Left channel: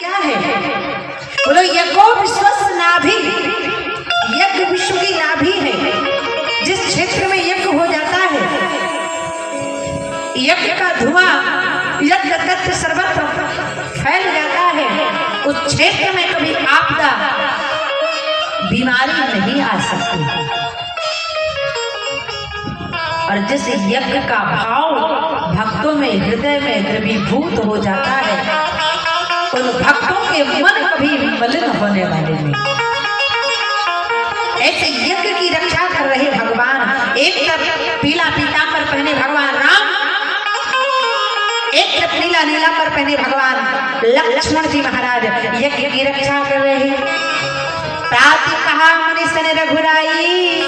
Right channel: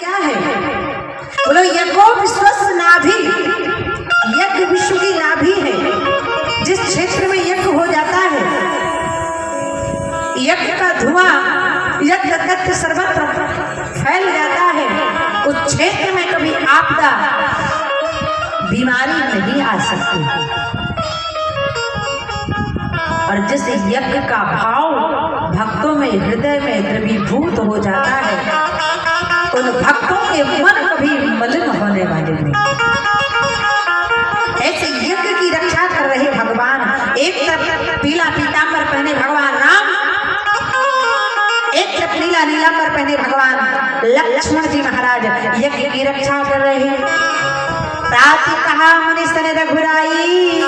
क्या है? बोलो यज्ञो विश्वस्य नाभि, यज्ञ विश्व की नाभि है। जिस क्षेत्र में यज्ञ हो जाता है, यज्ञ का धुआं यज्ञ तत्व सर्वत्र फैल जाता है, उस क्षेत्र में कभी आपदा बीमारी नहीं आ सकती। और जिस यज्ञ का भाव भक्तों में हृदय में द्रवीभूत हो जाता है, उन भक्तों के मन कभी मलिन होने वाले नहीं। ऐसे यज्ञ की रक्षा कर रहे भगवान, एक तरफ पीला पीतांबर पहने भगवान राम, एक तरफ नीला नीलांबर पहने भगवान लक्ष्मण जी महाराज यज्ञ की रक्षा कर रहे हैं। प्राति कहा मुनि सन रघुराई,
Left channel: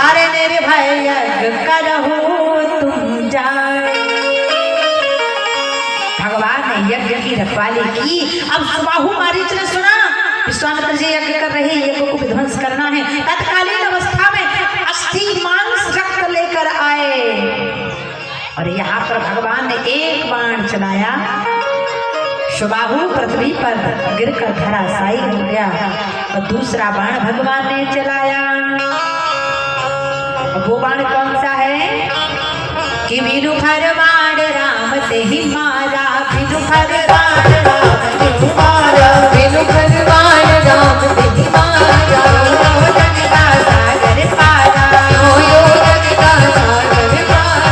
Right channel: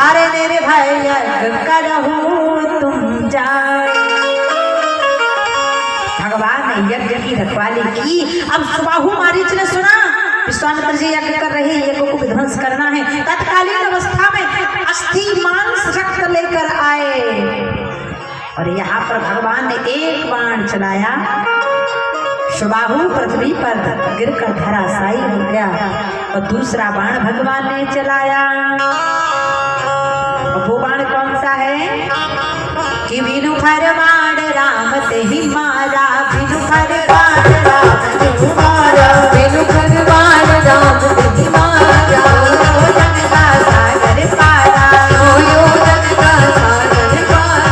अरे मेरे भाई यज्ञ करहु तुम जाए। भगवान ने यज्ञ की रखवाली की। अब सुबाहु मारीच ने सुना विश्वामित्र जी यज्ञ कर रहे, यज्ञ को विध्वंस करना है। तत्कालीन अवस्था में अस्थि मांस रक्त लेकर आए और यहाँ पर भगवान ने एक बाण चलाया, सुबाहु पृथ्वी पर गिरकर धराशायी हो गया। और दूसरा बाण भगवान ने चलाया, वो बाण कौन सा है कि वीरु भर बाण राम ते ही मारा, वीरु भर बाण राम ते ही मारा, वीरु भर बाण राम ते ही मारा। ओ जग का सागर पारा, ओ जग का सागर पारा,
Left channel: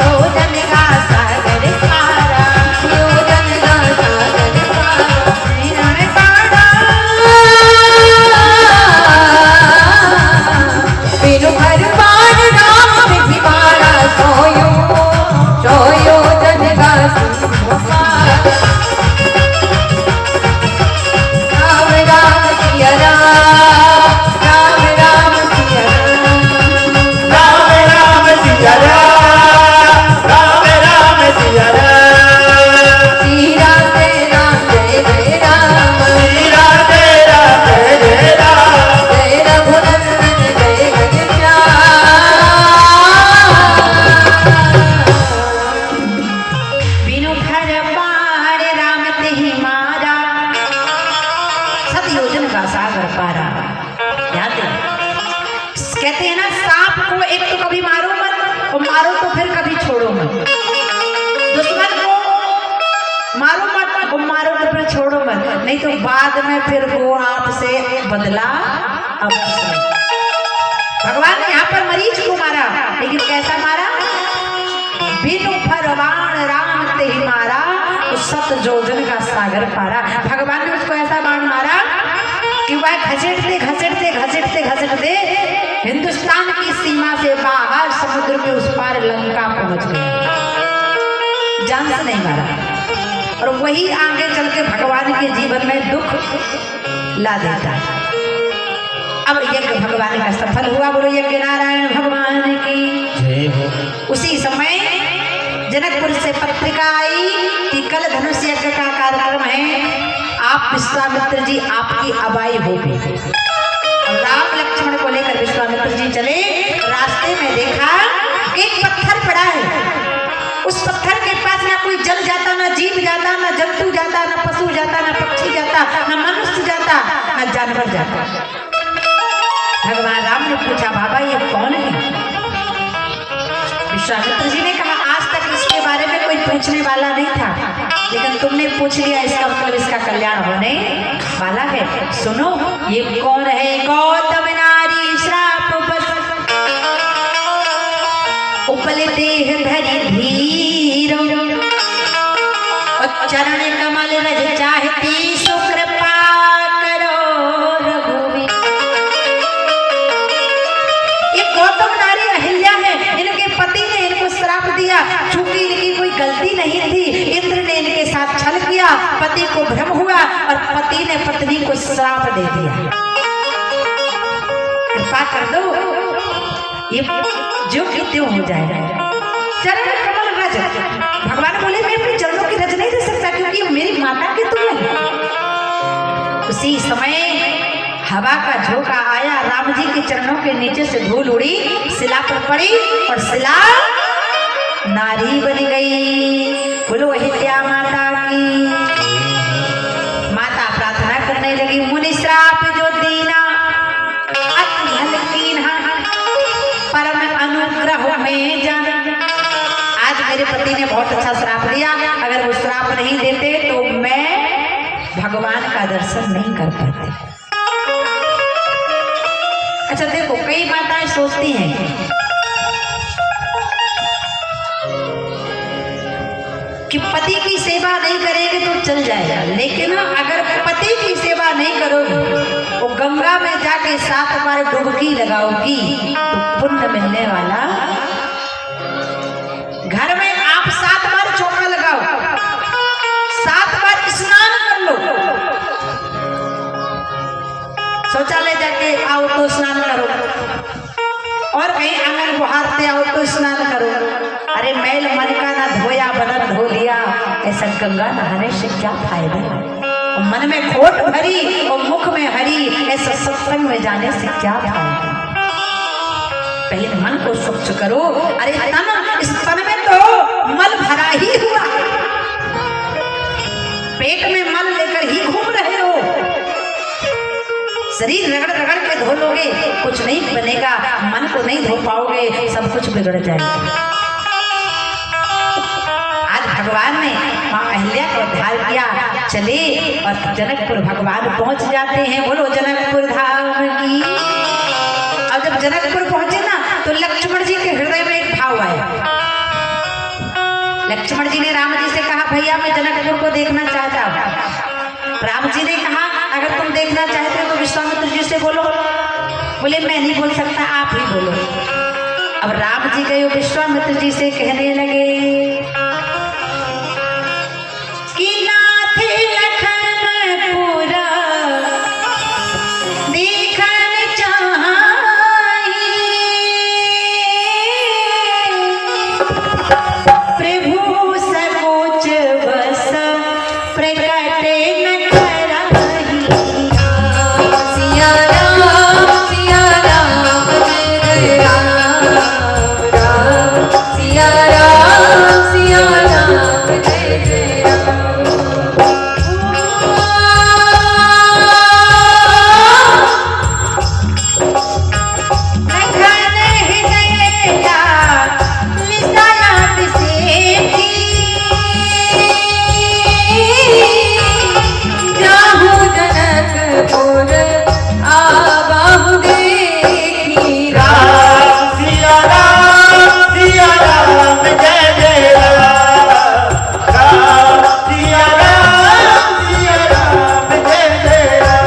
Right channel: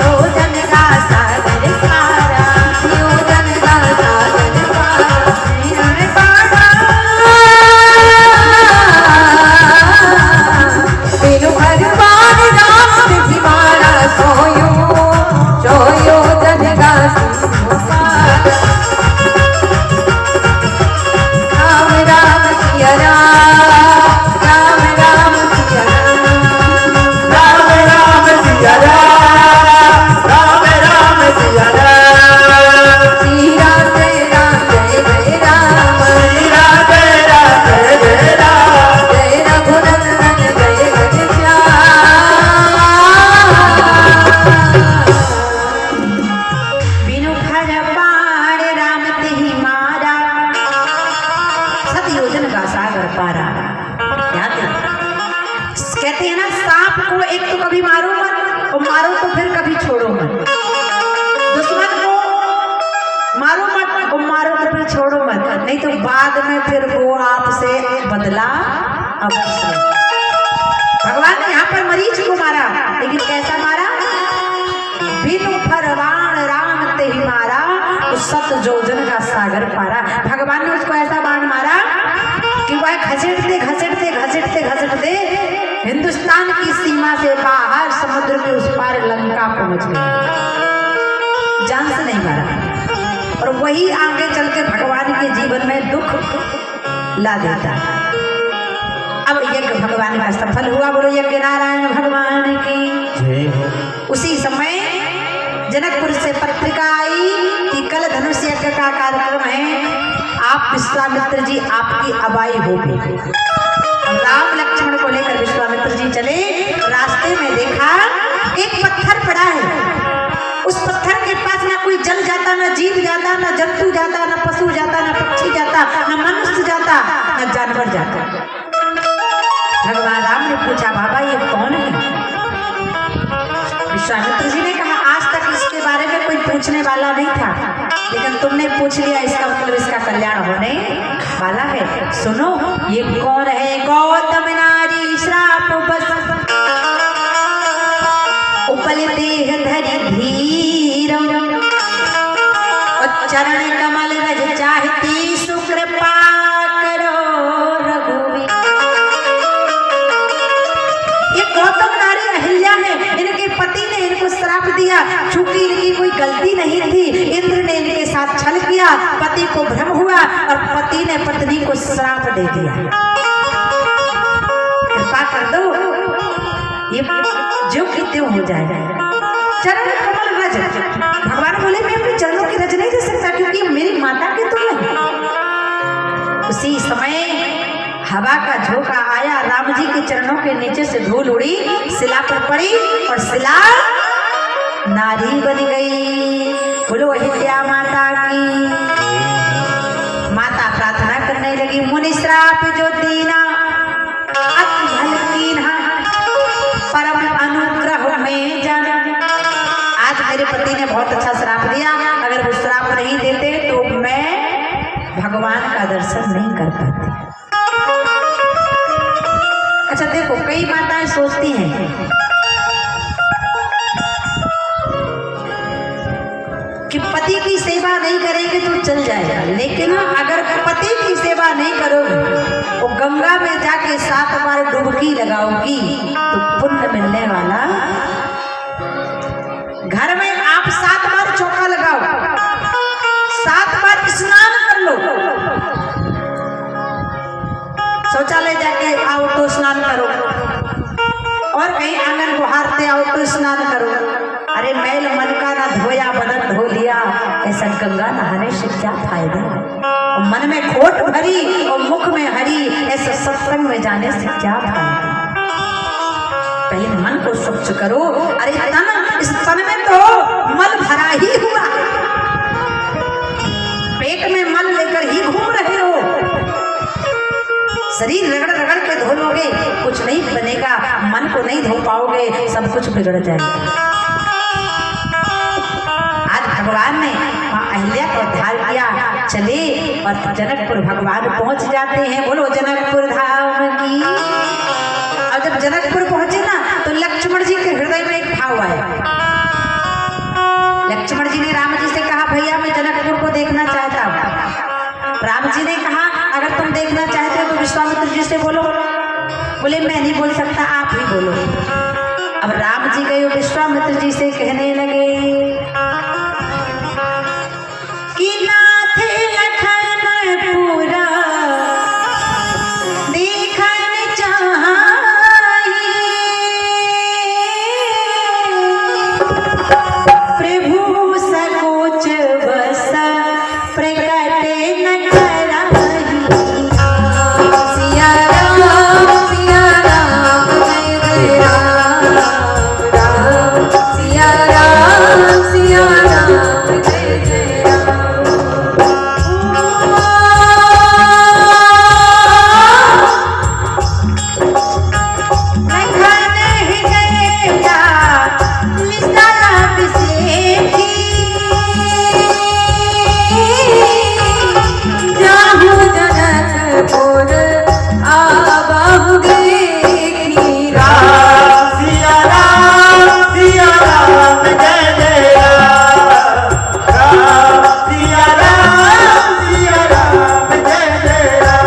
ओ जग का सागर पारा, ओ जग का सागर पारा। वीरु भर बाण राम ते ही मारा, सोयो सोयो जग का सागर। राम राम सिया राम, राम राम सिया राम, राम राम सिया राम, राम राम सिया राम। श्री राम जय राम जय जय राम, श्री राम जय राम जय जय राम, जय रघुनंदन जय जय बिनु भर बाण राम ते ही मारा, सतयोजन का सागर पारा। याद है? कहते हैं ना, सांप को एक तो कभी मारो मत, और मारो तो फिर कभी छोड़ो मत। दुश्मन को मारो मत और मारो तो फिर छोड़ो मत, नहीं तो बाद में फिर वो आपसे बदला अवश्य। भगवान ने यहाँ पर मरीच को मारा, लेकिन कैसा मारा? बिनु भर बाण राम ते ही मारा, उस सतयोजन का सागर पारा। भगवान ने उसको ऐसा बाण मारा कि वह घसीटते घसीटते घसीटते घसीटते हिंदुस्तान की सीमा से बाहर समुद्र के उस पार लंका पहुंच गया। जान से नहीं मारा, और वही आगे चल के भगवान के जीवन में दुख ला देता। अब यज्ञ भगवान का सफल हुआ। बोलो यज्ञ नारायण भगवान की जय हो। उसी समय जनकपुर से पत्रिका आई कि कल धनुष यज्ञ का कार्यक्रम है, आप विश्वामित्र जी आपकी अबाई होगी। राम लक्ष्मण को लेकर विश्वामित्र जी चले। रास्ते में देखा एक पत्थर पड़ा है, उस पत्थर के पास ना कोई जल जाता, ना जीव जाता, ना जंतु जाता, ना पशु जाता, ना पक्षी जाता, ना मनुष्य जाता, ना जानवर जाता। भगवान राम ने पूछा, बाबा ये कौन है? विश्वामित्र जी ने कहा, आज तक इसके बारे में कोई पूछने वाला नहीं था, लेकिन तुमने पूछ लिया, इसका मतलब इसका कल्याण होने वाला है। सुनो ये कौन है? गौतम नारी श्राप बस उपल देह धरि धीर, और चरण कमल रज चाहती सुकृपा करो रघुवीर। ये गौतम नारी अहिल्या है, इनके पति ने इनको श्राप दिया, चूंकि इनकी कोई गलती नहीं थी। इंद्र ने इनके साथ छल किया, पति को भ्रम हुआ और पति ने पत्नी को श्राप दे दिया। कृपा कर दो, ये जो कि त्यों हो जाएगा। चरण कमल रज, भगवान बोले मैं अपने चरणों की रज नहीं दे सकता, क्योंकि मेरी माता के तुल्य है। उसी समय हवा का झोंका आया, राम जी के चरणों के नीचे से धूल उड़ी, शिला पर पड़ी और शिला नारी बन गई। बोलो अहिल्या माता की। मेरे पति ने बहुत अच्छा श्राप दिया, अगर वो श्राप नहीं देते तो मैं भगवान का दर्शन नहीं कर पाती। अच्छा देखो, कई माताएं सोचती हैं कि पति की सेवा नहीं करेंगे तो चल जाएगा, लेकिन अगर पति की सेवा नहीं करोगे, वो गंगा में जाके 7 बार डुबकी लगाओगी तो पुण्य मिलने वाला। घर में आप 7 बार चौका लगाओ, 7 बार स्नान कर लो, शौचालय जाके आओ तो स्नान करो, और कहीं आंगन बहारते आओ तो स्नान करो। अरे मैल मन का ना धोया बदन धो लिया, ऐसा गंगा नहाने से क्या फायदा। और मन में खोट भरी और मुख में हरी, ऐसा सत्संग में जाने से क्या फायदा। पहले मन को स्वच्छ करो। अरे तन, इस तन में तो मल भरा ही हुआ, पेट में मल लेकर ही घूम रहे हो। शरीर रगड़ रगड़ के धो लोगे कुछ नहीं बनेगा, मन को नहीं धो पाओगे, सब कुछ बिगड़ जाएगा। आज भगवान ने मां अहिल्या को उद्धार किया, चले और जनकपुर भगवान पहुंच जाते हैं। बोलो जनकपुर धाम की। और जब जनकपुर पहुंचे ना तो लक्ष्मण जी के हृदय में एक भाव आया। लक्ष्मण जी ने राम जी से कहा, भैया मैं जनकपुर को देखना चाहता हूँ। राम जी ने कहा, अगर तुम देखना चाहते हो तो विश्वामित्र जी से बोलो। बोले मैं नहीं बोल सकता, आप ही बोलो। अब राम जी गए विश्वामित्र जी से कहने लगे कि नाथ लखनपुर देखन चाहि, प्रभु सकोच बस प्रकट न करहि। सिया राम जय जय राम, सिया राम जय जय राम। लखन हृदय निशान बिसेठी, जाहु जनकपुर आबाहु देखी। राम सिया राम जय जय राम, राम सिया राम जय जय राम।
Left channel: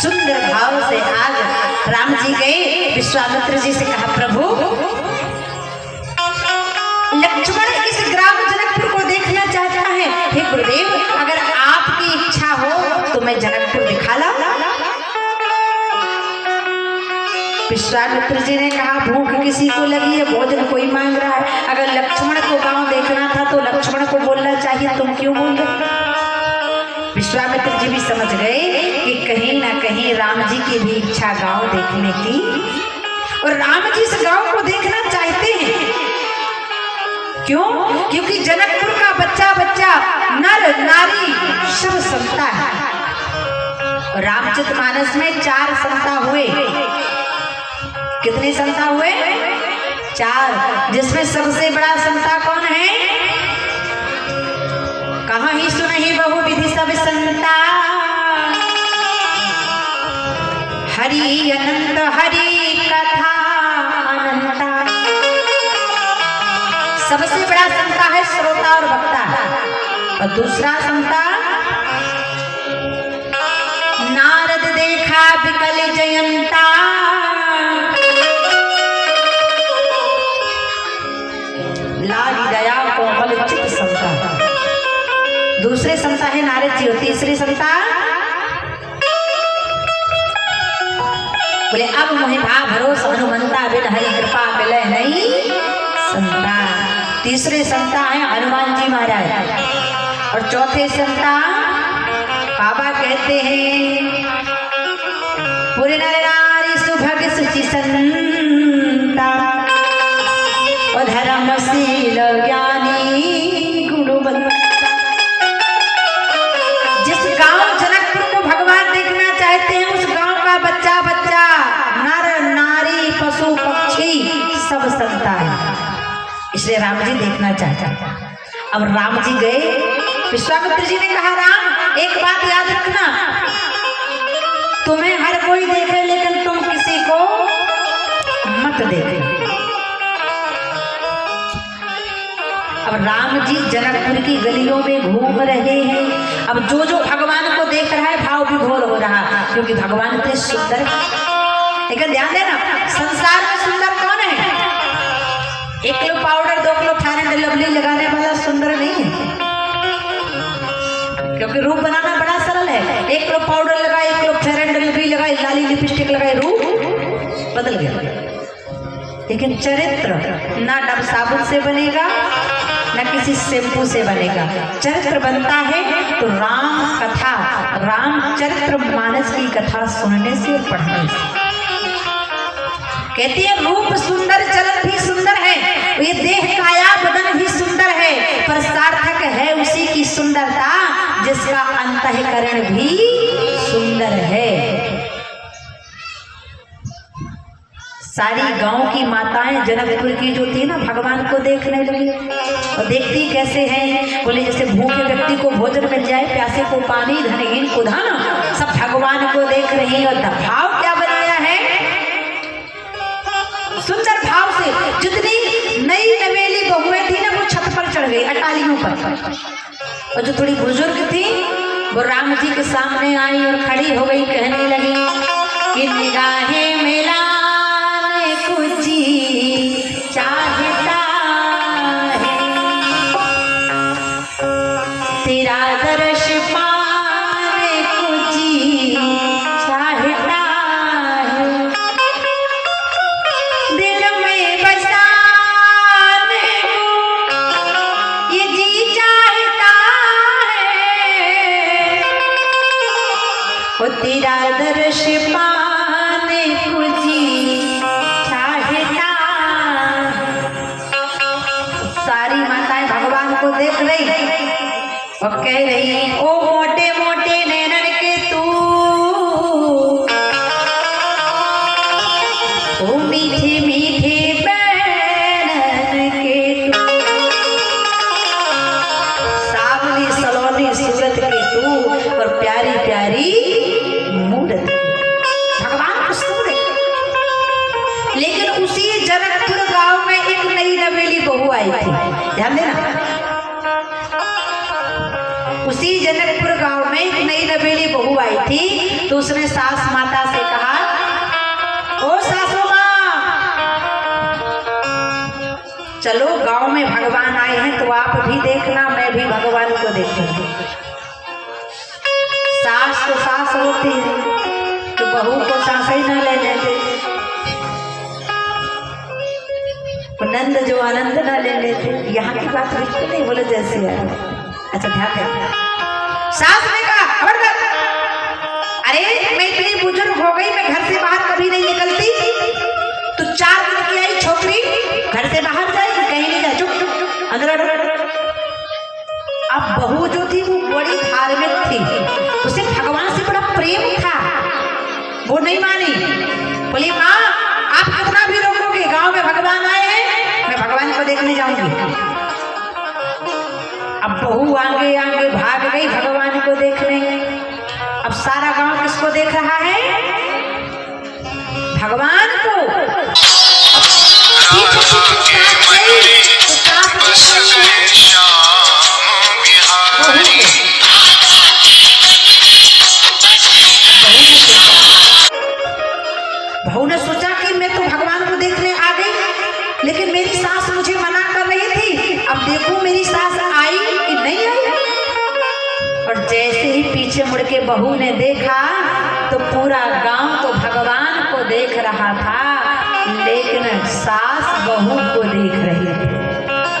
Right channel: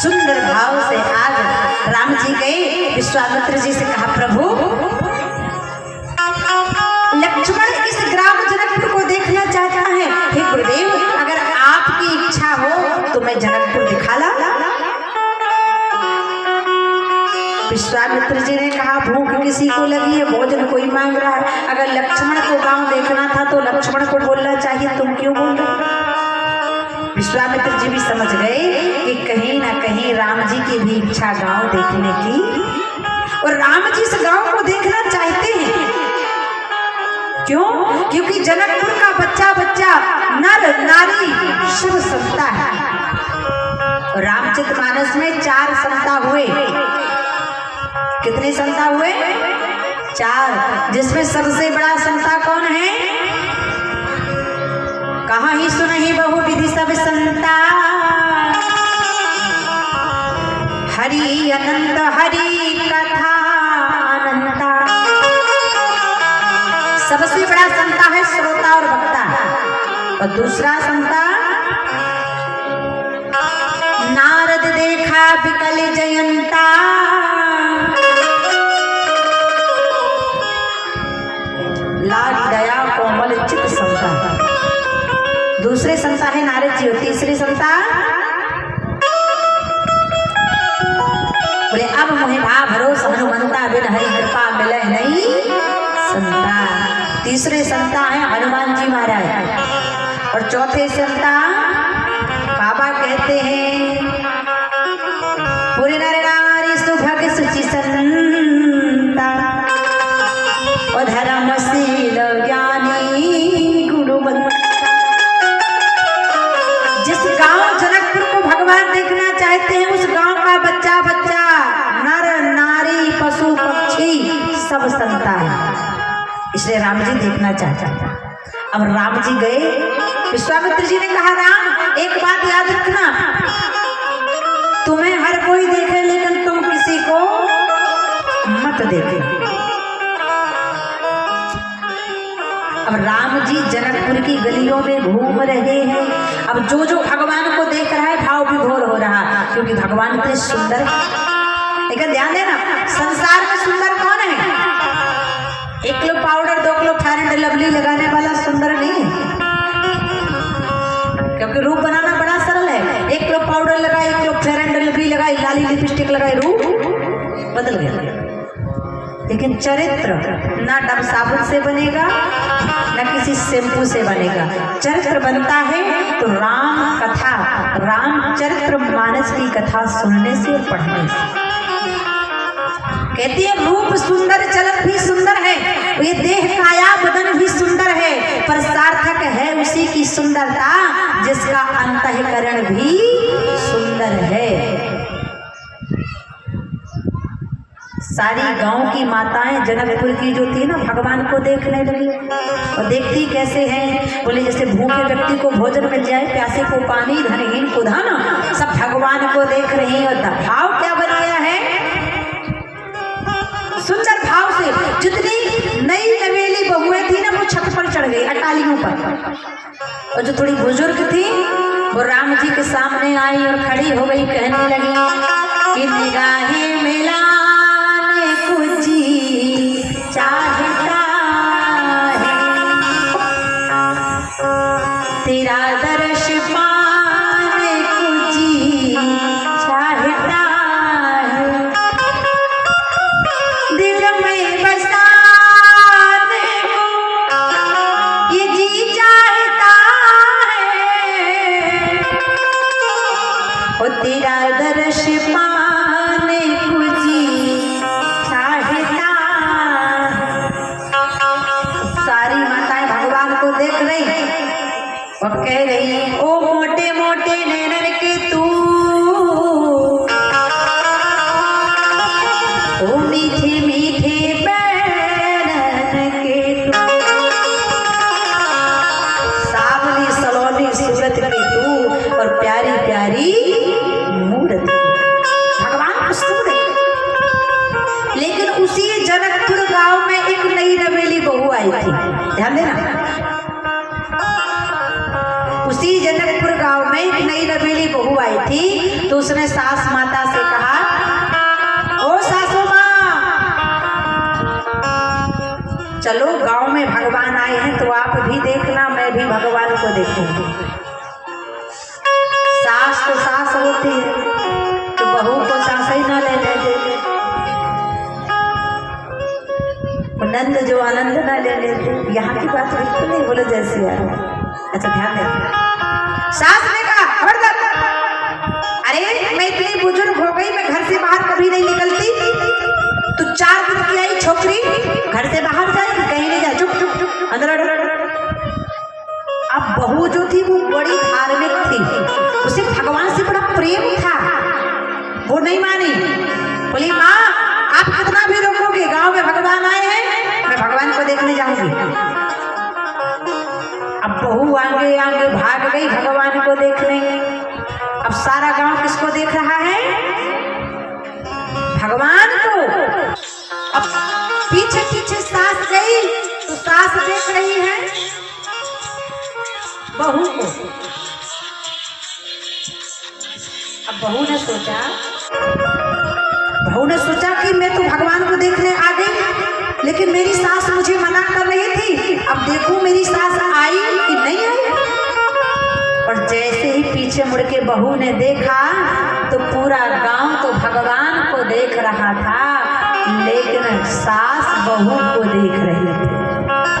सुंदर भाव से आज राम जी गए, विश्वामित्र जी से कहा, प्रभु लक्ष्मण इस ग्राम जनकपुर को देखना चाहता है। हे गुरुदेव, अगर आपकी इच्छा हो तो मैं जनकपुर दिखा ला। विश्वामित्र जी ने कहा, भूख किसी को लगी है, भोजन कोई मांग रहा है। अगर लक्ष्मण को गांव देखना था तो लक्ष्मण को बोलना चाहिए, तुम क्यों बोल रहे। विश्वामित्र जी भी समझ गए कि कहीं ना कहीं राम जी की भी इच्छा गांव देखने की, और राम जी इस गांव को देखना चाहते हैं। क्यों? क्योंकि जनकपुर का बच्चा बच्चा नर नारी सब संता है। और रामचरितमानस में 4 संता हुए। कितने संता हुए? 4, जिसमें सबसे बड़ा संता कौन है? कहाँ ही सुनहि बहु विधि सब संता, हरि अनंत हरि कथा अनंता। सबसे बड़ा संता है श्रोता और वक्ता, और दूसरा संता नारद देखा विकल जयंता, लाली दया कोमल चित संता। दूसरे संता है नारद जी, और तीसरे संता बोले अब मोहि भा भरोसा हनुमंता, बिन हरि कृपा मिले नहीं संता। तीसरे संता है हनुमान जी महाराज, और चौथे संता बाबा कहते हैं पूरे नर नारी सुभग सुचि संता, और धर्मशील ज्ञानी जिस गांव जनकपुर को भगवान देखना चाहते हैं उस गांव का बच्चा बच्चा, नर नारी, पशु पक्षी सब संता है, इसलिए राम जी देखना चाहता था। अब राम जी गए, विश्वामित्र जी ने कहा राम एक बात याद रखना, तुम्हें हर कोई देखे लेकिन तुम किसी को मत देते। अब राम जी जनकपुर की गलियों में घूम रहे हैं। अब जो जो भगवान को देख रहा है भाव विभोर हो रहा है, क्योंकि भगवान इतने सुंदर। लेकिन ध्यान देना, संसार में सुंदर कौन है? 1 kilo powder 2 kilo fair and lovely लगाने वाला सुंदर नहीं है, क्योंकि रूप बनाना बड़ा सरल है। 1 किलो पाउडर लगाए, 1 किलो फेयर एंड लवली लगाई, लाली लिपस्टिक लगाई, रूप बदल गया। लेकिन चरित्र ना डब साबुन से बनेगा न किसी शैम्पू से बनेगा। चरित्र बनता है तो राम कथा, रामचरित्र मानस की कथा सुनने से और पढ़ने से। कहती है रूप सुंदर, चलन भी सुंदर है, ये देह काया बदन भी सुंदर है, पर सार्थक है उसी की सुंदरता जिसका अंतःकरण भी सुंदर है। सारी गांव की माताएं जनकपुर की जो थी ना भगवान को देखने लगी। और देखती कैसे हैं? बोले जैसे भूखे व्यक्ति को भोजन मिल जाए, प्यासे को पानी, धनहीन को धन, सब भगवान को देख रही है। और भाव क्या बन गया है? सुंदर भाव से जितनी नई नवेली बहुएं थी ना वो छत पर चढ़ गई अटालियों पर, और जो थोड़ी बुजुर्ग थी वो राम जी के सामने आई और खड़ी हो गई, कहने लगी कि निगाहें मिलाने को जी चाहता है, तेरा दर्श पाने को जी चाहता है, दिल में बसाने को ये जी चाहता है, और तेरा दर्श पाने को जी चाहता है। सारी माताएं भगवान को देख रही और कह रही, ओ मोटे मोटे नैनन के तू, ओ मीठे मीठे बैनन के तू, सावली सलोनी सूरत के तू, और प्यारी प्यारी मूरत। भगवान को सुन रहे। लेकिन उसी जनकपुर गांव में एक नई नवेली बहू आई थी, ध्यान देना। उसी जनकपुर गांव में एक नई नवेली बहू आई थी, तो उसने सास माता से कहा, ओ सासू माँ, चलो गांव में भगवान आए हैं तो आप भी देखना, मैं भी भगवान को देखूंगी। सास तो सास होती है तो बहू को सास ही ना लेने दे, नंद जो आनंद ना लेने दे। यहाँ की बात बिल्कुल नहीं, बोलो जैसी है। अच्छा ध्यान देना, सास ने कहा खबरदार, अरे मैं इतनी बुजुर्ग हो गई, मैं घर से बाहर कभी नहीं निकलती, तो 4 दिन की आई छोकरी घर से बाहर जाएगी, कहीं नहीं जाए, चुप चुप अंदर। अब बहू जो थी वो बड़ी धार्मिक थी, उसे भगवान से बड़ा प्रेम था, वो नहीं मानी। बोली माँ आप कितना भी रोकोगे, गांव में भगवान आए हैं, मैं भगवान को देखने जाऊंगी। अब बहू आगे आगे भाग गई भगवान को देखने। अब सारा गांव किसको देख रहा है? भगवान को। अब पीछे पीछे सास गई तो सास देख रही है बहू को। अब बहू ने सोचा कि मैं तो भगवान को देखने आ गई, लेकिन मेरी सास मुझे मना कर रही थी, अब देखो मेरी सास आई कि नहीं आई। और जैसे ही पीछे मुड़ के बहू ने देखा तो पूरा गांव तो भगवान को देख रहा था, लेकिन सास बहू को देख रही थी।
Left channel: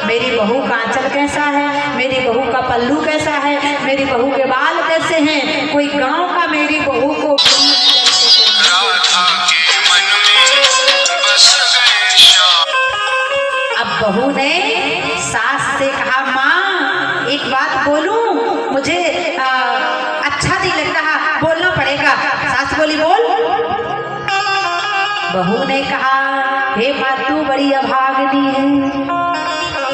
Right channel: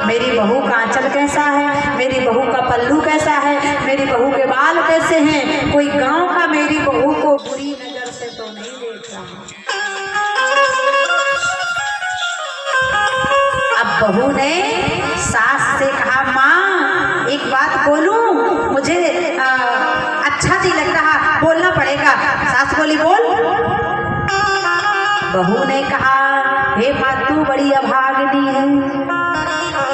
मेरी बहू का आंचल कैसा है, मेरी बहू का पल्लू कैसा है, मेरी बहू के बाल कैसे हैं, कोई गांव का मेरी बहू को बहू ने सास से कहा, माँ एक बात बोलूं, मुझे बोली बोल। बहू ने कहा हे माँ तू बड़ी अभागनी है।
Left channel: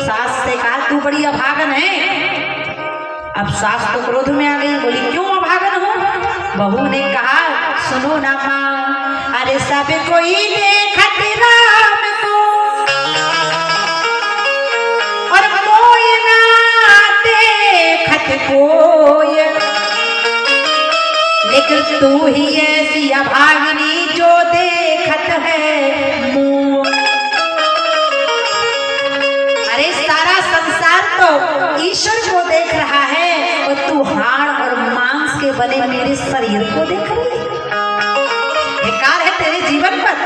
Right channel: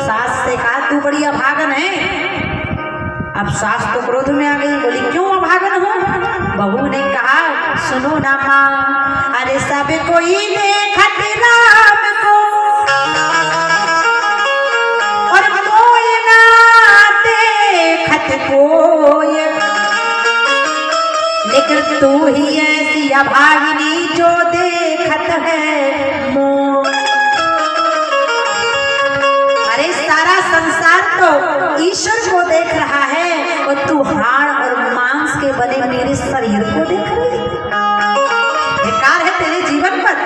सास से कहा तू बड़ी अभागन है। अब सास तो क्रोध में आ गई, बोली क्यों अभागन हो। बहू ने कहा सुनो ना माँ, अरे सब कोई देखत राम को और कोई ना देखत कोई, लेकिन तू ही ऐसी अभागिनी जो देखत है मोह। अरे सारा संसार तो ईश्वर को देख रहा है और तू हाड़ और मांस के बने मेरे शरीर को देख रही है। बेकार है तेरे जीवन पर।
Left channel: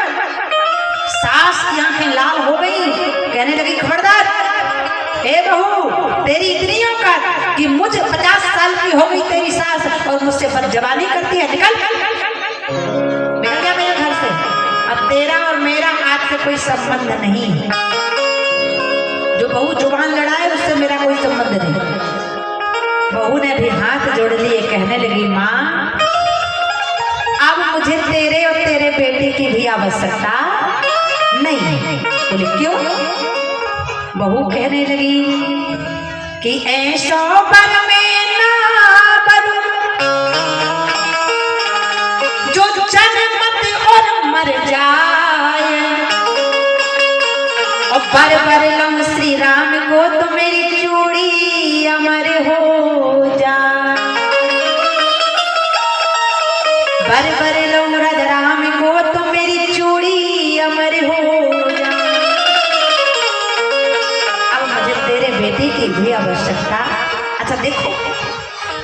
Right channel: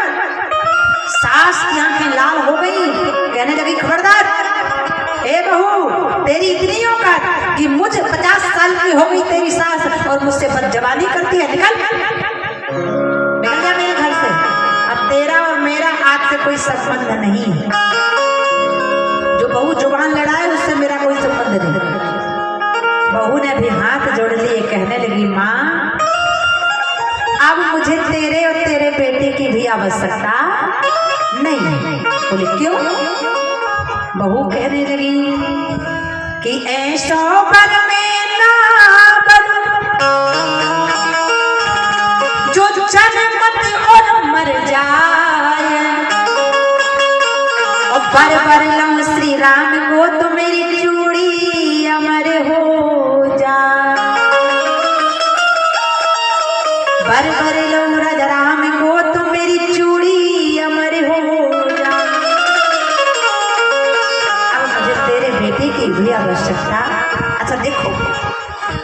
सास की आंखें लाल हो गई, कहने लगी खबरदार ए बहू, तेरी इतनी औकात कि मुझ 50 साल की हो गई तेरी सास और मुझसे बदजबानी करती है। निकल जा मेरे घर से। अब तेरा और मेरा आज से कोई संबंध नहीं है। जो बहू जुबान लड़ाए उससे मेरा कोई संबंध नहीं। बहू ने भी हाथ जोड़ लिए, कहने लगी माँ अब मुझे तेरे और तेरे बेटे की भी आवश्यकता नहीं। बोले क्यों। बहू कहने लगी कि ऐसा बन में ना बनूं जो जन्मत और मर जाए, और बर बर लंग श्री राम को तो मेरी चूड़ी अमर हो जा। बर बर लंग राज राम को तो मेरी चूड़ी अमर हो जा। अब मुझे तेरे बेटे की भी आवश्यकता। अच्छा देखो,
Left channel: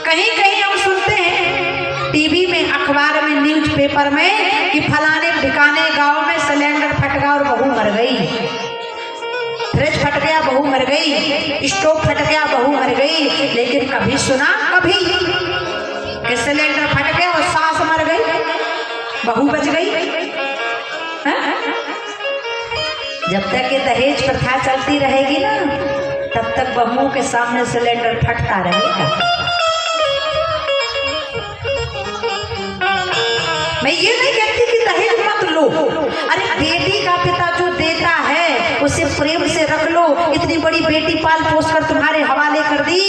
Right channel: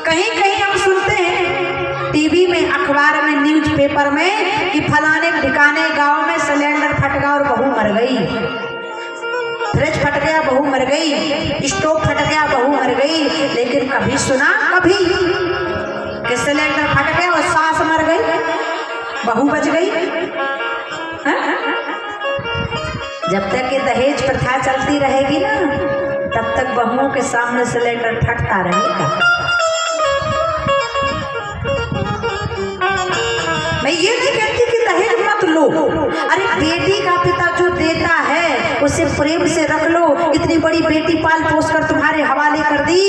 कहीं कहीं हम सुनते हैं टीवी में, अखबार में, न्यूज़पेपर में कि फलाने ठिकाने गांव में सिलेंडर फट गया और बहू मर गई। फ्रिज फट गया बहू मर गई, स्टोव फट गया बहू मर गई। लेकिन कभी सुना कभी कि सिलेंडर फट गया और सास मर गई, बहू बच गई। हाँ? जब तक ये दहेज प्रथा चलती रहेगी ना, तब तक बहुओं के सामने सिलेंडर फटता रहेगा। मैं ये नहीं कहती कि दहेज मत लो। अरे बेटी का पिता जो देता है उसे प्रेम से रख लो। इतनी बड़ी बेटी पाल पोस कर तुम्हारे हवाले कर दी,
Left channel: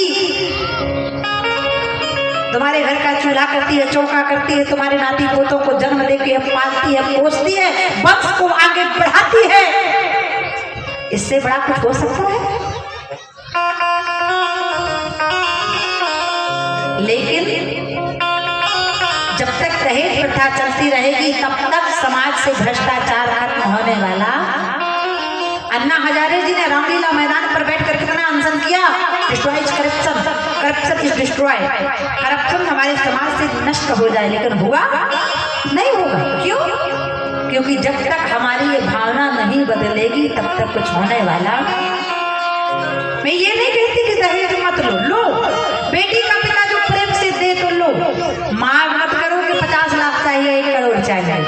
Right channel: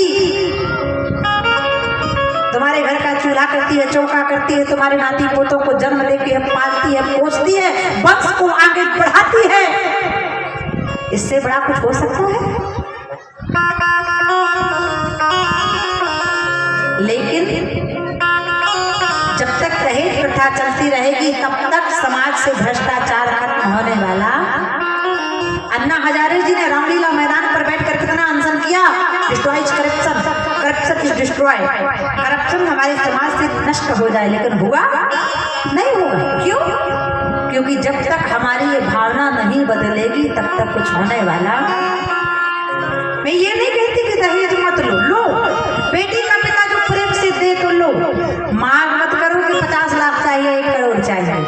तुम्हारे घर का चूल्हा करती है, चौका करती है, तुम्हारे नाती पोतों को जन्म देती है, पालती है, पोसती है, वंश को आगे बढ़ाती है। इससे बड़ा कुछ हो सकता है? लेकिन जब तक दहेज प्रथा चलती रहेगी तब तक समाज से भ्रष्टाचार खत्म होने वाला। अन्ना हजारे जी ने रामलीला मैदान पर बैठकर कितना अनशन किया। Destroys corruption, corruption is destroy. Corruption हमारे समाज से नष्ट हो जाए, लेकिन हुआ नहीं होगा। क्यों? क्योंकि जब तक हमारी ये भावना नहीं बदलेगी तब तक कुछ होने वाला। मैं ये नहीं कहती कि दहेज मत लो, लो। बेटी का पिता जो प्रेम से दे तो लो। मार मत करो कि 50 लाख चाहिए, 1 करोड़ चाहिए,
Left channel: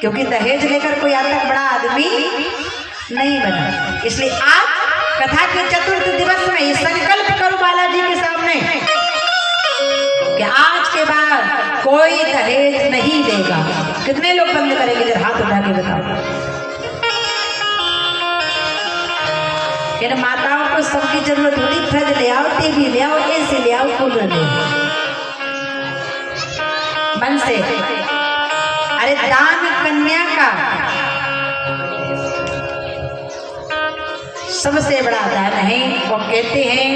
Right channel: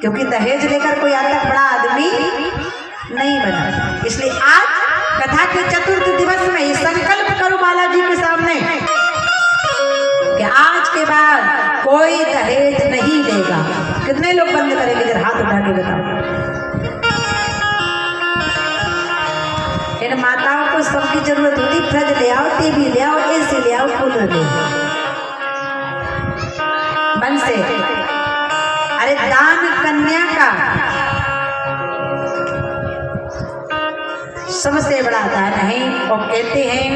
क्योंकि दहेज लेकर कोई आज तक बड़ा आदमी नहीं बना। इसलिए आज कथा के चतुर्थ दिवस में ये संकल्प करो बालाजी के सामने कि आज के बाद कोई दहेज नहीं देगा। कितने लोग बंद करेंगे? जरा हाथ उठा के बताओ। इन माताओं को सबकी जरूरत होती, फ्रिज ले आओ, टीवी ले आओ, एसी ले आओ, कूलर ले आओ, मन से। अरे दान कन्या का सबसे बड़ा दान है। वो कहते हैं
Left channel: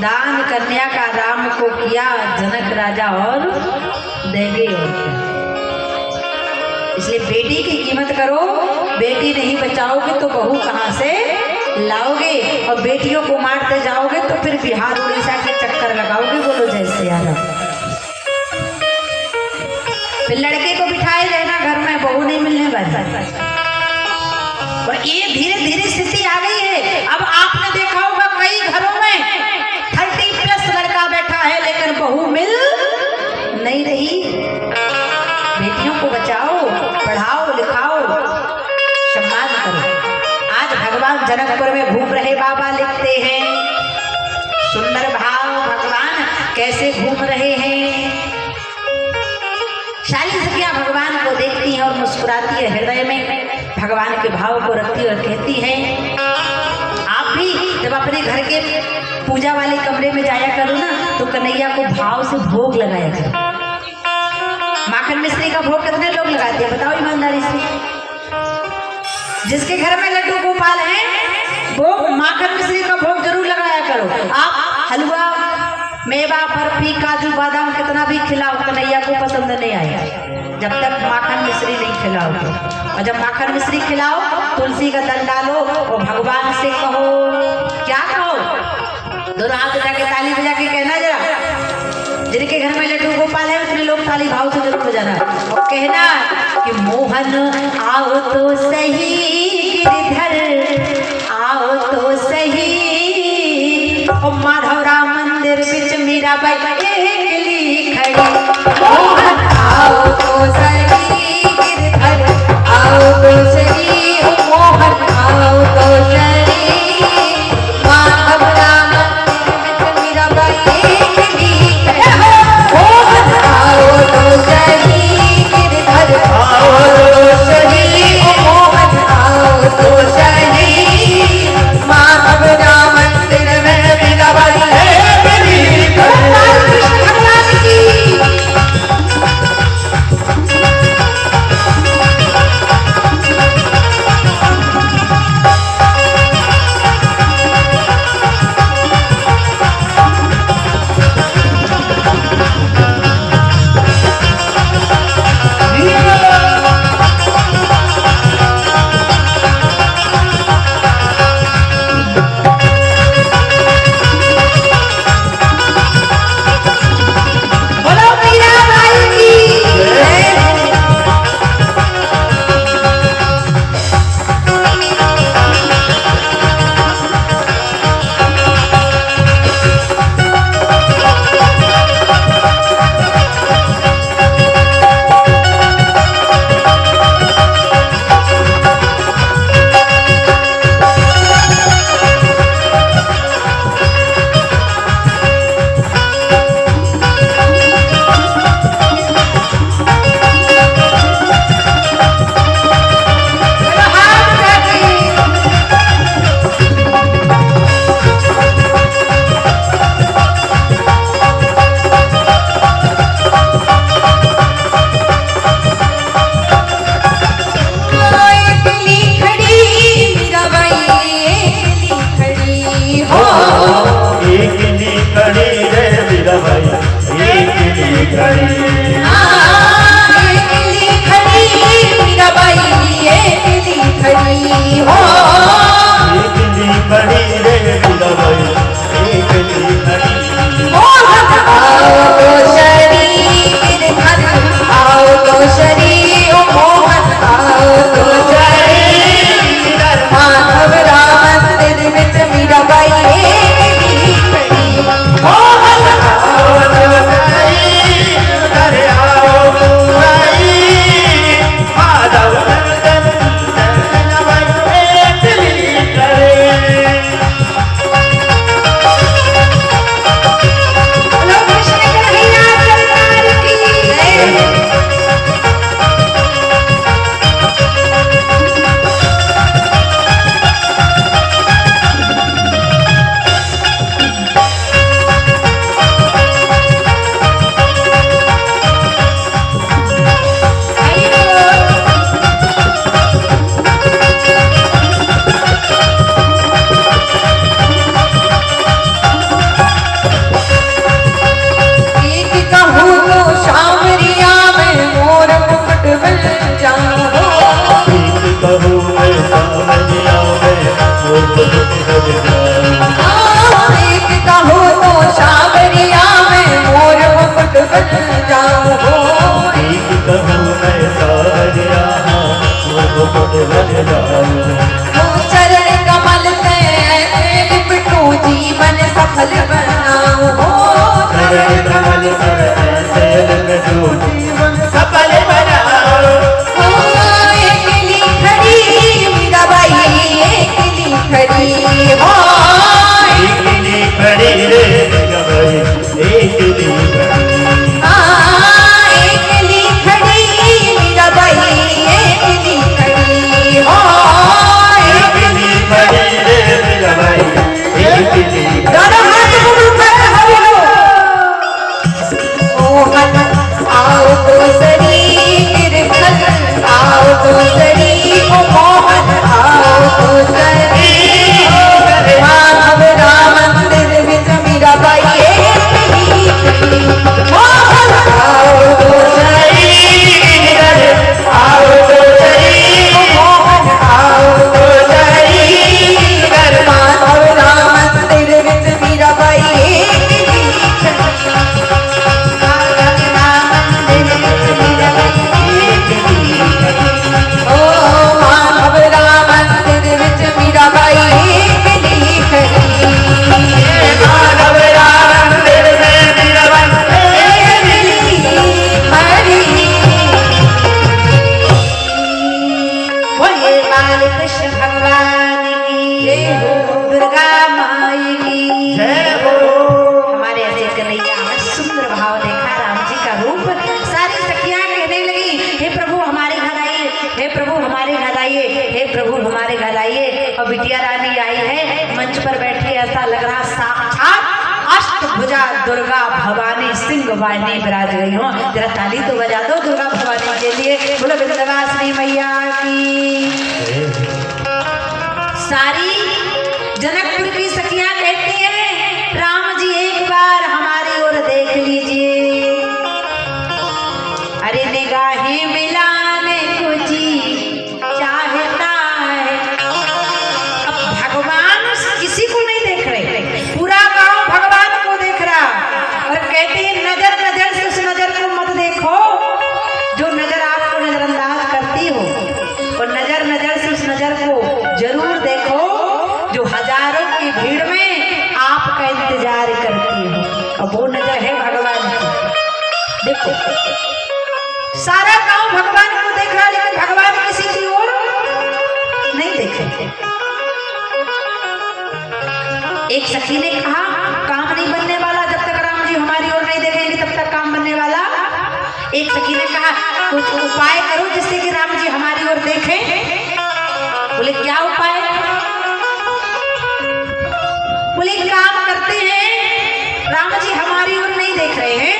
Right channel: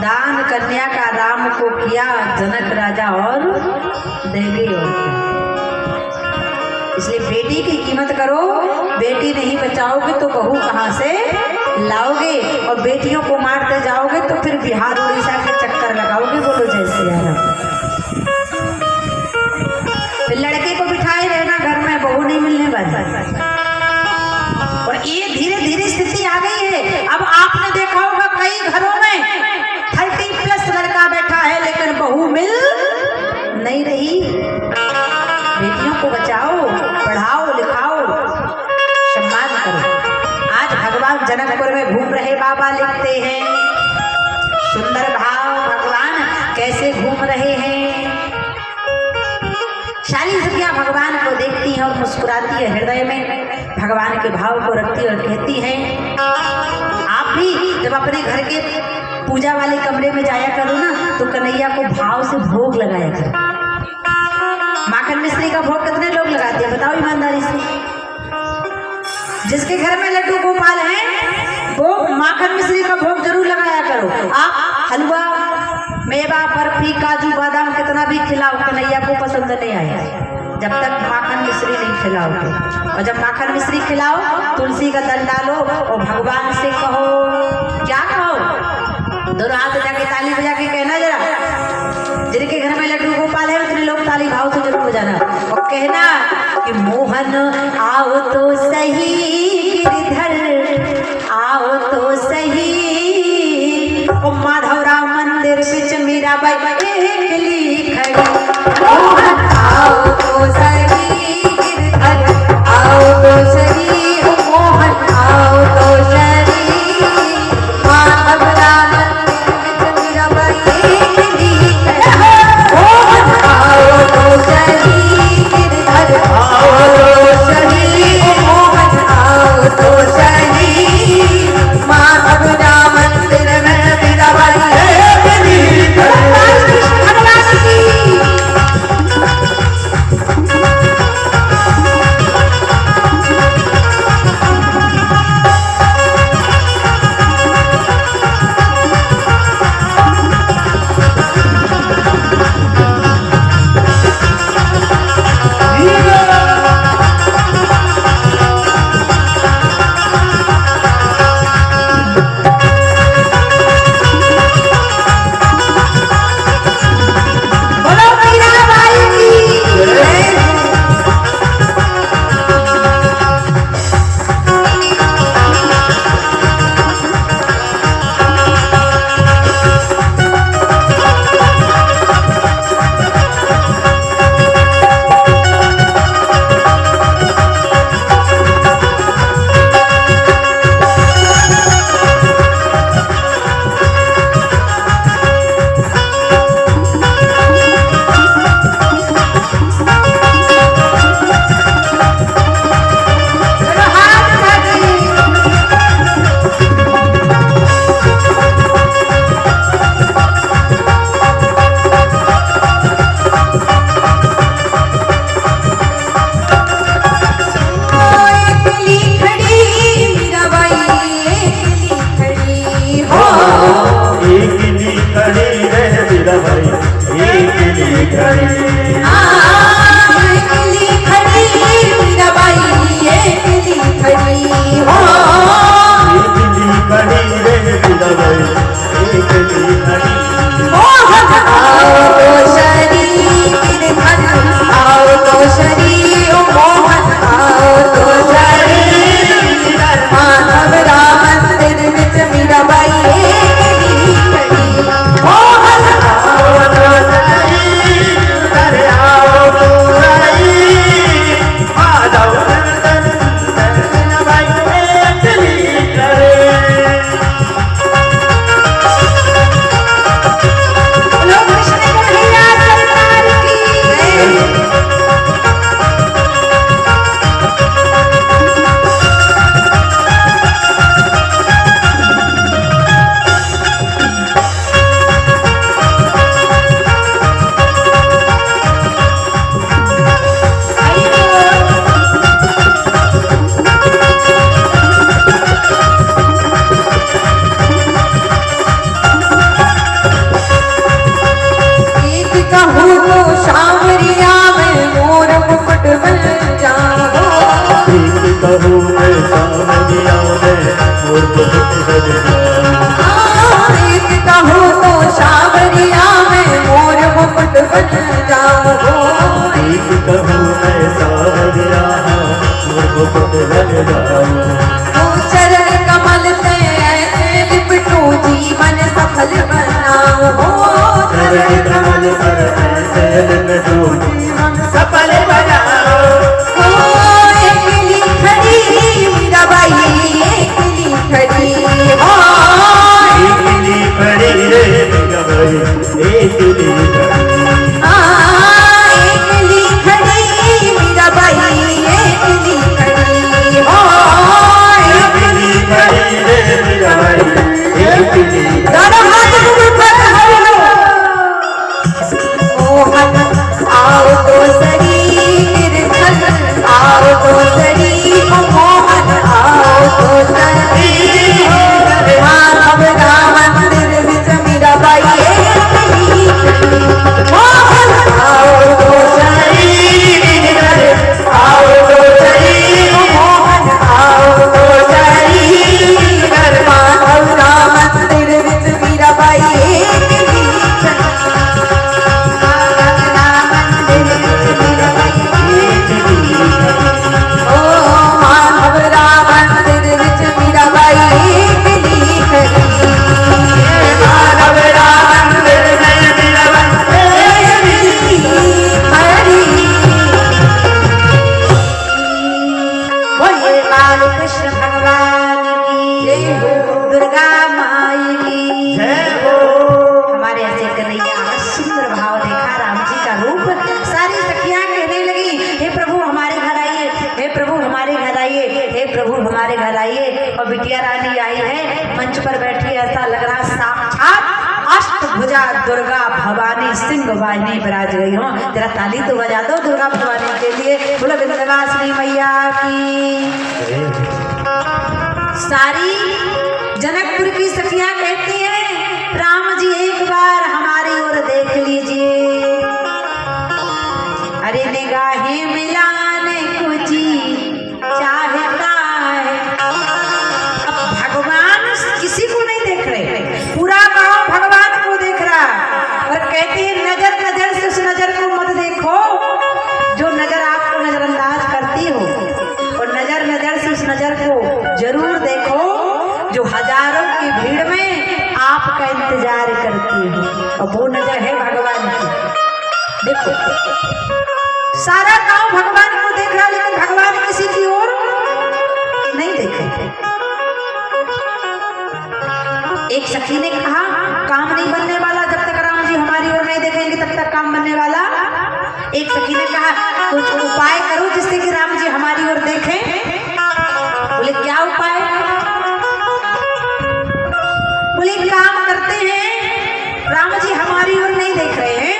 दान कन्या का राम को किया जनक राजा और देंगे और क्या। इसलिए बेटी की कीमत करो। बेटी नहीं बचाओगे तो बहू कहाँ से लाओगे? और बेटियों को मारते जाओगे तो फिर बिहार उड़ीसा के चक्कर लगाओगे। बोलो जय सिया राम। फिर लड़के को बिठाए रहना घर में, बहू नहीं मिलने वाली। और ये धीरे धीरे स्थिति आ गई है। अब आपने देखा होगा कई घरों में 30+ लड़का बैठा है, लेकिन बहू मिल नहीं रही। बेटियों को बचाओ, पढ़ाओ, लिखाओ, सम्मान करो। आज भगवान जनकपुर में घूम रहे बाबा लिखते हैं, सुंदर भाव भगवान कैसे भगवान के भाव को रखती और कहती है, आप भी जब अपने घर के पूजा वाले कमरे में जाया करो ना तो कन्हैया को भाव से भोग लगाया करो। माखन मिश्री का भोग कितने लोग लगाते हैं बताओ ईमानदारी से? जिसके घर में लड्डू गोपाल है वो माखन मिश्री का भोग जरूर लगाया करो। आप हलवा, मेवा, बर्फी, काजू बादाम कितना भी खिलाओ, कन्हैया को पसंद नहीं आएगा जब तक माखन मिश्री नहीं खिलाओ तो। और जब माखन मिश्री खिलाओ, तुलसी का दल डालो और भगवान से कहो, क्या कहो? दोनों हाथ उठा के ताली बजा के कहना जरा, जिनके घर में लड्डू गोपाल है उतने लोग ताली भाव से जरूर बजाना और कहना कि मोहन आओ तो सही गिरधर, आओ तो सही। और माधव राम मंदिर बिच मीराबाई अकेली खड़ी, मोहन आओ तो सही गिरधर, आओ तो सही, ओ मोहन आओ तो सही। माधव राम मंदिर बिच मीराबाई अकेली खड़ी, मोहन आओ तो सही गिरधर, आओ तो सही, ओ मोहन आओ तो सही। माधव राम मंदिर में मीराबाई अकेली खड़ी। कृष्ण भगवान की खड़ी रे प्रभु हमारे घर आइए। और बिटिया रानी आई है, मंच पर बैठी, ऐसा लग रहा साक्षात अष्टभुजा दुर्गा भवानी सिंह वाहिनी विराज गई हो। जरा ताली तो बजा दो दुर्गा भवानी के लिए। बोलो विंध्यवासिनी मैया की। सारी जनकपुर की सखियां कहती हैं, राम जी एक बार हमारी ओर देख लीजिए। अरे निगाहें मिलाने को जी चाहता है। अब भगवान किसी को नहीं देख रहे, पूरा गांव भगवान को देख रहा। और कहते हैं नजर नजर से उस नजर को मत देखो जो नजर आपको नजरअंदाज करती हो, और नजर नजर से उस नजर को जरूर देखो जो हजारों की भीड़ में आपका इंतजार करती हो। और वो नजर है भगवान की। देखो सारा गांव भगवान को देख रहा, लेकिन भगवान किसी की ओर नहीं देखे। एक सखी ने कहा, काम नहीं बनने वाला जब तक राम जी हमारी ओर नहीं देखेंगे तब तक काम बनने वाला। एक सखी ने कहा, कुछ उपाय करो जिससे कि राम जी हमारी ओर देखें। बोले क्या उपाय? बोले काम करते हैं, राम जी हमारी ओर नहीं देख रहे हैं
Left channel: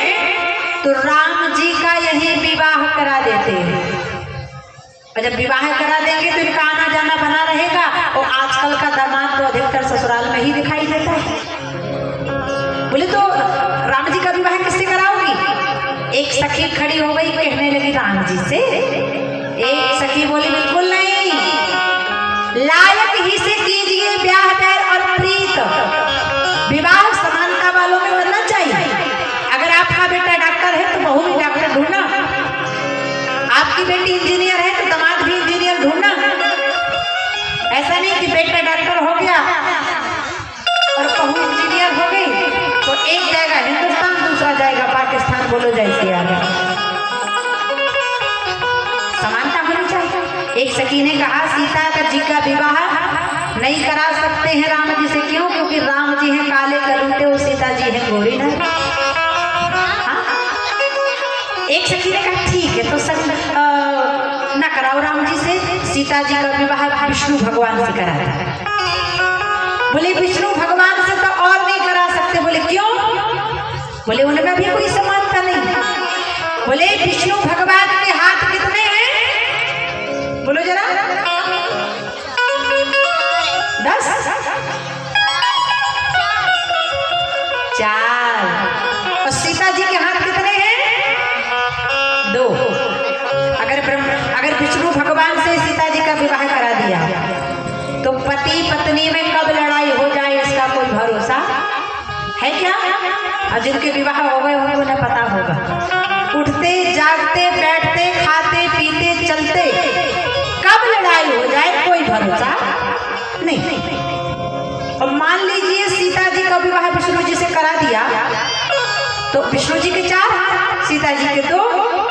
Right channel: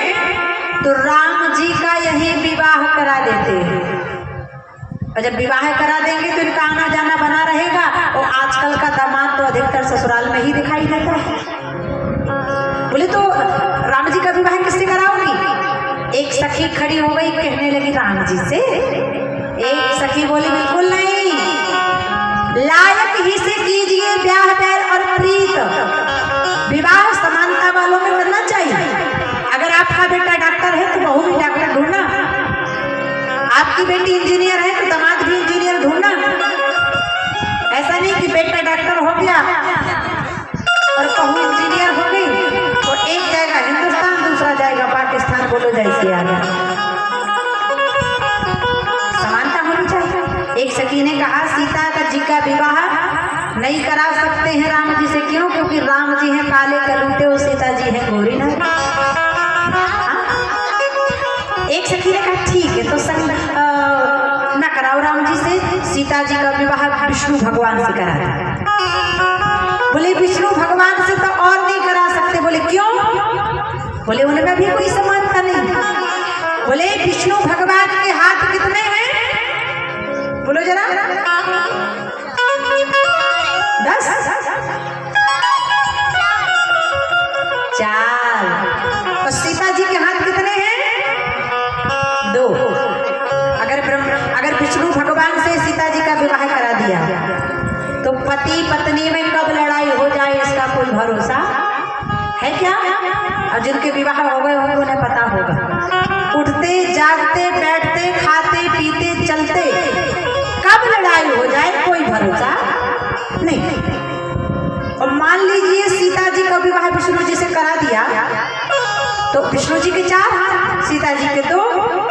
तो राम जी का यही विवाह करा देते हैं। और जब विवाह करा देंगे तो इनका आना जाना बना रहेगा। और आजकल का दामाद तो अधिकतर ससुराल में ही दिखाई देता है। बोले तो राम जी का विवाह किससे कराओगी? एक सखी खड़ी हो गई, कहने लगी राम जी से। एक सखी बोली बिल्कुल नहीं, लायक ही से कीजिए ब्याह बैर और प्रीत। विवाह समानता वालों में करना चाहिए। अगर आपका बेटा डॉक्टर है तो बहू भी डॉक्टर ढूंढना, आपकी बेटी इंजीनियर है तो दामाद भी इंजीनियर ढूंढना। ऐसा नहीं कि बेटा डॉक्टर हो गया और बहू इंजीनियर हो गई तो एक जाएगा हिंदुस्तान दूसरा जाएगा पाकिस्तान, बोलो जैसे आ गया। समानता होनी चाहिए। एक सखी ने कहा, सीता जी का विवाह नहीं करा सकते हैं राम जी से। क्यों? क्योंकि राम जी हैं काले कलूटे और सीता जी हैं गोरी ना। एक सखी ने कहा ठीक है, तो न कराओ राम जी से, सीता जी का विवाह विष्णु भगवान से कराता। बोले विष्णु भगवान से तो और नहीं करा सकते। बोले क्यों? बोले उनमें भी कोई समानता नहीं। बोले विष्णु भगवान के हाथ कितने हैं? बोलो जरा। 10 4। और सीता जी के हाथ कितने हैं? 2। अगर विष्णु भगवान से सीता जी का विवाह करा दिया तो पति पत्नी में कब लड़ाई हो जाए इसका कोई भरोसा है क्या? और जिनके विवाह हो गए होंगे उन्हें पता होगा। उठते जागते बैठते खाते पीते चलते कब लड़ाई हो जाए कोई भरोसा नहीं। और मान लीजिए सीता जी का विवाह विष्णु जी से करा दिया तो विष्णु जी के 4 सीता जी के 2,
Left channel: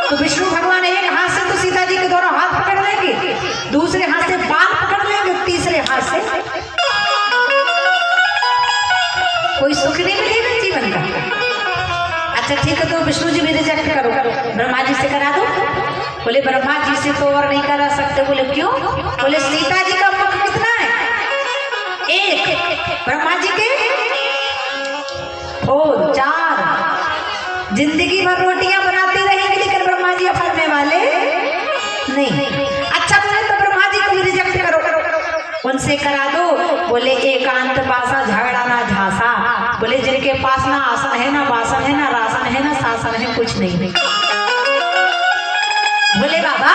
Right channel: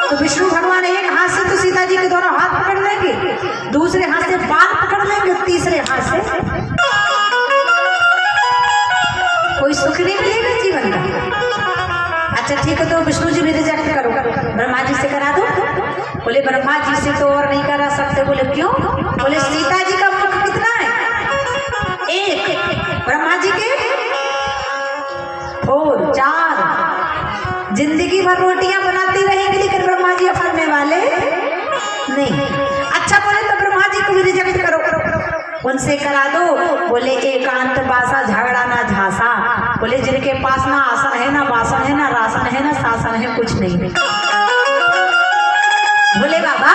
तो विष्णु भगवान एक हाथ से तो सीता जी के दोनों हाथ पकड़ लेंगे, दूसरे हाथ से बाल पकड़ लेंगे, तीसरे हाथ से कोई सुख नहीं मिलेगा जीवन का। अच्छा ठीक है, तो विष्णु जी भी रिजेक्ट करो, ब्रह्मा जी से करा दो। बोले ब्रह्मा जी से तो और नहीं करा सकते। बोले क्यों? बोले सीता जी का मुख कितना है? 1। ब्रह्मा जी के 4। जिंदगी भर रोटियां बनाती रहेंगी लेकिन ब्रह्मा जी फलने वाले नहीं। अच्छा बोले तो ब्रह्मा जी को भी रिजेक्ट करो, उनसे करा दो। बोले एकांत पासा झगड़ा ना झांसा। बोले जिनके पास ना आसन है, ना वासन है, ना रासन है, ना शासन है, कुछ नहीं है। भोले बाबा,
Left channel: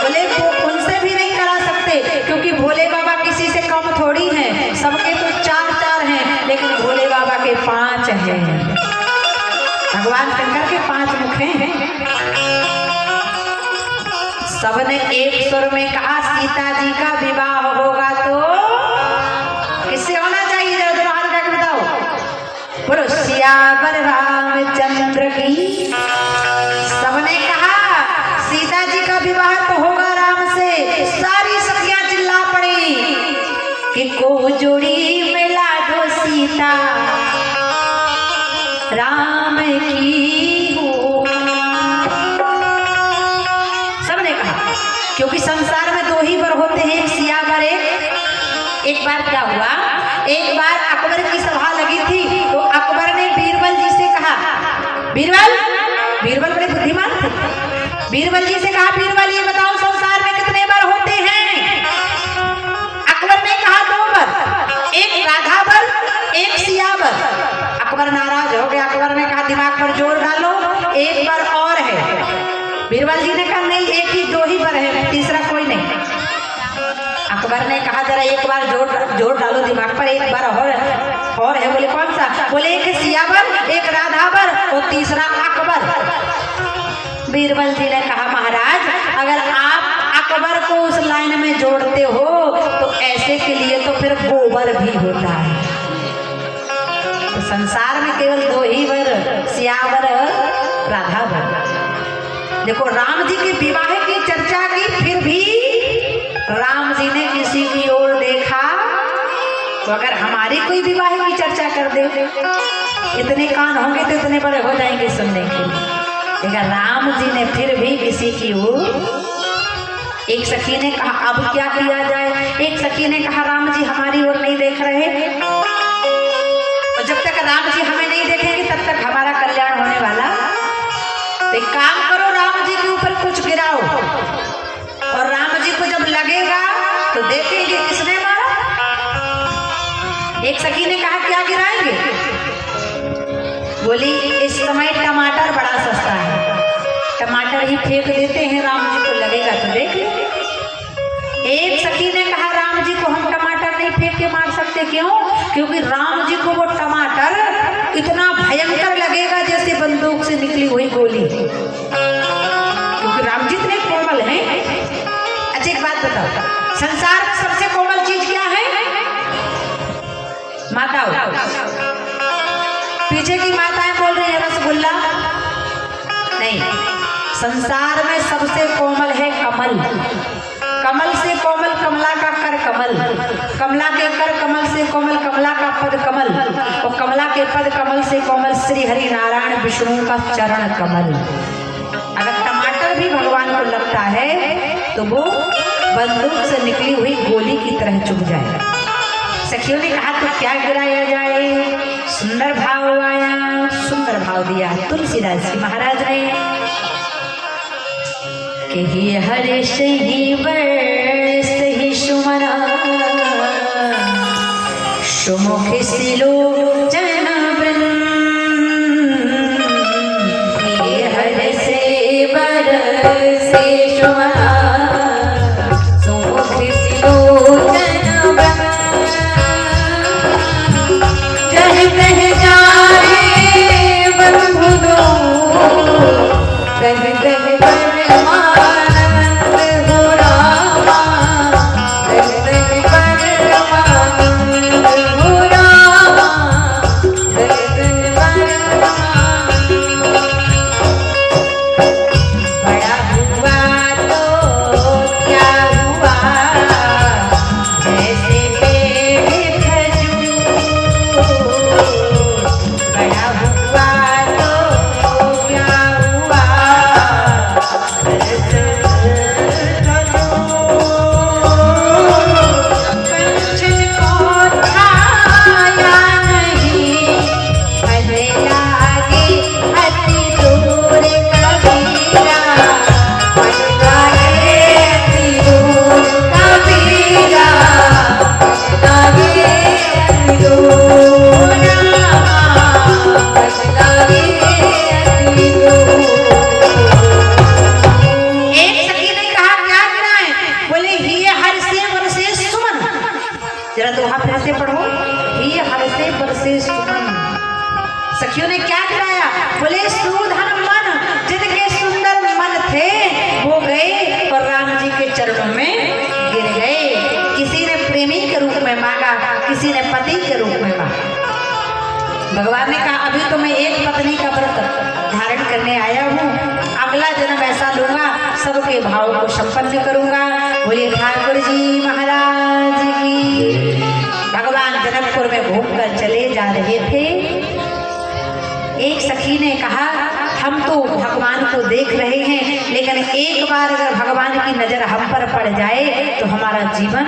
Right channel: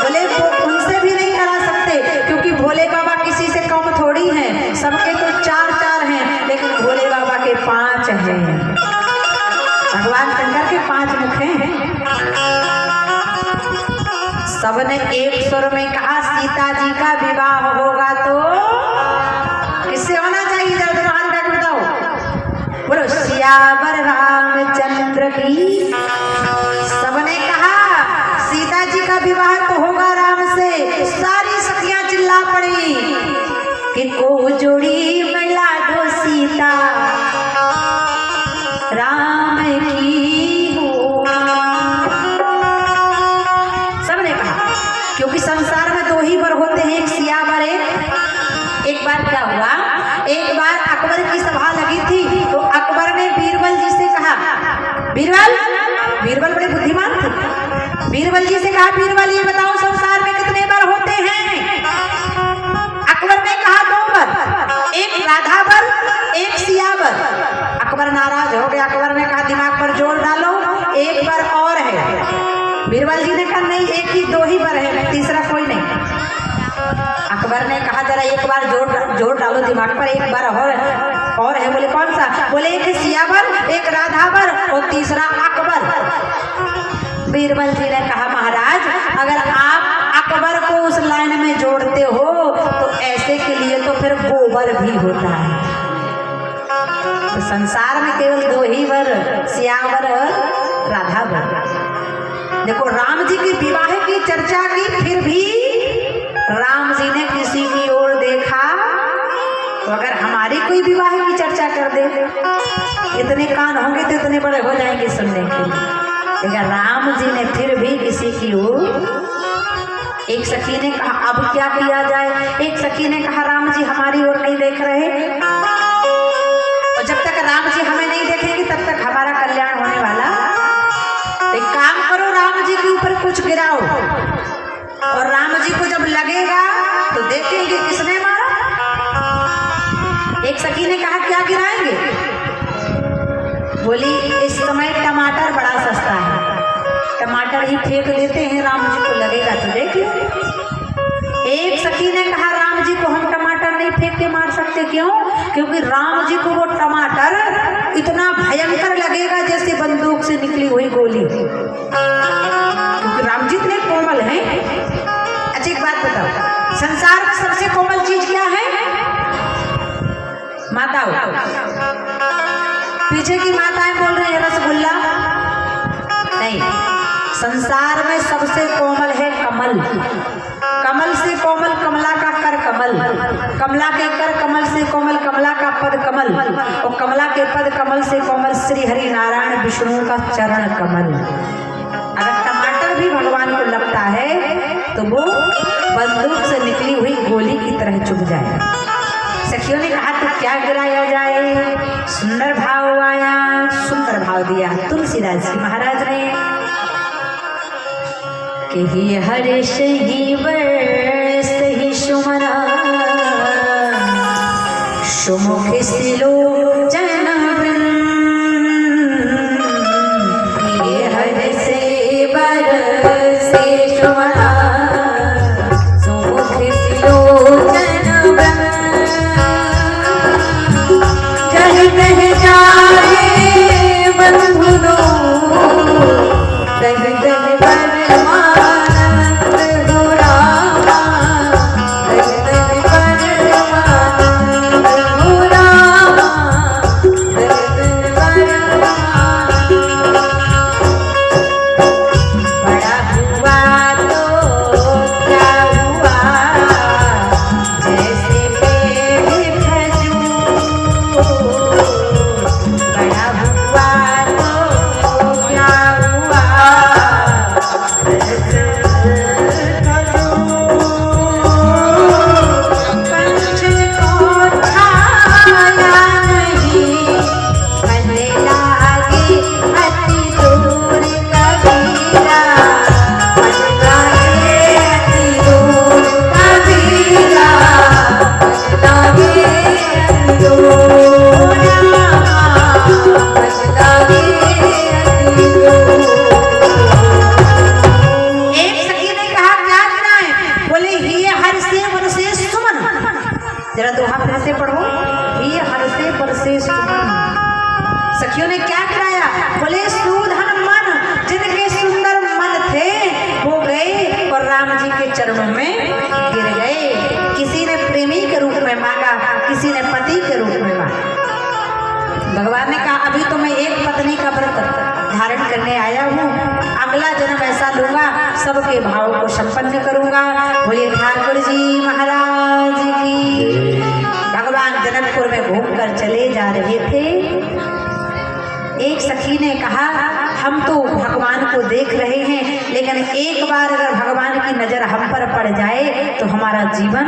बोले वो उनसे भी नहीं करा सकते क्योंकि भोले बाबा किसी से कम थोड़ी हैं। सबके तो 4 हैं लेकिन भोले बाबा के 5 हैं। भगवान शंकर के 5 मुख हैं। सबने एक स्वर में कहा सीता जी का विवाह होगा तो किससे होना चाहिए? जब दोनों हाथ उठा के बताओ। बोलो सियावर रामचंद्र की। सबने कहा सीता जी का विवाह तो होगा राम से। सारी सखियां चिल्ला पड़ी कि को जोड़ी मिला दो सीता राम की हो। सबने कहा क्योंकि संसार में 2 ही वर होते हैं, एक एक बार अकबर की सभा लगी थी तो अकबर ने बीरबल जी से कहा, बीरबल बड़े बुद्धिमान थे, बीरबल जी से कहा, बीरबल ये बताओ संसार में कितने वर होते हैं? अकबर ने कहा 2 वर, एक राधा वर, एक सिया वर। अकबर नाराज हो गया। अकबर ने कहा दिमाग पर जोर डालो, एक वर और है। बीरबल जी ने कहा नहीं, एक ही 2 ही वर है, तीसरा कोई नहीं। अकबर ने कहा जरा एक बार जोर डालो दिमाग पर, एक बार और है। बोले कौन सा? बोले एक सियावर, एक राधावर और तीसरा अकबर। बीरबल जी ने कहा महाराज अगर आप अकबर को उस लाइन में जोड़ते हो तो ऐसे के लिए तो फिर गोबर भी होता है। तो संसार में केवल 2 ही वर, सियावर राधावर। देखो राम जी के विवाह की चर्चा की, फिर भी राम जी ने किसी की ओर देखा। तो अगर हमारी कोई विवाह की चर्चा कर दे, इतने कान होंगे तो इतने बड़े हो जाएंगे सुनने के लिए। लेकिन राम जी ने फिर भी किसी की ओर। एक सखी ने कहा अब क्या किया जाए? एक सखी ने कहा राम जी हमारी ओर नहीं देख रहे, और जब तक राम जी हमें नहीं देखेंगे तब तक हमारा कल्याण होने वाला। एक काम करो, राम जी के ऊपर कुछ गिराओ, और राम जी को जब लगेगा तो देखेंगे किसने मारा। एक सखी ने कहा क्या गिराएंगे? बोली इस समय टमाटर बड़ा सस्ता है, टमाटर ही फेंक देते हैं, राम जी को लगेगा तो देख लेंगे। एक सखी ने कहा राम जी को हम टमाटर नहीं फेंक के मार सकते। क्यों? क्योंकि राम जी को वो टमाटर इतना भयंकर लगेगा जैसे बंदूक से निकली हुई गोली, क्योंकि राम जी इतने कोमल हैं। अच्छा एक बात बताओ, संसार में सबसे कोमल चीज क्या है? माताओं। पीछे की माताएं बोल रही है रसगुल्ला नहीं, संसार में सबसे कोमल है कमल। कमल से कोमल कमला का कर कमल, कमला के कर कमल से कोमल कमला का पद कमल, और कमला के पद कमल से कोमल श्री हरि नारायण विष्णु का चरण कमल। अगर टमाटर भी भगवान को लगता है तो वो बंदूक से निकली हुई गोली की तरह चुभ जाए। सखियों ने कहा तो क्या गिराया जाए? सुंदर भाव आया, सुंदर भाव दिया तुलसीदास जी महाराज ने कि ही हर्ष ही वर्ष ही सुमना सुमुख सिलो जन वृंद, ये हर्ष वर्ष सुमना सुमुख सिलो जन वृंद, जह तह जाए बंधु दो तह तह परमानंद हो रामा, तह तह परमानंद हो रामा, तह तह परमानंद। बड़ा हुआ तो क्या हुआ, जैसे पेड़ खजूर, बड़ा हुआ तो क्या हुआ, पंछ को छाया नहीं, भले लागे अति दूर कबीरा, भले लागे अति दूर कबीरा, भले लागे अति दूर रामा, भले लागे अति दूर। एक सखी ने कहा क्या गिराए? बोले ये हर्षे वर्षे सुमन। जरा दोहा फिर से पढ़ो, ये हर्षे वर्षे सुमन। सखियों ने क्या गिराया? बोले सुधन मन, जिनके सुंदर मन थे वो गए और राम जी के चरणों में गिर गए। किसी ने प्रेमी के रूप में मांगा, किसी ने पति के रूप में मांगा। भगवान ने कहा अभी तो मैं एक पत्नी का व्रत धारण करने आया हूँ, अगला जन्म ऐसा लूंगा सबके भाव को संपन्न करूंगा। बोले ठाकुर जी महाराज की। भगवान जनकपुर में घूमकर चले जा रहे थे। एक सखी ने कहा हम तो भगवान को देख रहे हैं, लेकिन एक बार अगर भगवान की नजर हम पर पड़ जाए तो हमारा जीवन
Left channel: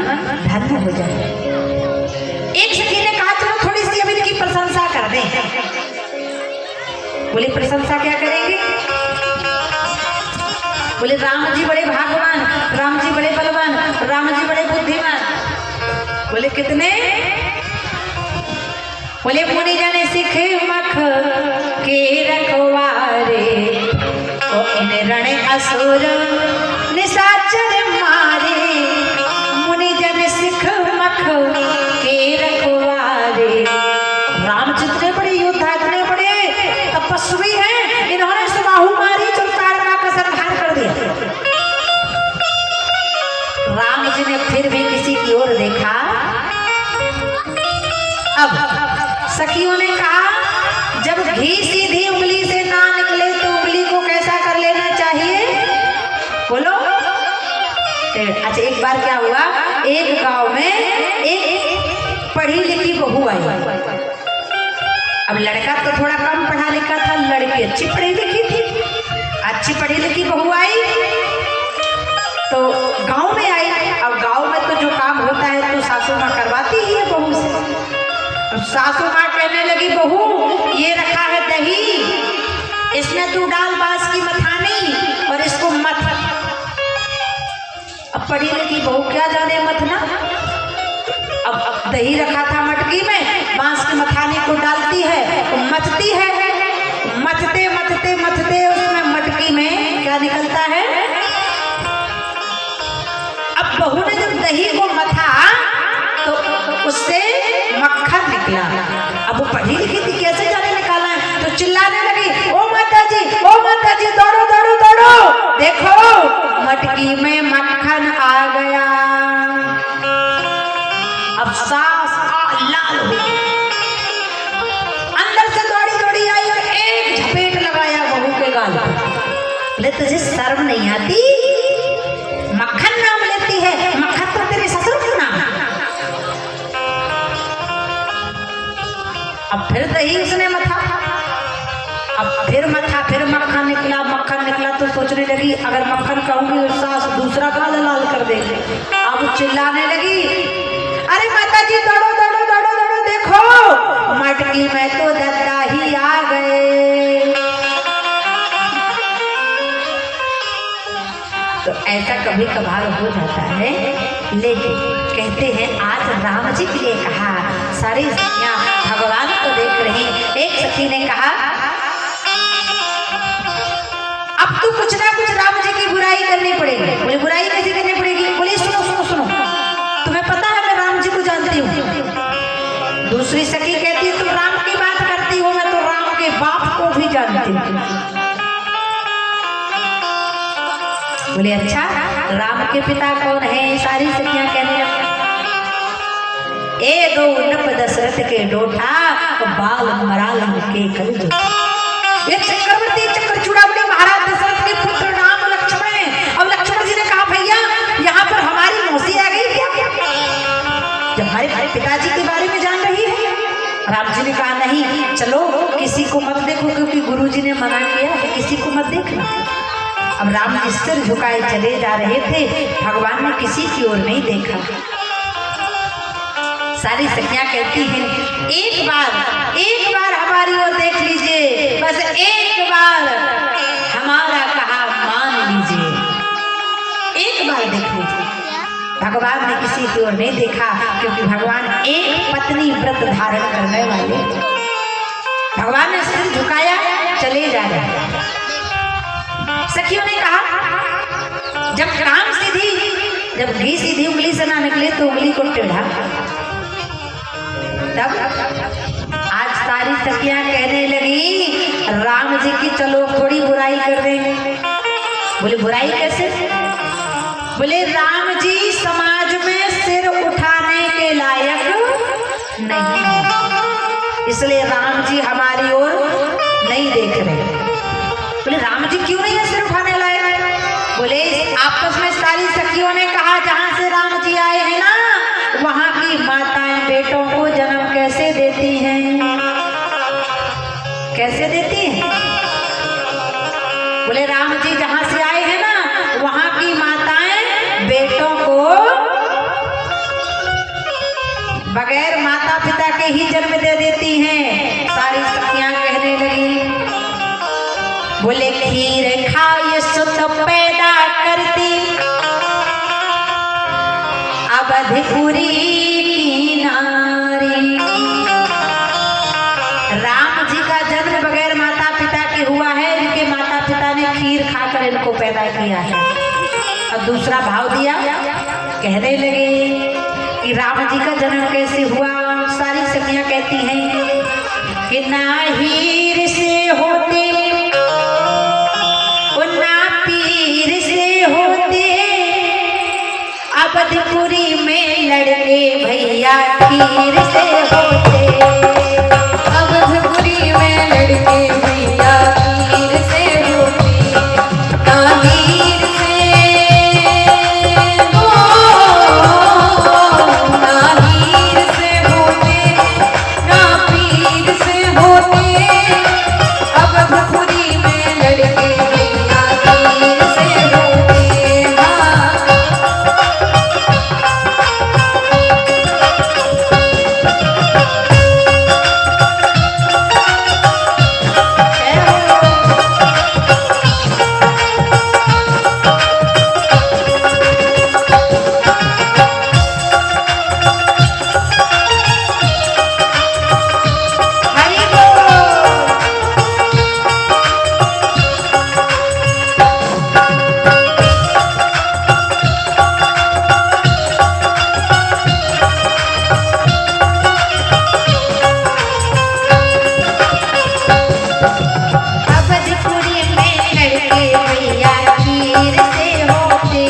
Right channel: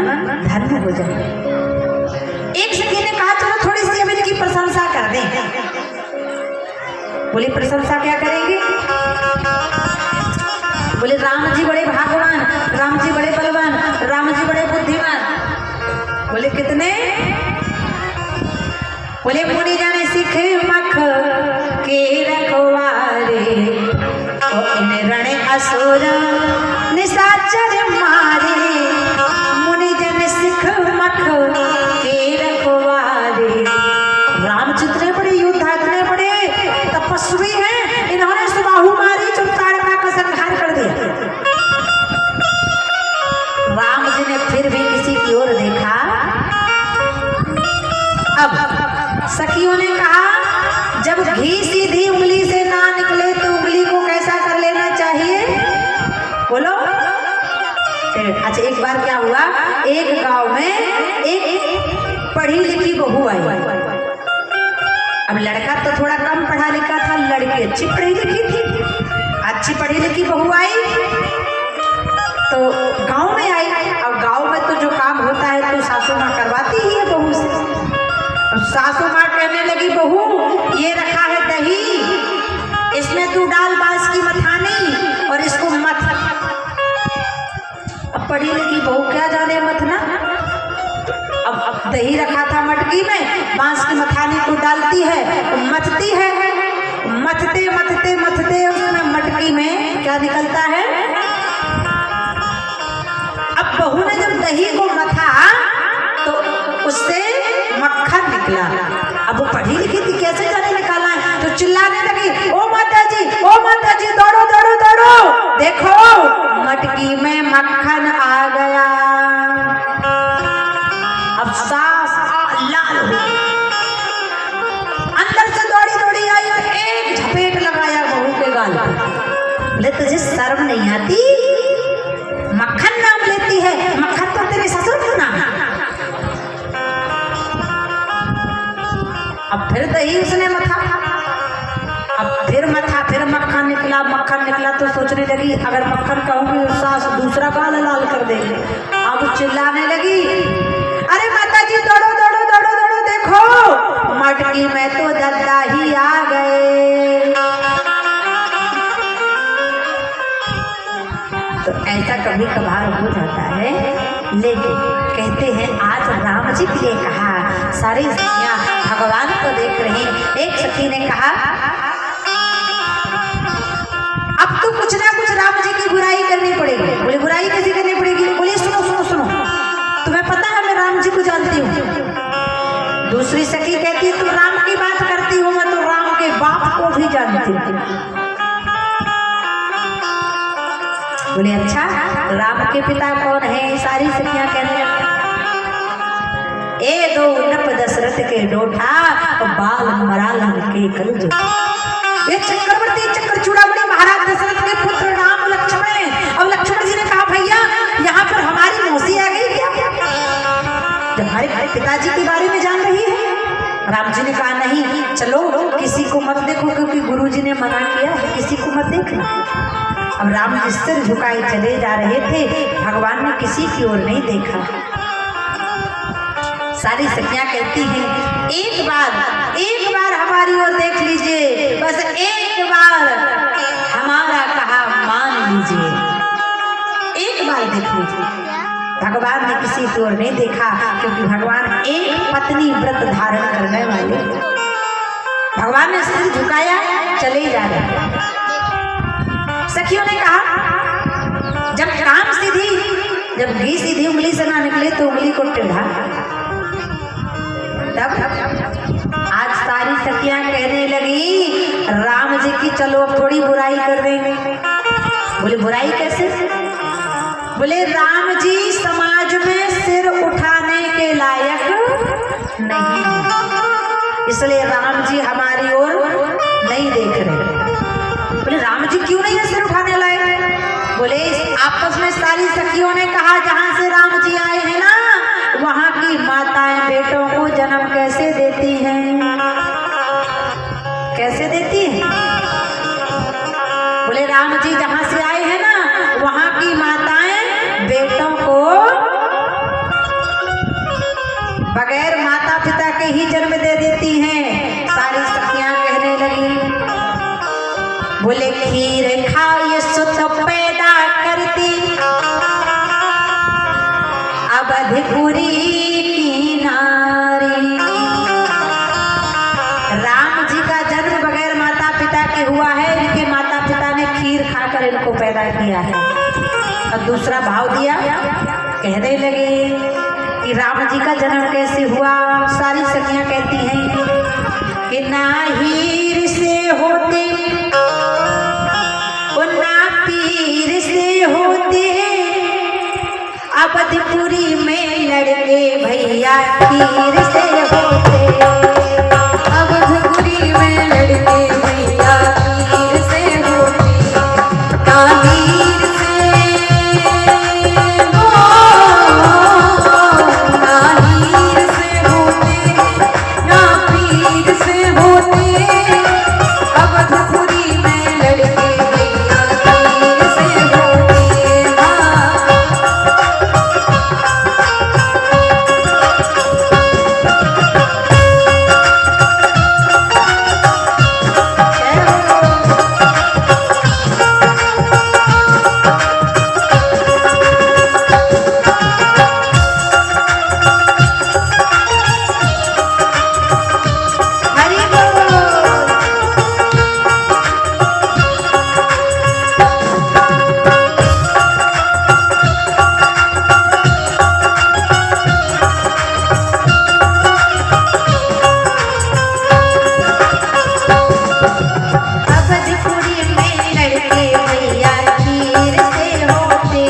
धन्य हो जाए। एक सखी ने बोले प्रशंसा क्या करेंगे? बोले राम जी बड़े भागवान, राम जी बड़े बलवान, राम जी बड़े बुद्धिमान। बोले कितने? बोले मुनि जन सिख मख के रखवारे, ओ इन रण असुर निशाचर मारे। मुनि जन सिख मख के रखवारे। रामचंद्र बड़े योद्धा, इतने बड़े तपस्वी हैं, इन्होंने सुबाहु मारी चंद्रताड़का का संहार कर दिया। राम जी ने फिर भी किसी की ओर देखा। अब सखियों ने कहा जब घी सीधी उंगली से ना निकले तो उंगली को कैसा कर लेना चाहिए? बोलो। अच्छा, एक बार क्या हुआ, एक गांव में एक पढ़ी लिखी बहू आई। अब लड़का तो थोड़ा कम पढ़ा लिखा था, लड़की अच्छी पढ़ी लिखी थी। अच्छी पढ़ी लिखी बहू आई तो गांव में आई। अब गांव में तो जो काम होता है तो सासू माँ करवाती ही है बहू से। और सासू माँ कहने लगी बहू ये रखा है दही, इसमें तू डाल बांस की मथानी और इसको मथ। अब पढ़ी लिखी बहू क्या जाने मथना। अब दही रखा था मटकी में, बांस की मथानी को डालती है, मथती है। मथते मथते मथते उसमें मटकी में क्या निकलता है? अब बहू ने जब दही को मथा तो उससे मक्खन निकला। अब वो पढ़ी लिखी थी, कैसे जाने निकाला है? तो चिल्लाने लगी, ओ माता जी, ओ माता जी, दौड़ो दौड़ो दौड़ो, देखो मटकी में मक्खन आ गया। अब सास लाल हो गई, अंदर से दौड़ी दौड़ी आई और एक झपेट लगाया बहू के गाल पर। बोले तुझे शर्म नहीं आती? मक्खन नाम लेती है, मक्खन तो तेरे ससुर का नाम है। अब फिर दही उसने मथा, अब फिर मथा, फिर मक्खन निकला। मक्खन निकला तो सोचने लगी अगर मक्खन कहूंगी तो सास दूसरा गाल लाल कर देगी। अब चिल्लाने लगी, अरे माता जी दौड़ो दौड़ो दौड़ो दौड़ो, देखो मटकी में तो दद्दा ही आ गए। तो ऐसा कभी कभार हो जाता है, लेकिन कहते हैं आज राम जी के लिए कहा। सारी सखियां भगवान को देख रही। एक सखी ने कहा अब तो कुछ ना कुछ राम जी की बुराई करनी पड़ेगी। बोले बुराई कैसे करनी पड़ेगी? बोले सुनो सुनो सुनो, तुम्हें पता है मैं राम जी को जानती हूँ। दूसरी सखी कहती है तुम राम की बात करती हो, मैं तो राम के बाप को भी जानती हूँ। बोले अच्छा, राम के पिता कौन है? सारी सखियां कहने लगी ए दो नप दशरथ के डोठा, बाल मरालम के कर दो। ये चक्रवर्ती चक्र चूड़ामणि महाराज दशरथ के पुत्र राम लक्ष्मण है। अब लक्ष्मण जी ने कहा भैया यहाँ पर हमारी मौसी आ गई क्या? जब हमारे पिताजी के बारे में जान रही है। राम जी ने कहा नहीं, चलो किसी को मत देखो, क्योंकि गुरु जी ने मना किया है किसी को मत देखना। अब राम जी सिर झुकाए चले जा रहे थे, भगवान ने किसी की ओर नहीं देखा। सारी सखियां कहती हैं एक बार हमारी ओर देख लीजिए, बस एक बार हमारा कहा मान लीजिए, एक बार देख लीजिए। भगवान ने किसी की ओर नहीं देखा, क्योंकि भगवान एक पत्नी व्रत धारण करने वाले। भगवान ने सिर झुकाया, चले जा रहे। सखियों ने कहा जब घी सीधी उंगली से ना निकले तो उंगली को टेढ़ा। तब आज सारी सखियां कहने लगी राम जी की चलो थोड़ी बुराई कर देंगे। बोले बुराई कैसे? बोले राम जी समाज में सिर उठाने के लायक नहीं है, इसलिए राम जी हमारी ओर नहीं देख रहे। बोले राम जी क्यों नहीं है सिर उठाने लायक? बोले आपस में सारी सखियों ने कहा जहां से राम जी आए हैं ना, वहां की माताएं बेटों को जन्म कैसे देती हैं? कैसे देती हैं? बोले राम जी जहां से आए हैं ना, वहां की माताएं बेटों को बगैर माता पिता के ही जन्म दे देती हैं। सारी सखियां कहने लगी बोले खीर खाए सुत पैदा करती अवधपुरी की नारी। राम जी का जन्म बगैर माता पिता के हुआ है, इनके माता पिता ने खीर खाकर इनको पैदा किया है। और दूसरा भाव दिया, कहने लगे कि राम जी का जन्म कैसे हुआ। सारी सखियां कहती हैं कि ना हीर से होते और ना पीर से होते, अवधपुरी में लड़के भैया खीर से होते। अवधपुरी में लड़के भैया खीर से होते, ना हीर से होते, ना पीर से होते, अवधपुरी में लड़के भैया खीर से होते। हरि बोल। अवधपुरी में लड़के भैया खीर से होते।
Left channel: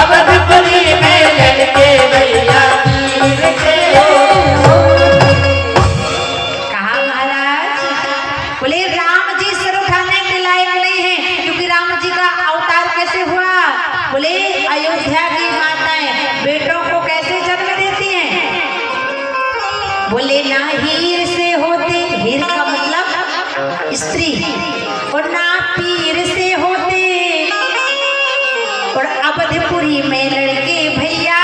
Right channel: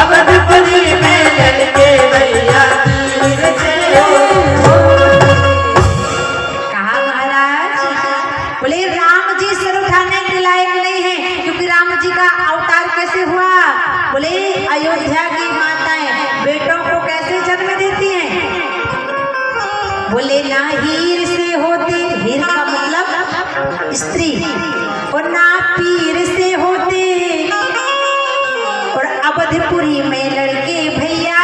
अवधपुरी में लड़के भैया खीर से कहा महाराज, बोले राम जी सर उठाने के लायक नहीं है, क्योंकि राम जी का अवतार कैसे हुआ। बोले अयोध्या की माताएं बेटों को कैसे जन्म देती हैं। बोले ना हीर से होते, हीर का मतलब स्त्री, और ना पीर से होते, और अवधपुरी में लड़के भैया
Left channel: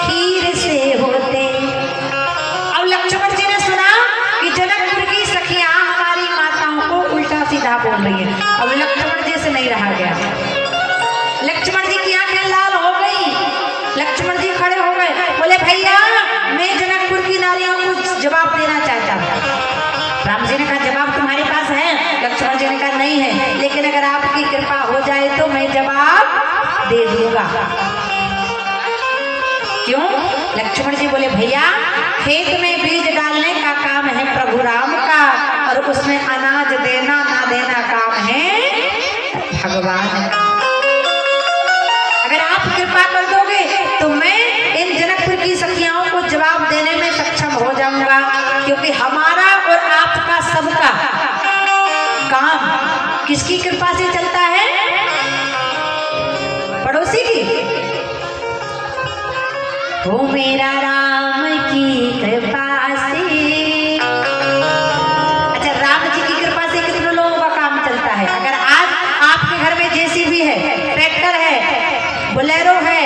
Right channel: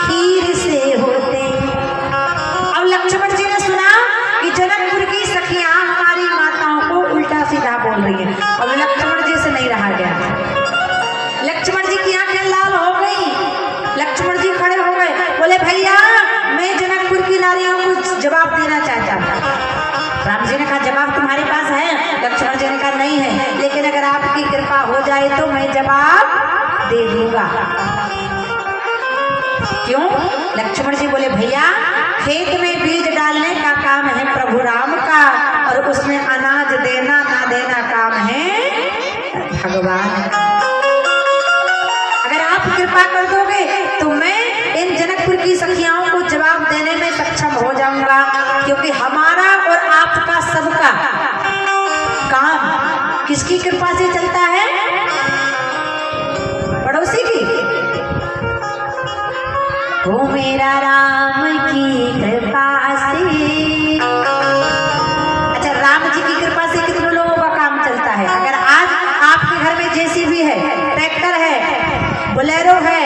खीर से होते। अब लक्ष्मण जी ने सुना कि जनकपुर की सखियां हमारी माताओं को उल्टा सीधा बोल रही है। अब लक्ष्मण जी से नहीं रहा गया। लक्ष्मण जी की आंखें लाल हो गई। लक्ष्मण जी खड़े हो गए, बोले भैया मैं जनकपुर की नारियों को जवाब देना चाहता हूँ। राम जी ने कहा जवाब तुम्हारे पास है। लक्ष्मण जी ने कहा नहीं है, लेकिन अगर आपकी कृपा हो जाए तो मैं जवाब दे दूंगा। क्यों? लक्ष्मण जी बोले भैया खेत में बीज डालने का काम है प्रभु राम का, और उसमें अनाज देना ना देना काम है भगवान का। अगर आप कृपा कर दोगे तो मैं इन जनकपुर की सखियाओं को जवाब देने में सक्षम हो जाऊंगा, क्योंकि हमारा और आपका सबका काम किसकी कृपा से चलता है? पड़ोसी की। वो मेरा राम की कृपा से। अच्छा, राम जी की कृपा से कितने लोगों का काम चलता है। अगर आज आपके घर में जेसीबी है, ट्रैक्टर है, बोलेरो है,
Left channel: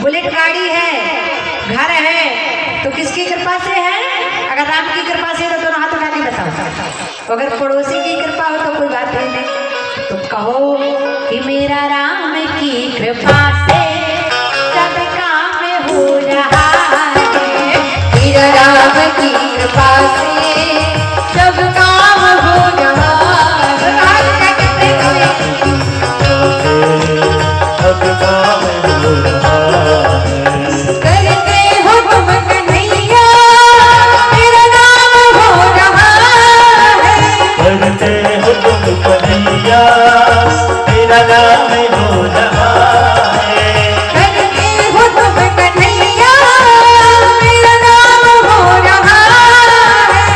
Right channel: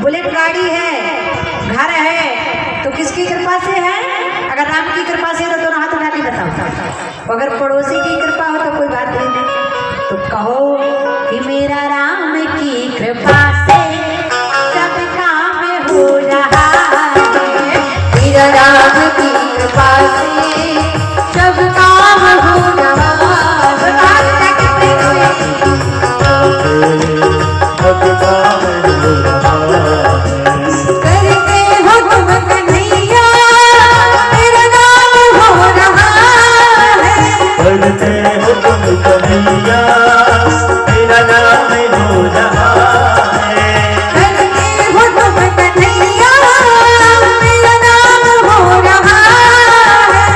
बुलेट गाड़ी है, घर है, तो किसकी कृपा से है? अगर राम की कृपा से तो दोनों हाथ उठा के बताओ। अगर पड़ोसी की कृपा हो तो कोई बात नहीं, तो कहो कि मेरा राम की कृपा से सब काम हो रहा है। मेरा राम की कृपा से सब काम हो रहा है। सब काम हो रहा है। करके हो तुम कन्हैया, मेरा नाम हो रहा है। करते हो तुम कन्हैया, मेरा नाम हो रहा है। करके हो तुम कन्हैया, मेरा नाम हो रहा है।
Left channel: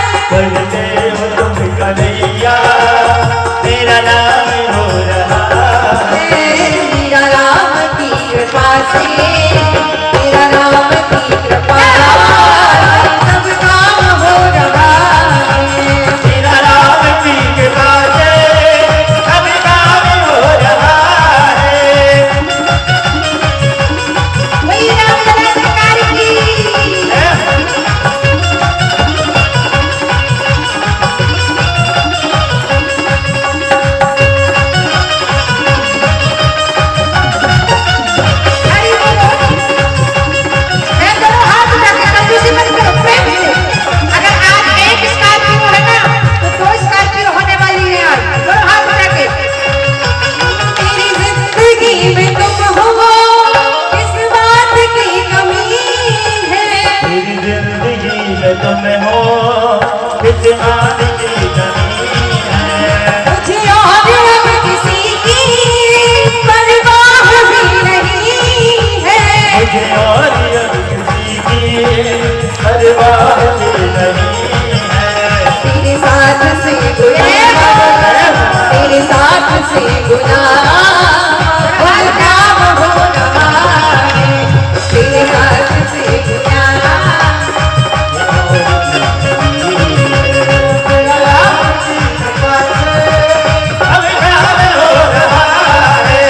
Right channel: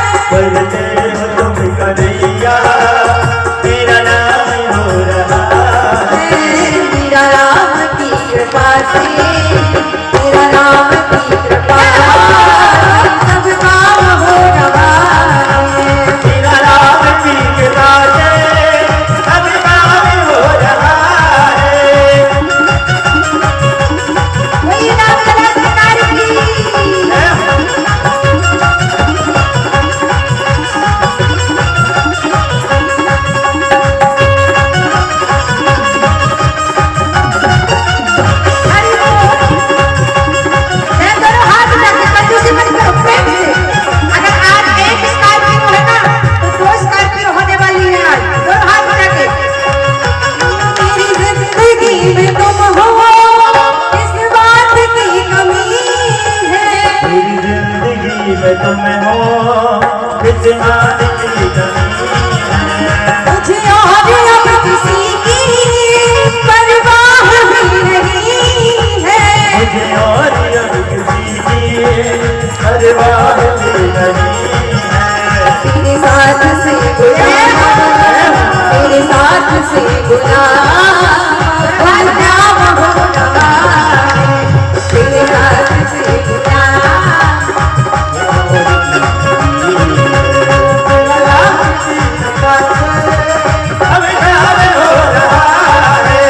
इस आदि की जमी है। मुझे और अब किसी की परवाह भी नहीं है। मुझे और अब किसी की परवाह भी नहीं है। तेरे साथ से गुलाम, तेरे साथ से गुलाम गुलाम हो रहा है। तेरे साथ से गुलाम अब जान हो रहा है।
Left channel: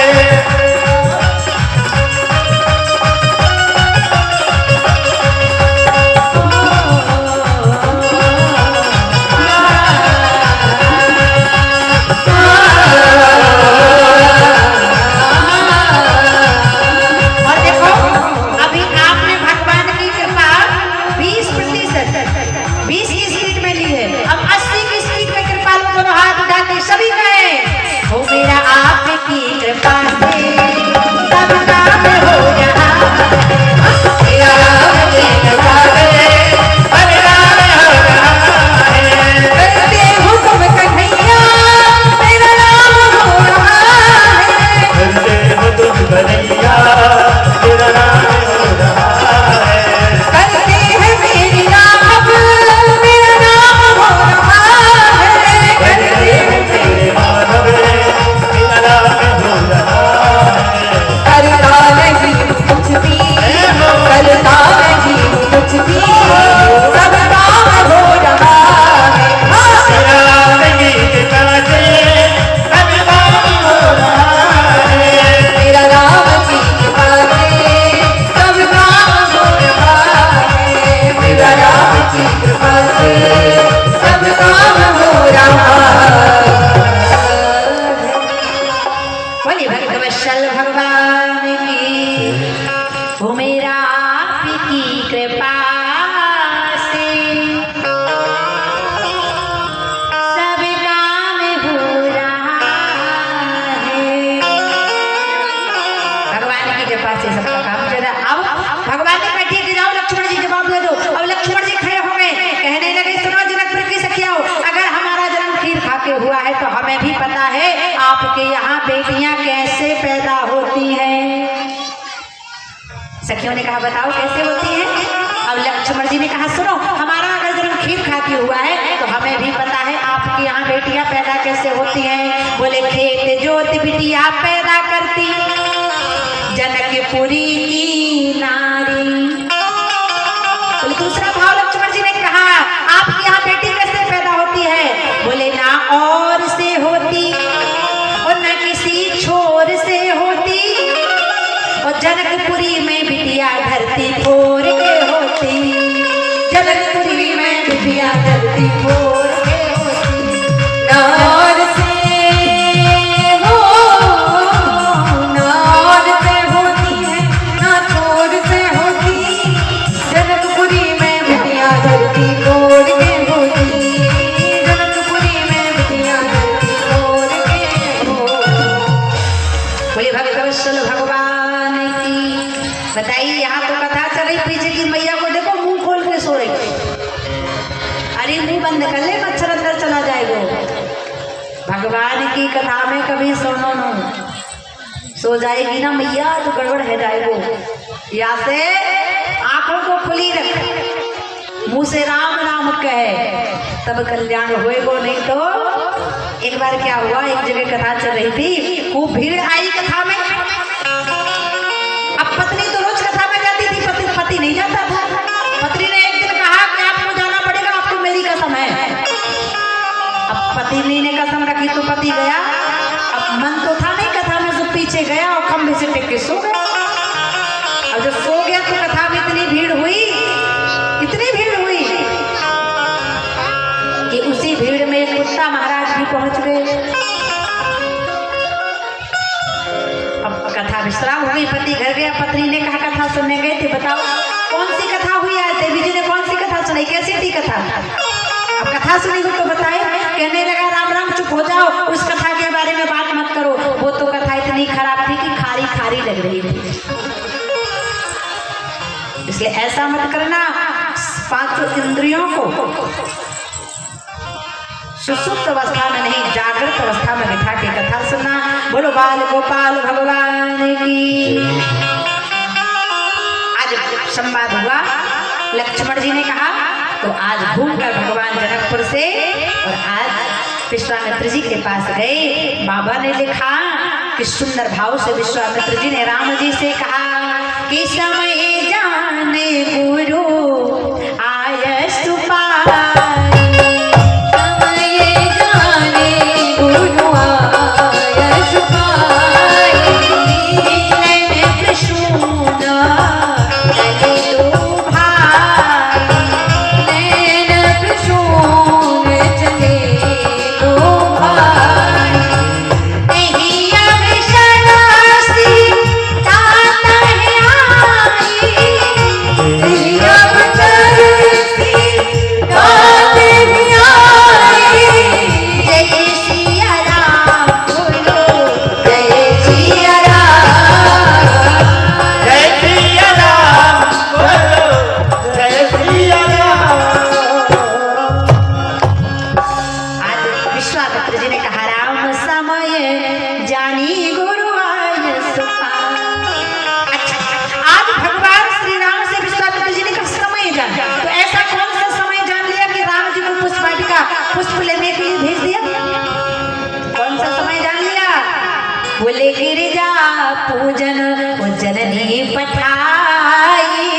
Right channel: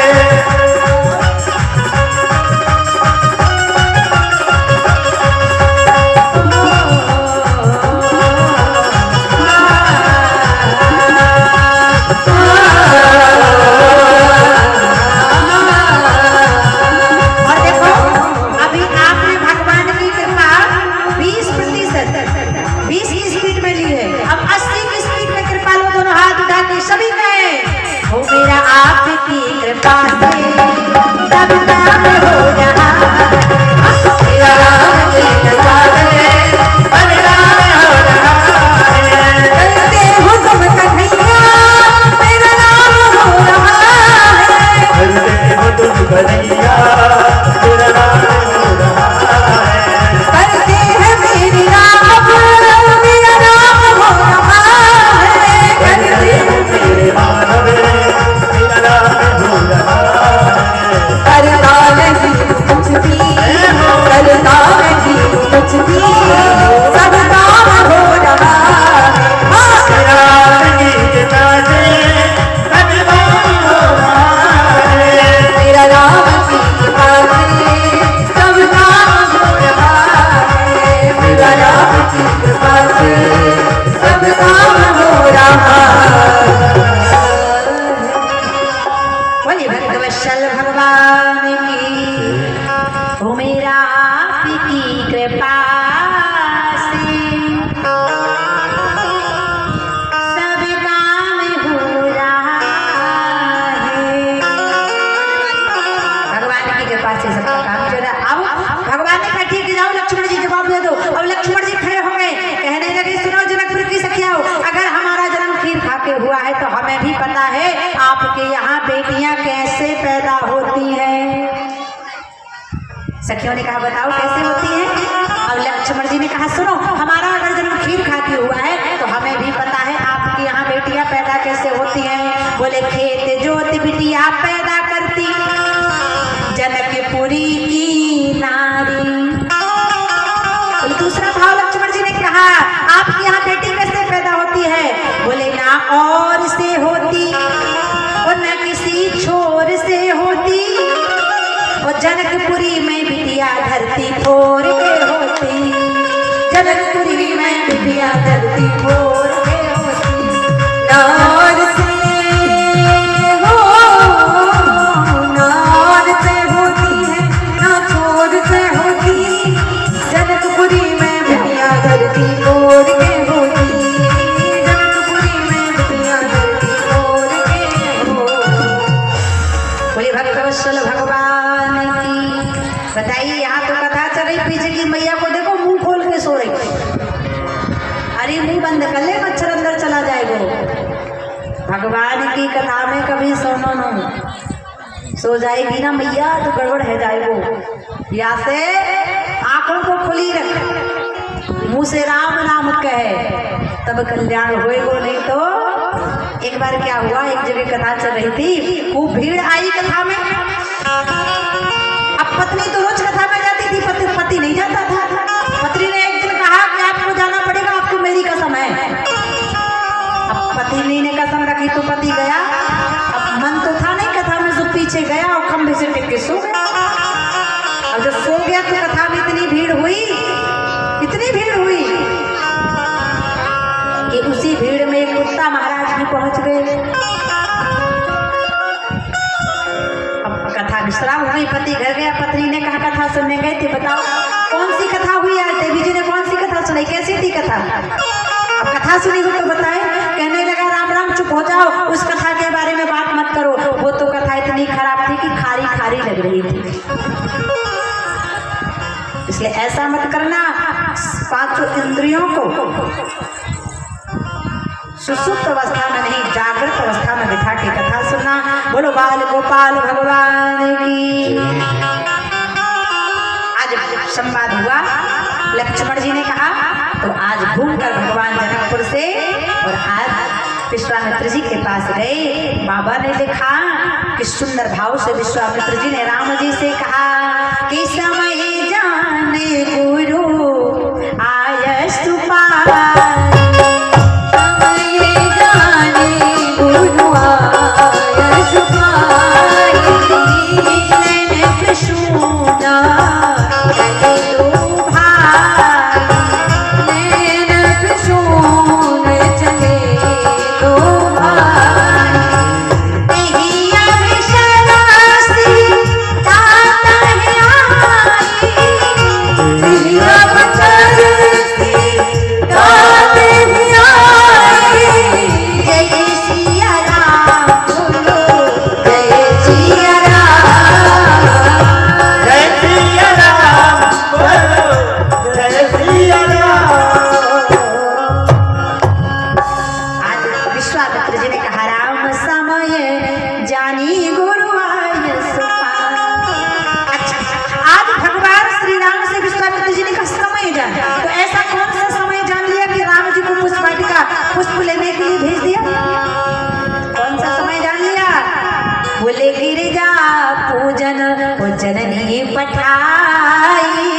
और देखो अभी आपने भगवान की कृपा 20% 20 की स्पीड में ली है, अब 80 की स्पीड में कृपा लो, दोनों हाथ उठा के सभी कहें हो मेरा आपकी कृपा से सब काम हो रहा है। तेरा नाम लेने वाले करते हो तुम कन्हैया, तेरा नाम हो रहा है। करते हो तुम कन्हैया, तेरा नाम हो रहा है। करते हैं मेरी राह, मेरा नाम हो रहा है। करते हैं तेरे नाम में तेरा नाम हो रहा है। करता नहीं कुछ भी, करता नहीं कुछ भी, सब काम हो रहा है। तेरा गीत गाजे सब नाम हो रहा है। तेरा नाम की कृपा से सब काम हो रहा है। तेरा नाम की कृपा से सब काम हो रहा है। बोलिए भक्तवत्सल भगवान की हो मेरा आपकी कृपा से सब काम हो रहा है। भगवान की कृपा से सबका काम चल रहा है। अब भगवान ने कहा ठीक है जाओ लक्ष्मण जी जवाब दे दो। अब लक्ष्मण जी खड़े हो गए, कहने लगे सुनो जनकपुर की सखियाओ, अगर हमारा जन्म खीर खा के हुआ है तो हमें भी पता है आपके यहाँ बेटियां कैसे पैदा होती हैं। सखियों ने कहा बताओ कैसे होती हैं। अब लक्ष्मण जी ने कहा सुनो हमारा अगर जन्म खीर खा के हुआ है तो हमें भी पता है आपके यहाँ बेटियां पैदा कैसे होती हैं। बोले खेत जोत बिटिया पैदा करती जनकपुरी की नारी। बोले दूसरा भाव लक्ष्मण जी ने कहा आपके यहाँ बेटी कैसे पैदा होती है। बोले ना और से होती और न किसी छोर से होती, और जनकपुरी में बिटिया धरती फोर के होती। जनकपुरी में बिटिया धरती फोर के होती। नार से हो, नार से होती है, ना छोर से होती। जनकपुरी में बिटिया धरती फोर के होती। जनकपुरी में बिटिया धरती फोर के होती। बोले भक्तवत्सल भगवान की बताइए। यहाँ तो कथा चल रही, पीछे की मैया को देखो मुंह खोल के सो रही। अरे मुंह बंद कर ले मच्छर अंदर चला जाएगा। भगवान की कथा में कभी सोनो न सो जाएगी ना मैया तो गड़बड़ है जाएगो। या से आंखों को खुली रख, मुंह से राम नाम कहे तब कल्याण होएगो, नहीं तो एक बार क्या हुआ, एक जगह कथा चल रही थी, खूब भीड़ आई कथा में। अब पत्नी तो रोज कथा में जाती थी, पति नहीं जाता था। पत्नी ने एक दिन कहा कि आपको जाना पड़ेगा, आपको मेरी कसम है। अब पत्नी ने कसम रखी तो पति गया। अब मन तो था नहीं कथा में, जो पीछे गया और खंभे से टिक के सो गया। और जब सो गया तो कथा में इतनी भीड़ हुई कि उसी भीड़ में एक कुत्ता महाराज भी पहुंच गए। अब कथा विश्राम हो गई, पति घर गया। पत्नी ने कहा कथा सुनने गए थे, बताओ कौन सी कथा हुई आज देवी जी ने, कौन सी कथा सुनाई, कैसी थी कथा। अब कथा सुनी हुई तो बताए। कहने लगा राम राम चुप हो जाओ, उस कथा के बारे में बात मत करो, वो तो कथा इतनी खराब थी कि खारी खारी लग रही थी। इसलिए ऐसा मत करना, पांचों इंद्रियों को सुसुप्त अवस्था में नहीं, जागृत अवस्था में बिठा के कथा सुना। बोलो बाल गोपाल भगवान की। आज संवाद हुआ, लक्ष्मण जी ने कहा तो आज घूमकर भगवान जनकपुर से और आज विश्वामित्र जी के पास गए। बाबा ने लिखा कि सुंदर भाव से विश्वामित्र जी ने राम जी से कहा कि समय जाने गुरु आय सुपाई, समय जाने गुरु आय सुपाई, नैन कृष्णा चले दो भाई, नैनक सोन चले दो भाई, नहीं अवसरासी तात है आई, तेरी अब तरसी तात भी आई, जय सिया राम बोलो जय सिया राम, जय सिया राम बोलो जय सिया राम। आज विश्वामित्र जी ने कहा राम समय जानी गुरु आय सुपाई। अच्छा, आज भगवान श्री राम से विश्वामित्र जी ने कहा समय जान, तो ऐसा कौन सा समय जान लिया कि राम जी को पुष्प वाटिका पुष्प लेने के लिए भेज दिया? कौन सा समय जान लिया? बोले गिरिजा पूजन जननी पठाई,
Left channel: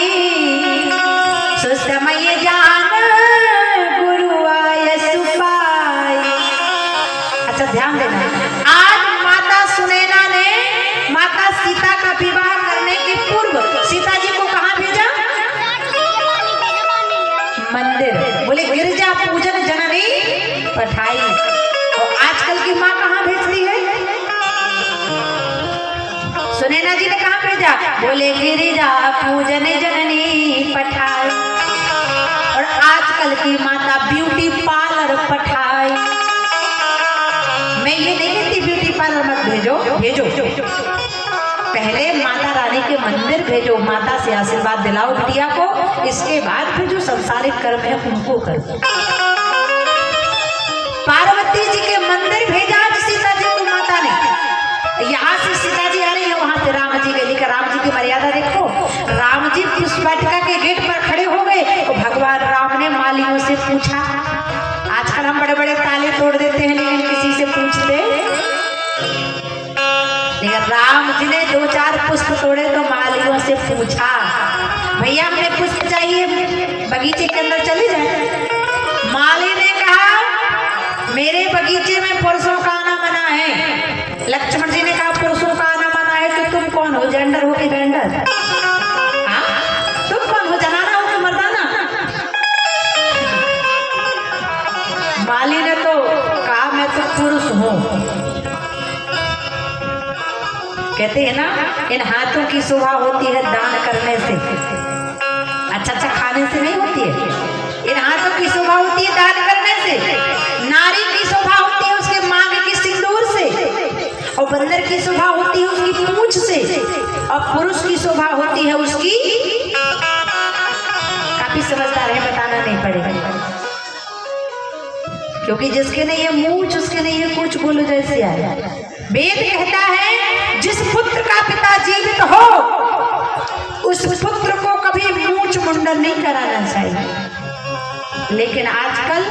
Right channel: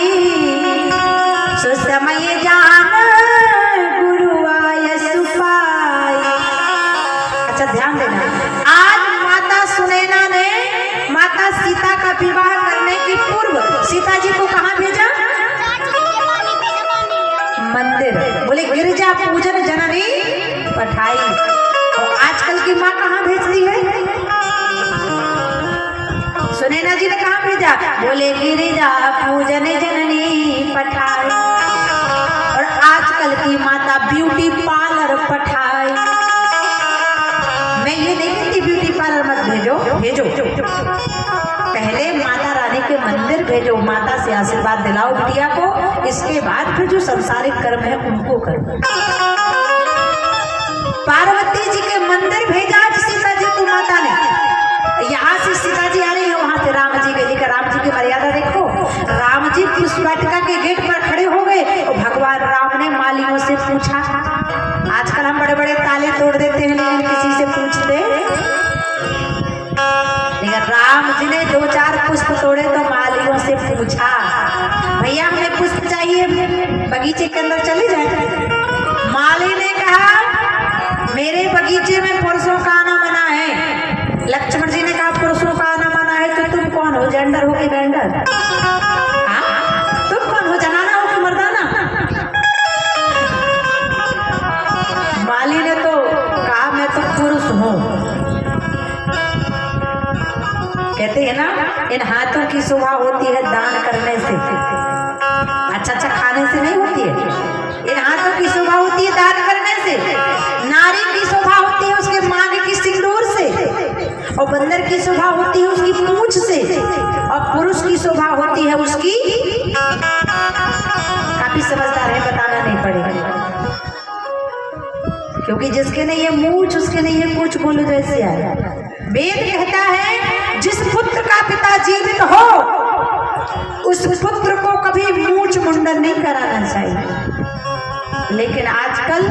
सुसमय जान गुरु आय सुपाई। अच्छा ध्यान देना, आज माता सुनैना ने माता सीता का विवाह करने के पूर्व सीता जी को कहाँ भेजा? मंदिर। बोले गिरजा पूजन जननी पठाई। और आजकल की माँ कहाँ भेजती है? सुनैना जी ने कहाँ भेजा? बोले गिरिजा पूजन जननी पठाई। और आजकल की माता ब्यूटी पार्लर पठाई। मैं ये नहीं कहती ब्यूटी पार्लर मत भेजो, भेजो, पहले माता रानी के मंदिर भेजो, माता से आशीर्वाद दिलाओ बिटिया को, इसके बाद फिर जो संसारिक कर्म है उनको करो। पार्वती जी के मंदिर भेजा सीता जी को माता ने, यहाँ से सीता जी आ रही है, वहां से राम जी गए, लेकिन राम जी की मर्यादा देखो, राम जी पुष्प वाटिका के गेट पर खड़े हो गए और भगवान राम ने मालियों से पूछा। आजकल हम बड़े बड़े ताले तोड़ देते हैं लेकिन किसी से पूछते, लेकिन राम जी ने 2-4 पुष्प तोड़े तो मालियों से पूछा भैया हमें पुष्प चाहिए, बगीचे के अंदर चले जाए। माली ने कहा मेरे बगीचे में पुरुषों का आना मना है। लक्ष्मण जी ने कहा पुरुषों का आना मना है तो तुम कौन हो, जेंडर हो कि वेंडर? हाँ? तुम कौन हो, जनाना हो कि मर्दाना? माली ने तो कहा मैं तो पुरुष हूँ। कहते हैं ना इन हाथों की शोभा होती है दान करने से, अच्छा खाने से नहीं होती है। इन हाथों की शोभा होती है दान करने से। नारी की शोभा होती है उसके मांग की सिंदूर से, और बंदर की शोभा होती है उसकी पूंछ से, और पुरुष की शोभा होती है उसकी, काफी समझदार है बताना नहीं पड़ेगा, क्योंकि जिसके नहीं है मूंछ उसके नहीं है कुछ, बोलो जैसे आया। वेद कहता है जिस पुत्र का पिता जीवित हो उस पुत्र को कभी मूंछ मुंडन नहीं कराना चाहिए, लेकिन आजकल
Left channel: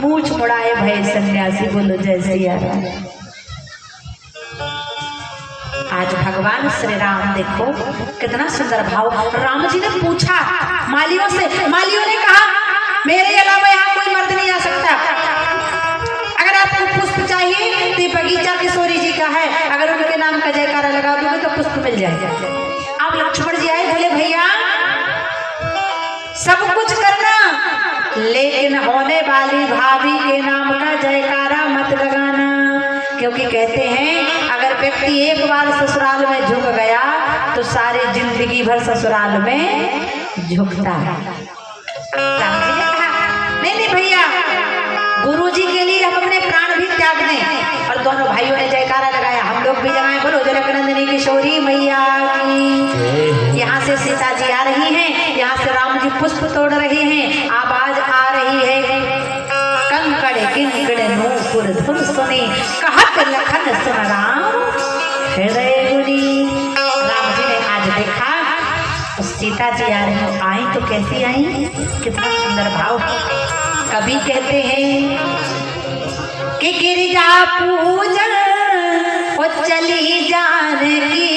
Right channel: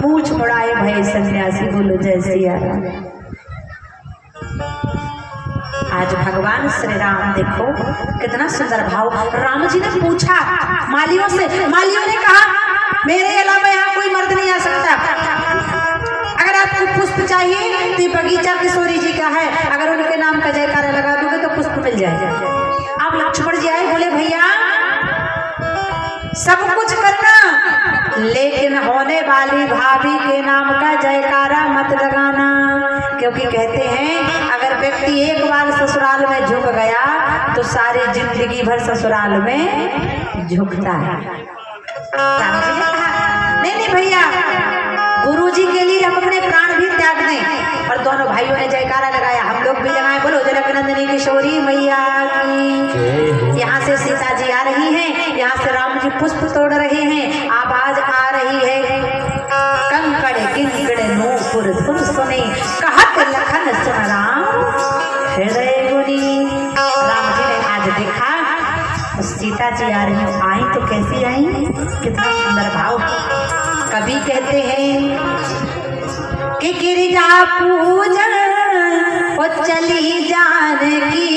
मूंछ मुड़ाए भय सन्यासी, बोलो जैसे आया। आज भगवान श्री राम देखो कितना सुंदर भाव। राम जी ने पूछा मालियों से, मालियों ने कहा मेरे अलावा यहाँ कोई मर्द नहीं आ सकता, अगर आपको पुष्प चाहिए तो ये बगीचा किशोरी जी का है, अगर उनके नाम का जयकारा लगा दोगे तो पुष्प मिल जाएगा। अब लक्ष्मण जी आए, बोले भैया सब कुछ करना लेकिन होने वाली भाभी के नाम का जयकारा मत लगाना, क्योंकि कहते हैं अगर व्यक्ति एक बार ससुराल में झुक गया तो सारी जिंदगी भर ससुराल में झुकता है। राम जी ने कहा नहीं नहीं भैया, गुरु जी के लिए हम अपने प्राण भी त्याग दें। और दोनों भाइयों ने जयकारा लगाया, हम लोग भी लगाए, बोलो जनक नंदिनी किशोरी मैया की। यहाँ से सीता जी आ रही हैं, यहाँ से राम जी पुष्प तोड़ रहे हैं, आवाज आ रही है कंकड़ किंकड़ सुन सुने कहत लखन सुन राम हृदय गुरी। राम जी ने आज देखा तो सीता जी आ रही आई तो कैसी आई, कितना सुंदर भाव। कवि कहते हैं कि गिरिजा पूजन वो चली जानकी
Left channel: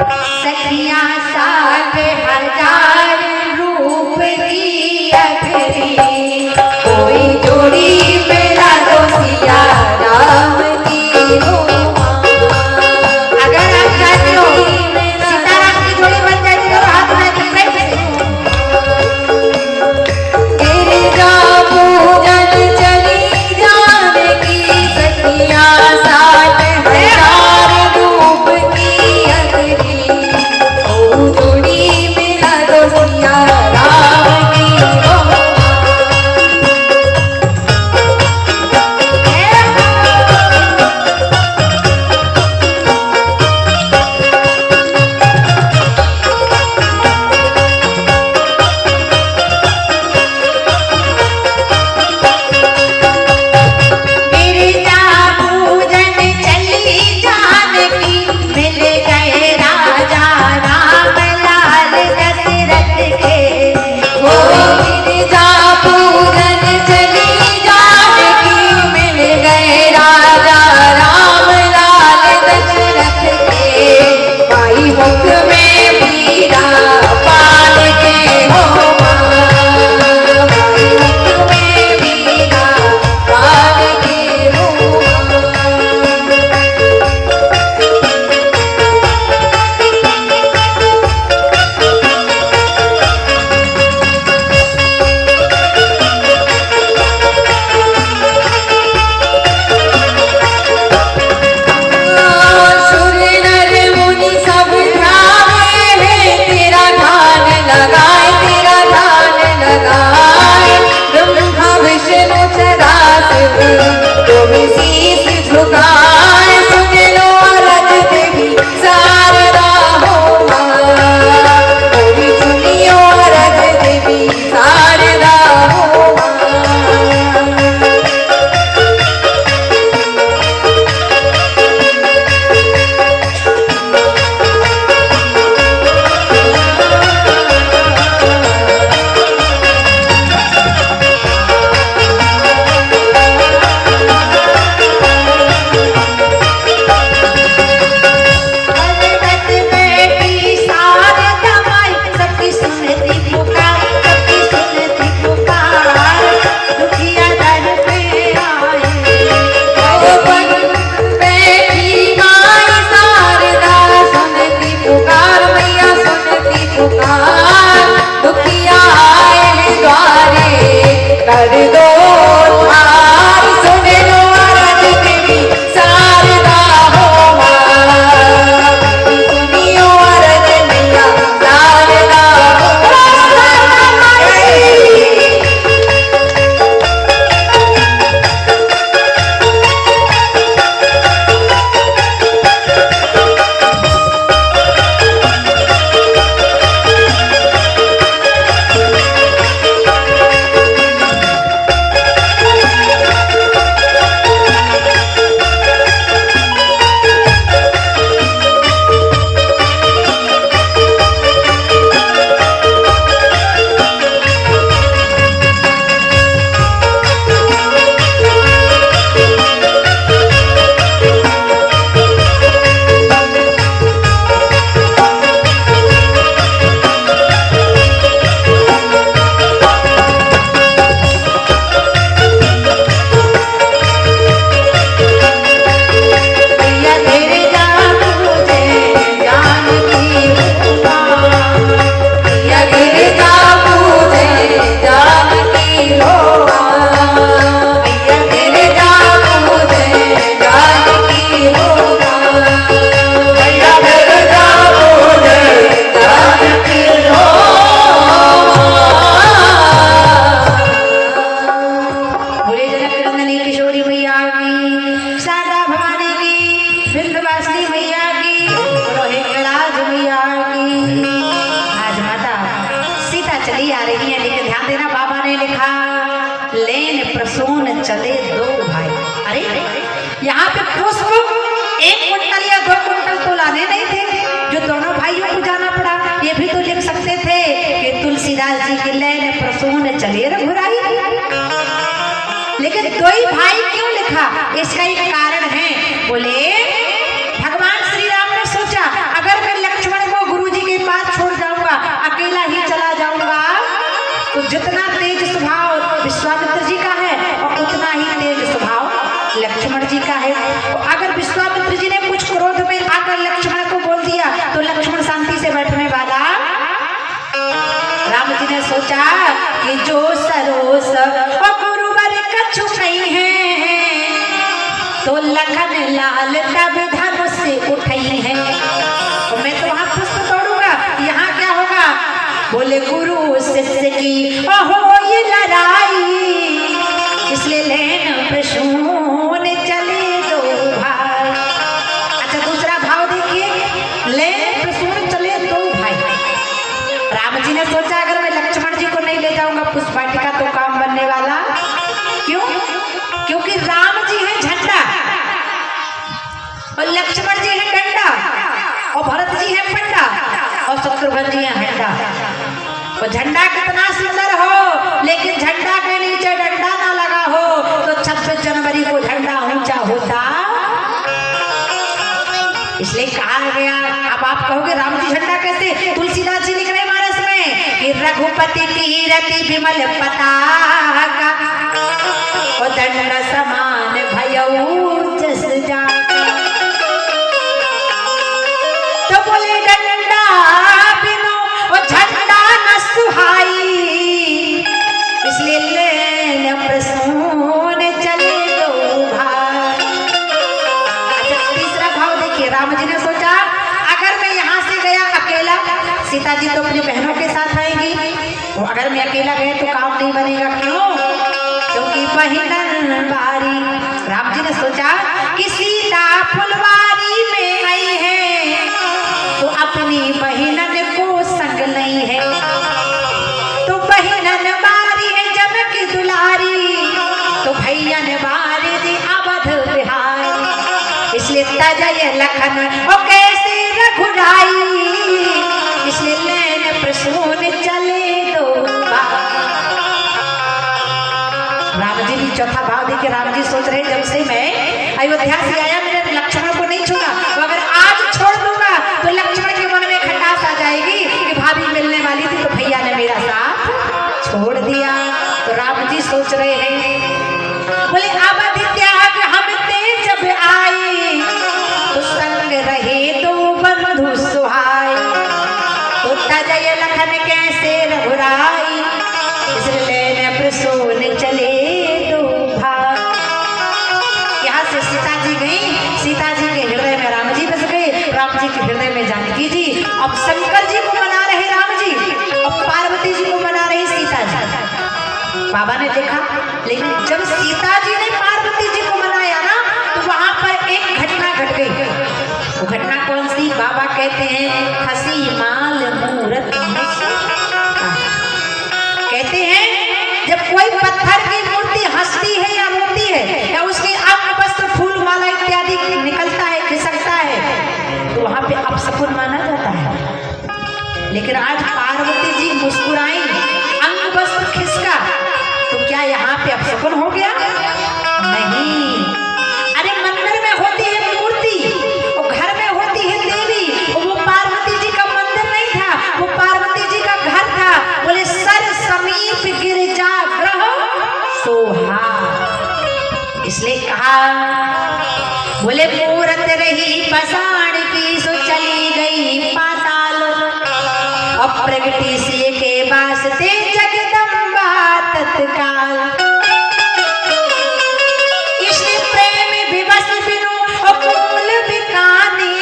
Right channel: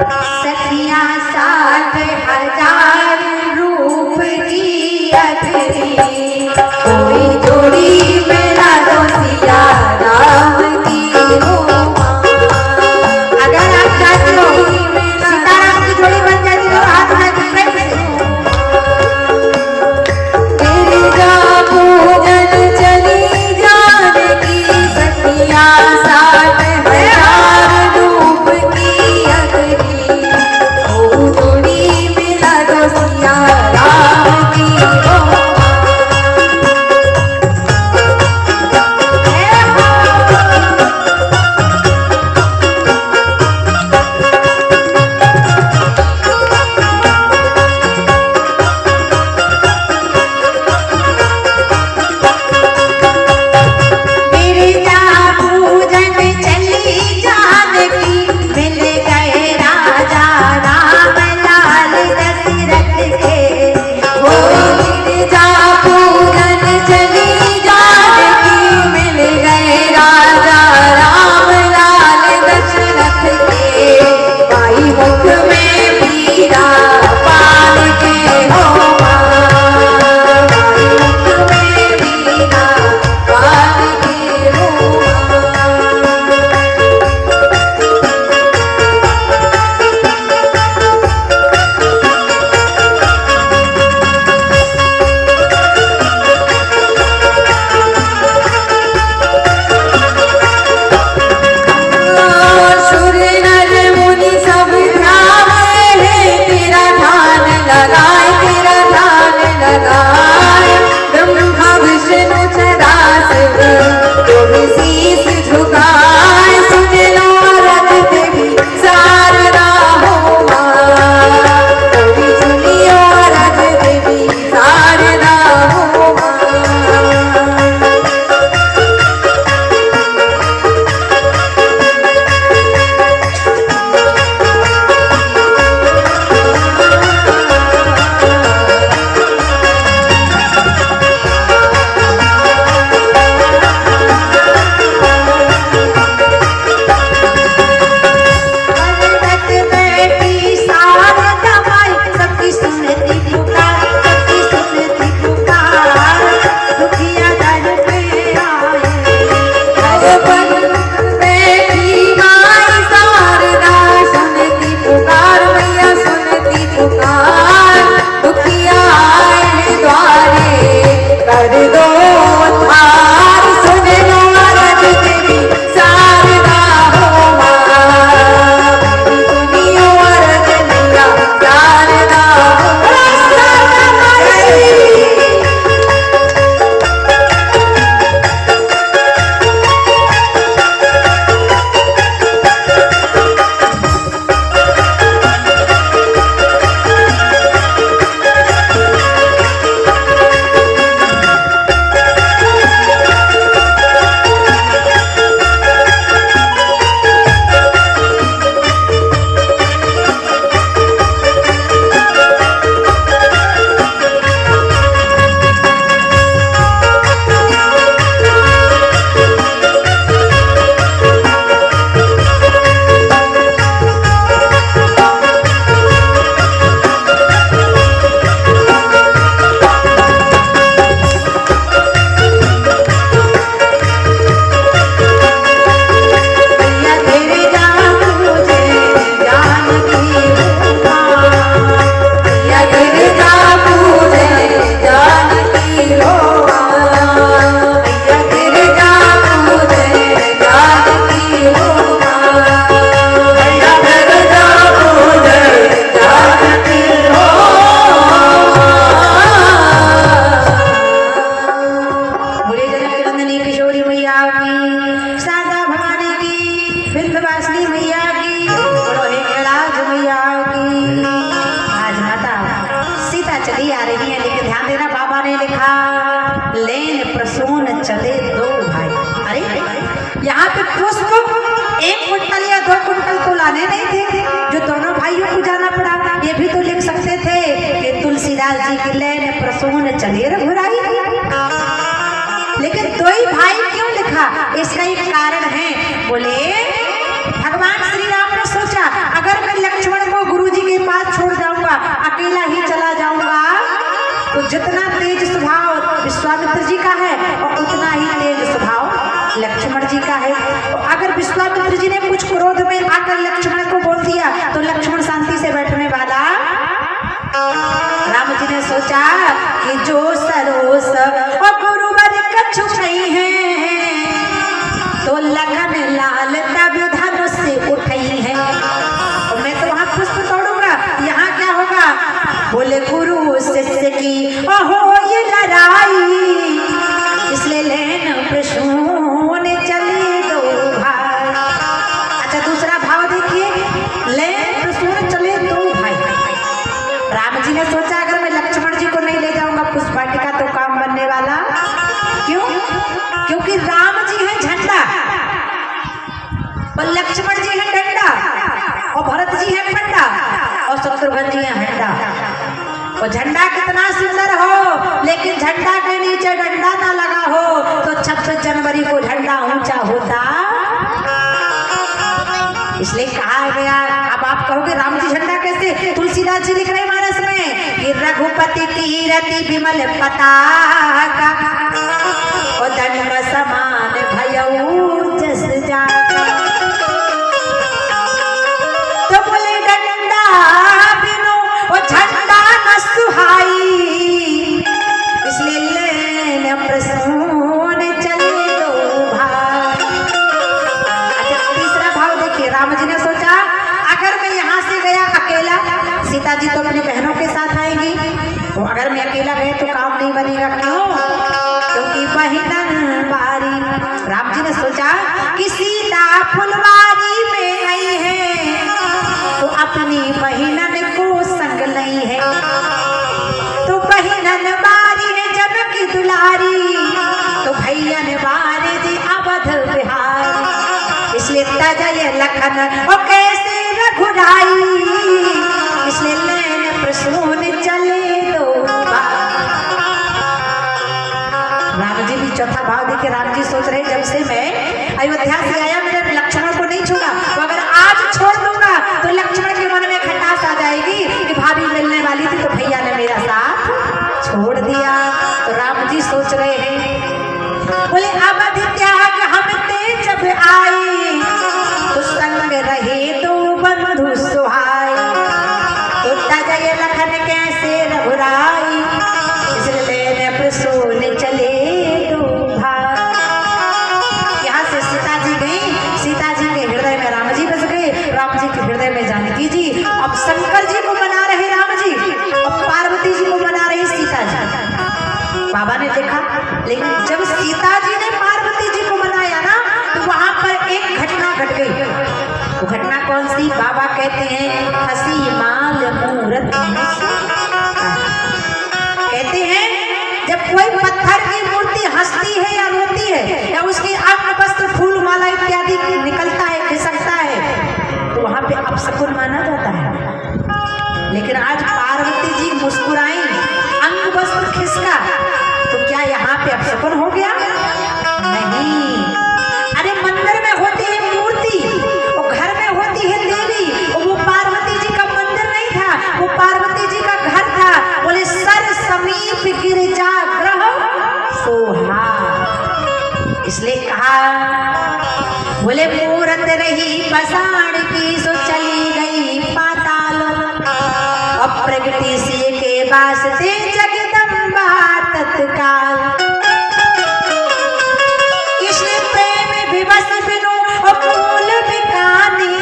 सखियां 60,000 रूप की अखरी कोई जोड़ी मेरा दोसिया राम की हो। अगर आप चाहते हो सीताराम की जोड़ी बन जाती है हाथ में गिरिजा पूजन चली जानकी सखियां 60,000 रूप की अखरी ओ जोड़ी मेरा दोसिया राम की हो। गिरिजा पूजन चली जानकी मिल गए राजा राम लाल दशरथ के। गिरिजा पूजन चली जानकी मिल गए राजा राम लाल दशरथ के। भाई मुख में पीरा पाल के हो भाई मुख में पीरा पाल के हो। सुर नर मुनि सब ध्याने हैं तेरा ध्यान लगाए तेरा ध्यान लगाए। ब्रह्मा विष्णु सदाशिव तुम शीस झुकाए सुन लो रज देवी शारदा हो मां तुम सुनियो रज देवी शारदा हो मां। भगवत बैठी शारदा माई सबकी सुनती पुकार सबकी सुनती पुकार दुखिया दर पे आए। भगवत बैठी माई शारदा सुनती पुकार मैया सुनती पुकार दुखिया आए द्वारे कर दो उद्धार सुन लो रज देवी शारदा हो मां सुनियो रज मैया शारदा हो मां। भैया तेरे जान मुझे जानती हूँ मां भैया गिरिजा मुझे जानती हो मां भैया तेरे जान मुझे जानती हो मां भैया तेरे जान मुझे जानती हो मां। बोले जनक नंदिनी किशोरी मैया की शारदा भवानी की विंध्यवासिनी मैया की बोलो हिंगलाज मैया की। आज माता सीता चली आ रही है लेकिन ध्यान देना बाबा ने लिखा लेन प्रसून चले दो भाई। अरे यहाँ पे पुष्प 1 कुंटल या 2 कुंटल तो लाने नहीं थे, जो दोनों भाइयों को जाना पड़ा। ये भी तो लिख सकते थे कि तुलसीदास जी की लय ने प्रसून चले रघुराई, लेकिन 2 ही भाई क्यों लिखा? इसका एक कारण है। बोले भगवान श्री राम ने सोचा अगर मैं लक्ष्मण को गुरुजी के पास छोड़ जाऊंगा, अकेला ही चला जाऊंगा, तो जितना तेज स्वभाव विश्वामित्र जी का है और उतना ही तेज स्वभाव लक्ष्मण जी का है। तो अगर विश्वामित्र जी ने कुछ क्रोध में आकर लक्ष्मण को बोल दिया तो लक्ष्मण शांति से बैठने वाला। राम जी ने सोचा कि जो सरोस और गुरुवर कछु कही है, तो लखन लाल तब धनुष से उठई है। और मैं तो वहां पुष्प तोड़ूंगा, यहाँ क्या होगा? बोले गुरु शिष्य की हो ये लड़ाई, इसलिए लेन प्रसून चले 2 भाई। अच्छा दूसरा भाव देखिए, लेन प्रसून चले 2 भाई। राम जी ने सोचा अगर मैं लक्ष्मण जी को नहीं ले जाऊंगा पुष्प वाटिका तो काम बनने वाला। क्यों? क्योंकि राम जी है झंडा और लक्ष्मण जी है डंडा और भरत जी है फंडा और शत्रुघ्न जी है हंडा। तो झंडा कितना सुंदर हो, लेकिन झंडा के नीचे डंडा ना लगा हो तो 26 जनवरी को झंडा ऊंचा होता। इसलिए कहा गया। अब आप कहोगे राम जी झंडा कैसे? तुलसीदास जी लिख रहे मानस में कि रघुपति की रति विमल पताका और दंड समान भयऊ जस जाका। तो बोले डंडा बिनु और झंडा न सुहाई, इसलिए लेन प्रसून चले 2 भाई। अच्छा तीसरा भाव देखिए, राम जी ने सोचा अगर मैं यहाँ से गया अकेला, सीता जी तो अपनी बहनों के साथ आएंगी, तो अगर मैं अकेला गया तो काम नहीं बनेगा। क्यों? क्योंकि बहिनन बारी। राम जी ने सोचा कि सीता फुलवारी में आई है तो अपनी बहिनन को संग नहीं है, तो बहिनन बारी है जनक दुलारी, तो भैया ने बारी दी अवध बिहारी, इसलिए तजय लखन और कैसे रघुराई, इसलिए लेन प्रसून चले 2 भाई। राम जी भी चौथा भाव देखिए, राम जी सोच रहे जब से मैं अयोध्या से आया मैंने लक्ष्मण को नहीं छूना, तो अगर आज छोड़ दूंगा तो लक्ष्मण के मन में खटास आ जाएगी कि भाभी मिलने वाली थी तो भैया ने मेरा साथ छोड़ दिया। तो राम जी सोच रहे हैं, बोले अवध त्याग हम ते जब आए, तो संग रहे 2 बंधु सुहाए, तो तजय लखन कैसे रघुराई, इसलिए प्रसून चले 2 भाई। यहाँ से सीता जी गई, सीता जी के हृदय में राम जी बस गए, राम जी के हृदय में जानकी जी। अब शंकर जी को मना रहे राम जी और पार्वती जी को मना रही सीता जी। बाबा ने देखा, लेकिन जब सीता जी ने पार्वती जी को मनाया ना तो वहां पर एक घटना घट गई। वो घटना कौन सी? बाबा कहते हैं खसी माल मूरत, कहते हैं जब कोई पत्थर की मूर्ति हंसती है या रोती है या उसके अंग वस्त्र फूल माला इत्यादि निकलता है खिसकता है तो वहां पे अपशकुन माना जाता है। लेकिन आज पार्वती जी मुस्कुराई, अंग वस्त्र खिसका, तो क्या यहाँ पे अपशकुन हो गया? नहीं। अरे मंदिर में होती है मूर्ति, वो घर में होती है देवी, वो पार्वती जी का मंदिर नहीं था, वो पार्वती जी का घर था। बोले सर समीप गिरजा ग्रह सोहा, इसलिए कहा बोले मूरत रही पसाण की सो चली गई पाताल, अप्रगति से के वास्ते जगदम्बा तत्काल, इसलिए प्रेम विवश बिनु अमूल बिकानी।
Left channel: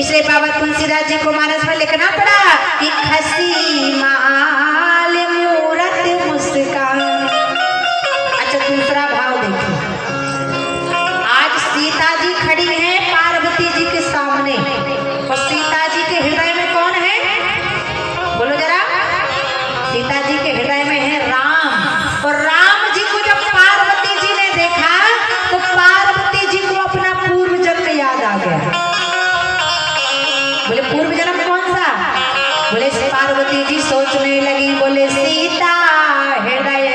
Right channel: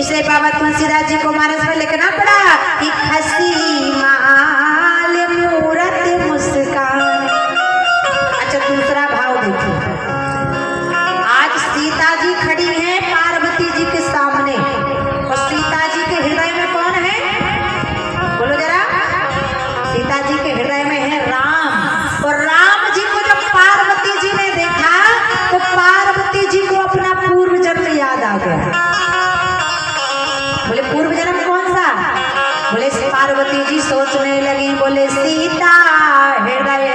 इसलिए बाबा तुलसीदास जी को मानस में लिखना पड़ा कि खसी माल मूरत मुस्कान। अच्छा दूसरा भाव देखो, आज सीता जी खड़ी हैं पार्वती जी के सामने और सीता जी के हृदय में कौन है? बोलो जरा। सीता जी के हृदय में है राम। बोले पार्वती जी सोचने लगी, बोले सीता हृदय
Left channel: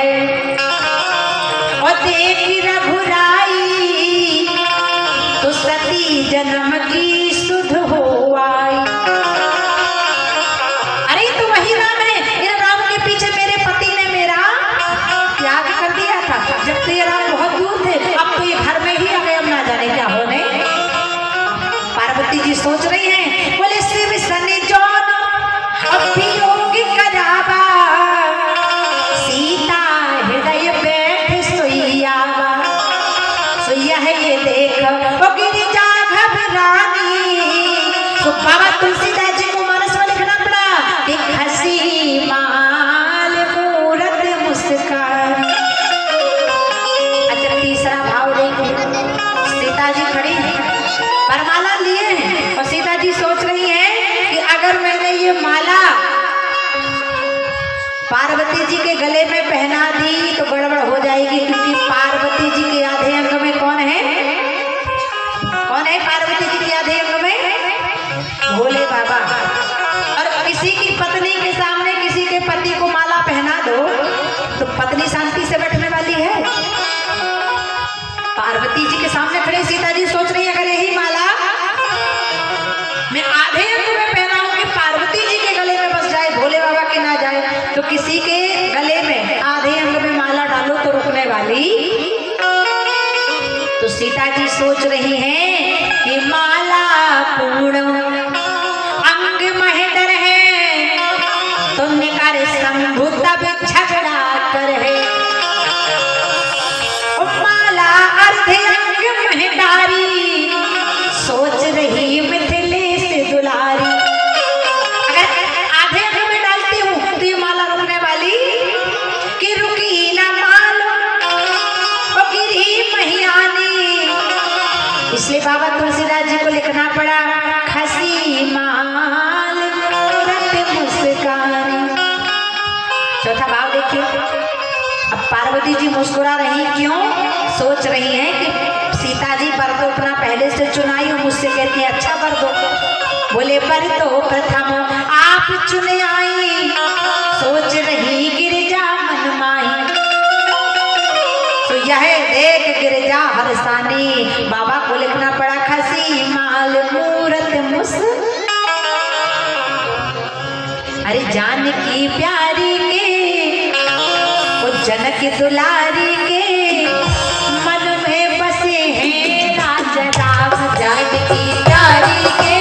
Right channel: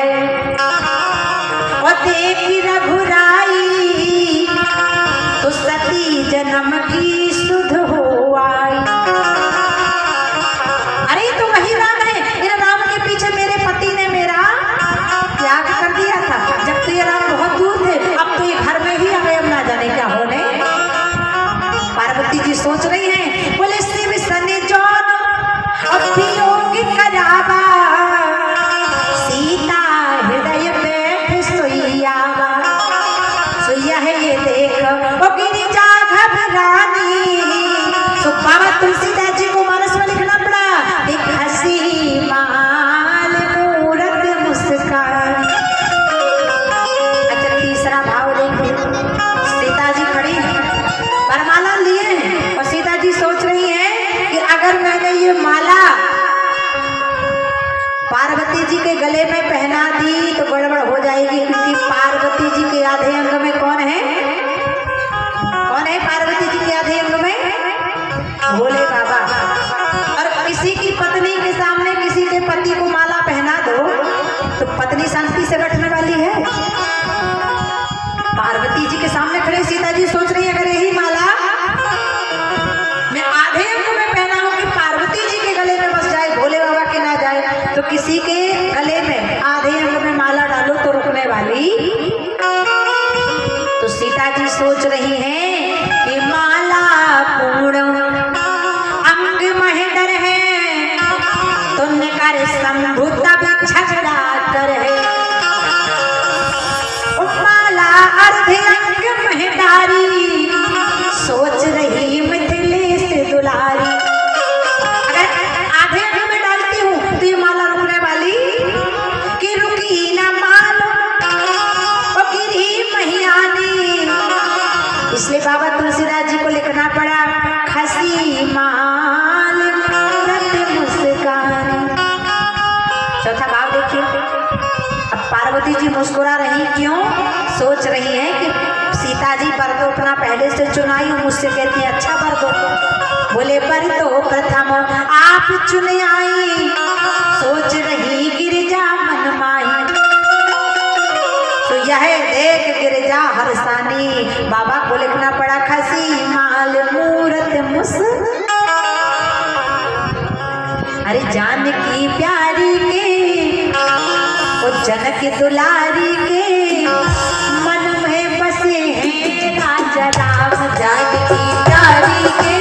और देखी रघुराई तो सती जन्म की सुध हो आई। अरे तो वही राम है, इन राम के पीछे मेरे पति ने मेरा त्याग कर दिया था, जब तो ये राम बहुत दूर थे, अब तो ये घर में ही हमें अब ना जाने क्या होने। पार्वती जी सोच रही हैं, बोले शिव सने जौन और वियोग करावा सीता हृदय बैठ सोइयावा। सोइया है ये देख वो गिरिजा घबरानी। तो बाबा तुलसीदास जी को मानस में लिखना पड़ा, एक हंसी माल मूरत मुस्कान। अच्छा तीसरा भाव देखो, सीता जी खड़ी वरमाला लिए और सीता जी सोच रही है कि अगर मैंने ये माला पार्वती जी के गले में पहना दी तो गड़बड़ हो जाएगी, क्योंकि पार्वती जी के आधे अंग में कौन है? कौन है पार्वती जी के आधे अंग में? भोले बाबा। और किसी की पत्नी के सामने किसी के पति को माला पहना दो तो पत्नी शांति से बैठने वाली है? पार्वती जी के सामने खड़ी सीता जी सोच रही है, अगर यही माला मैं आधे अंग में पहनाऊं कि पार्वती जी के गले में बस जाए, भोले बाबा के ना जाए, तो किसी के गले में आधे अंग में माला डालो तो रुकने वाली। तो सीता जी सोच रही हैं कि माला पूर्ण अंग महेंद्र है तो निकर शंभु तब झगड़ा कर है। माला अर्धे अंग महंगारी सोच रही मिथिलेश दुलारी। अगर आधे अंग में डालती हूँ तो ये माला रुकने वाली कि रुकी ना मालो ओ गिरी महियानी। इसलिए बाबा तुलसीदास जी को लिखना पड़ा, खसी माल मूरत मुस्कान। चौथा भाव देखियो, अब पार्वती जी मुस्कुरा रही क्यों? सोच रही है कि सीता जी पर तो अपना पहले से चुनाई हो, मुझसे कहती है अच्छा कर दो। बोले पर तो प्रथम आप चुने आई सोच रही गिरिजा मन माही। तो यह देख गिरिजा हरसानी बाबा को लिखना पड़ा, खसी माल मूरत मुस। अरे जानकी प्यारी के वो जनक दुलारी के मन में बसे हैं राजा राम। जानकी प्यारी के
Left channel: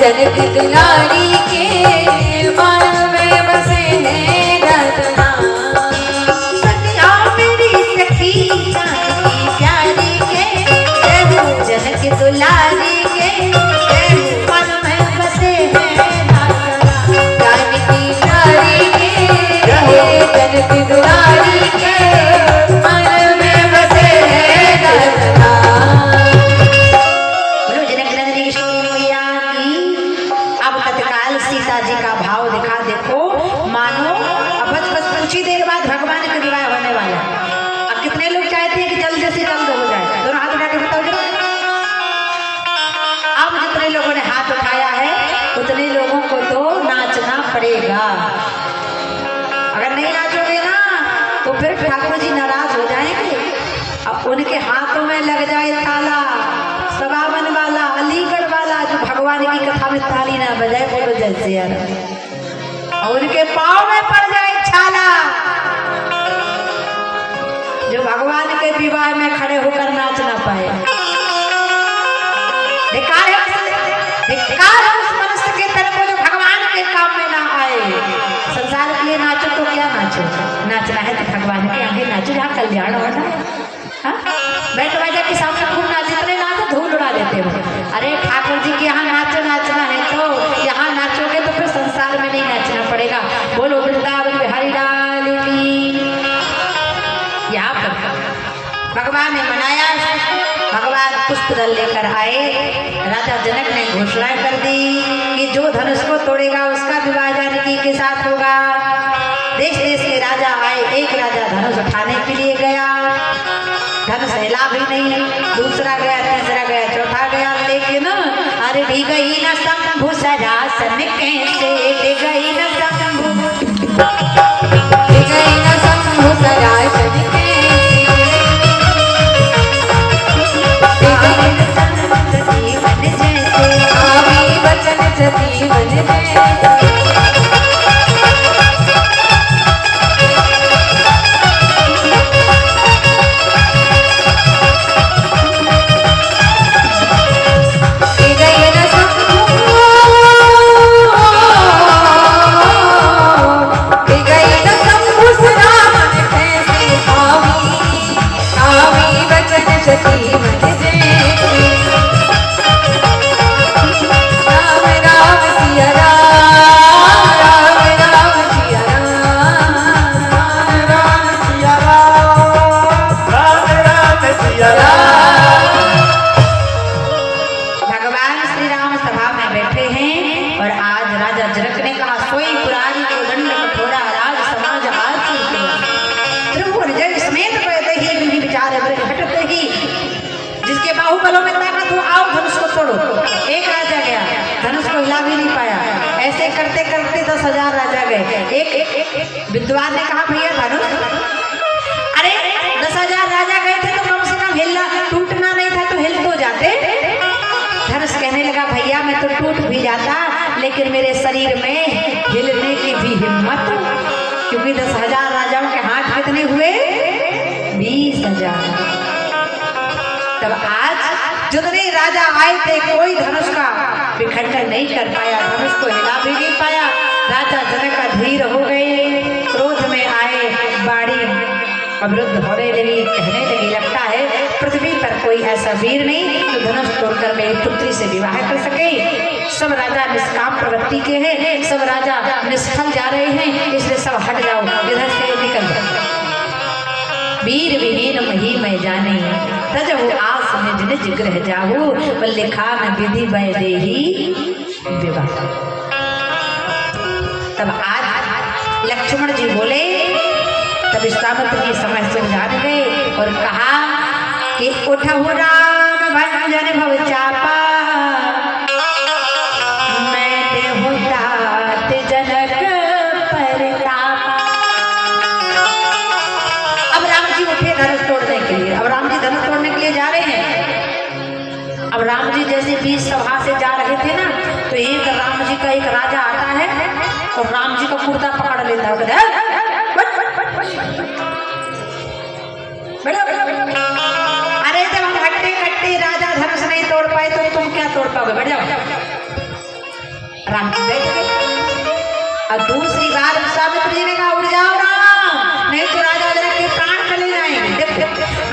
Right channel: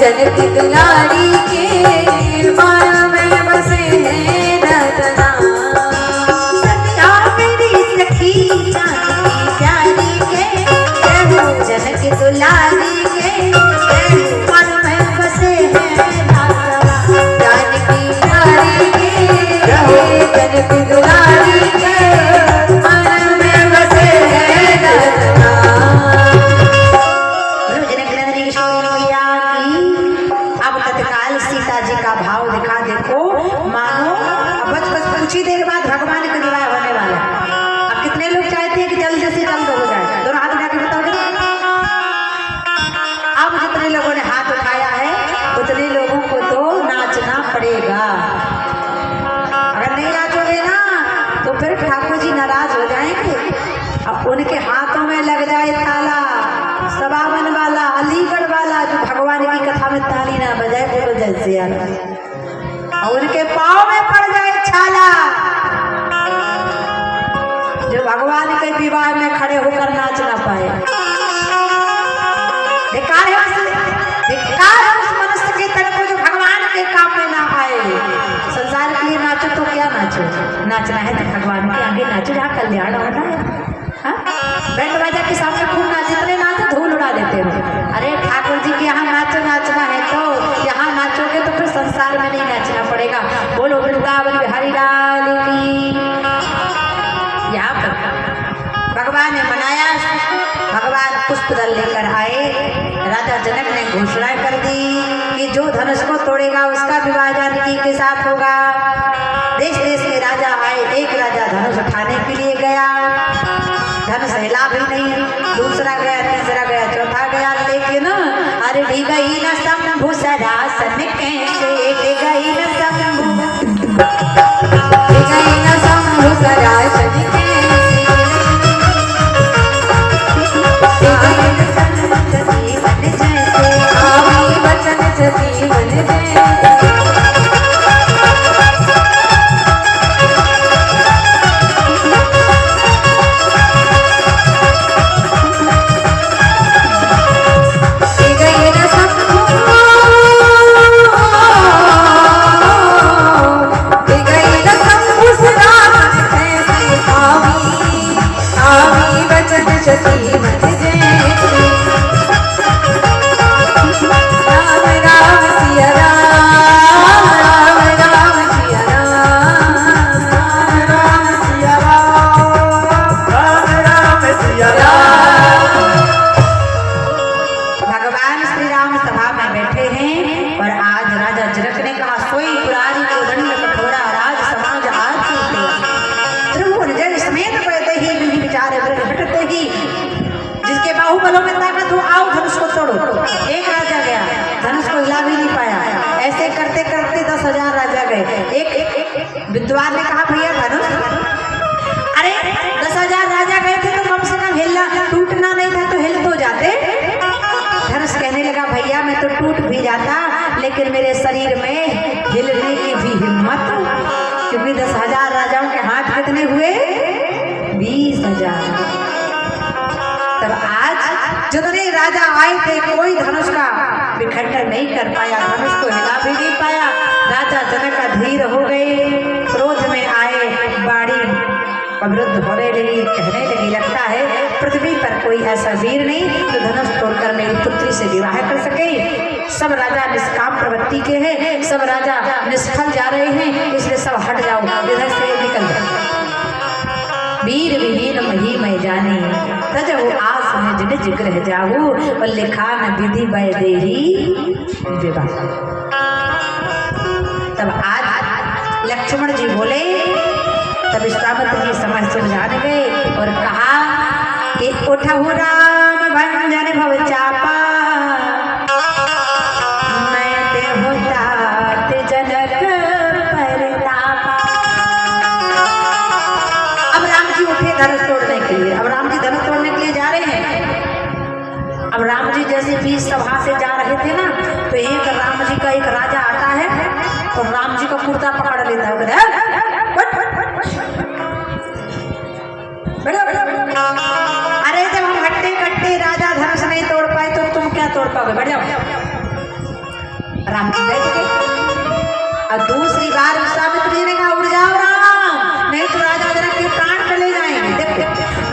जनक दुलारी के मन में बसे हैं राजा राम। सखिया मेरी सखी जानकी प्यारी के जनक दुलारी के मन में बसे हैं राजा राम। जानकी प्यारी के जनक दुलारी के मन में बसे हैं राजा राम। बोलो जनक नंदनी किशोरी मैया की। अब तत्काल सीता जी का भाव दिखा देखो, मानो अब बस कुछ ही देर बाद भगवान का विवाह होने वाला है। अब कितने लोग चाहते हैं कि जल्द से जल्द हो जाए? दोनों हाथ उठाकर बताओगे। अब जितने लोगों ने हाथ उठाया है उतने लोगों को तो नाचना पड़ेगा। अगर नहीं नाचोगे ना तो फिर ठाकुर जी नाराज हो जाएंगे। अब उनके हाथों में लग जाए ताला, सबावन वाला, अलीगढ़ वाला, जो भगवान की कथा में ताली ना बजाए बोलो जैसे यार, और उनके पाँव में पड़ जाए छाला, जो भगवान के विवाह में खड़े होकर नाच ना पाए। धिक्कार है उस मनुष्य के तरफ जो भगवान के काम में ना आए। संसार के लिए नाचो तो क्या नाचो, नाचना है तो भगवान के आगे नाचो जहाँ कल्याण होता है। हाँ? बैंड बाजा के सामने खूब नाच, जितने नाचो धूल उड़ा देते हो। अरे ठाकुर जी के यहाँ नाचो, नाचना है तो यहाँ नाचोगे तो फिर संसार में नहीं नाचना पड़ेगा। बोलो वृंदावन बिहारी लाल की। यहाँ पर भगवान ने मनाया, भगवान पुष्प दल लेकर आए। राजा जनक ने घोषणा कर दी कि जो धनुष को तोड़ेगा उसका विवाह जानकी के साथ होगा। देश देश के राजा आए, एक राजा धनुष उठाने के लिए गया, धनुष हिला भी नहीं, दूसरा गया, तीसरा गया, चौथा गया, लेकिन अरे गई न शंभु सरासन कैसे गई न शंभु गई न शंभु सरासन वचन जीवन जैसे बाहुबलों में ताकत हो, आओ धनुष को तोड़ो। एक राजा गया, धनुष को हिला भी नहीं पाया। ऐसे करते करते 10,000 राजा गए। एक विद्वान ने कहा भैया धनुष, अरे 10,000 राजा गए थे तो कम से कम हिलना टूटना नहीं था, तो हिल तो जाते। धनुष कहने लगा भैया मैं तो टूट भी जाता, लेकिन मेरे शरीर में हिलने की भी हिम्मत, क्योंकि 10,000 राजाओं के हाथ कितने हुए? 20,000। तब आज जितने राजा आए थे कोई धनुष का विखंडन नहीं कर पाया, धनुष को हिला भी नहीं पाया। राजा जनक अधीर हो गए, क्रोध में आए, बाड़ी अवरुद्ध होने लगी, कहने लगी लगता है पृथ्वी पर कोई ऐसा वीर नहीं जो धनुष तोड़कर मेरी पुत्री से विवाह कर सके। सब राजा निष्काम प्रवृत्ति के हैं, सब राजा निष्फल जा रहे हैं, इसलिए सब हट जाओ, इधर से निकल जाओ। वीर विहीन मही मैं जाने तजहु आस निज निज गृह जाहु, बल्ले खान विधि वै देही विवाह। तब आज लक्ष्मण जी बोले, तब विश्वामित्र जी समझ जान गए और कहा कि उठहु राम भंजन भव चापा, मैं देहु तात जनक परतापा। अब राम जी उठे धनुष तोड़ने के लिए। अब राम जी धनुष तोड़ने के लिए जा रहे हैं। अब राम जी जैसे बीच सभा से जा रहे थे ना, तो एक राम जी का एक राजा आता है और राम जी का कुर्ता पकड़ लेता है, अरे जब हम हट्टे कट्टे राजा धनुष नहीं तोड़ पाए तो तुम क्या तोड़ पाओगे, बढ़ जाओ। राम जी बैठ गए और दूसरी बार विश्वामित्र जी ने कहा उड़ जाओ राम, नहीं तो राजा जनक के प्राण चले जाएंगे। देखो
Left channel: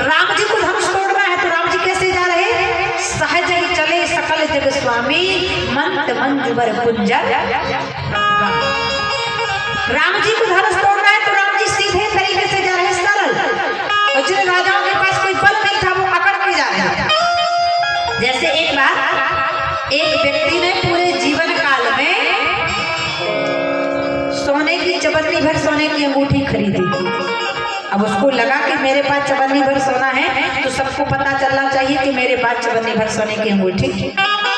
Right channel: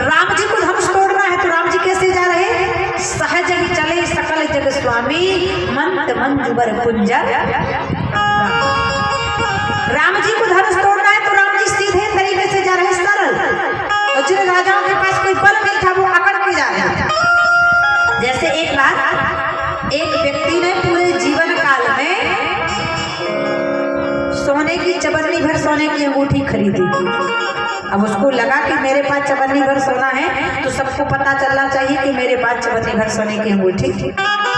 राम जी को धनुष तोड़ना है तो राम जी कैसे जा रहे हैं? सहज ही चले सकल जग स्वामी, मंत मंजुबर कुंजर। राम जी को धनुष तोड़ना है तो राम जी सीधे तरीके से जा रहे हैं, सरल। और जिन राजाओं के पास कोई बल नहीं था वो अकड़ के जा रहे हैं। जैसे एक बार एक व्यक्ति ने पूरे जीवन काल में सोने की चवन्नी भर सोने की अंगूठी खरीदी। अब उसको लगा कि मेरे पास चवन्नी भर सोना है तो सबको पता चलना चाहिए कि मेरे पास चवन्नी भर सोने की अंगूठी।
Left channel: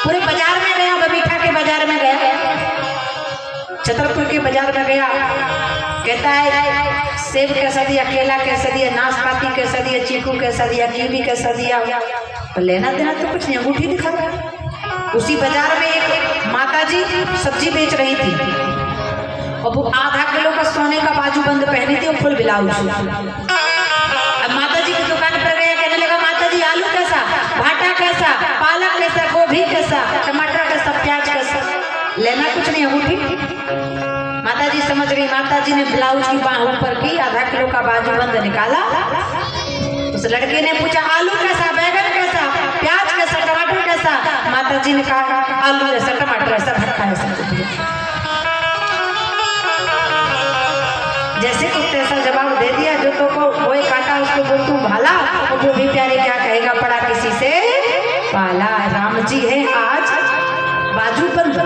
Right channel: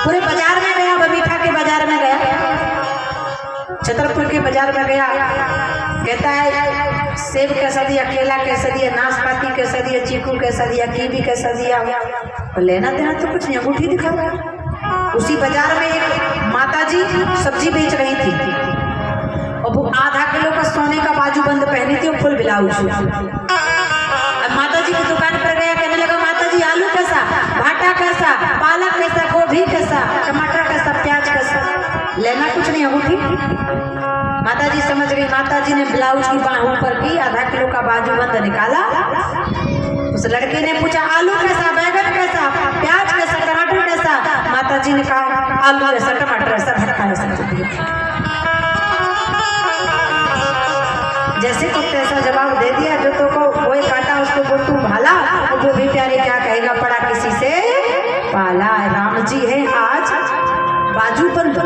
पूरे बाजार में गया, बबीठा के बाजार में गया, छतरपुर के बाजार में गया, कहता है सेब कैसा दिया, केला कैसा दिया, नाशपाती कैसा दिया, चीकू कैसा दिया, कीवी कैसा दिया। तो लेना देना तो कुछ नहीं, अंगूठी दिखा रहा। उसी बाजार में एक माताजी सब्जी बेच रही थी और वो आधा किलो का सोने का बाजूबंद पहनी थी और फुल ब्लाउज। अब माताजी की दुकान पर गया, कहने लगा माताजी आलू कैसा, भाटा कैसा, पालक कैसा, गोभी कैसा, टमाटर कैसा, प्याज कैसा। लेना कुछ नहीं, अंगूठी। माताजी समझ गई। माताजी ने ब्लाउज की बाहों पर की, आधा किलो का बाजूबंद निकाला। उस लड़के ने पूछा आलू कैसा, बैगन कैसा, प्याज कैसा, टमाटर कैसा। माताजी ने कहा आलू ऐसा, टमाटर ऐसा, भट्टा ऐसा। जैसे कुछ ऐसा जवाब दे दिया जो तो को वो काटा उसको बोल तू भाला, और वो भी प्यारे क्या कहेगा, पड़ा किसी से पाला। राम जी है आज बाजूबंद।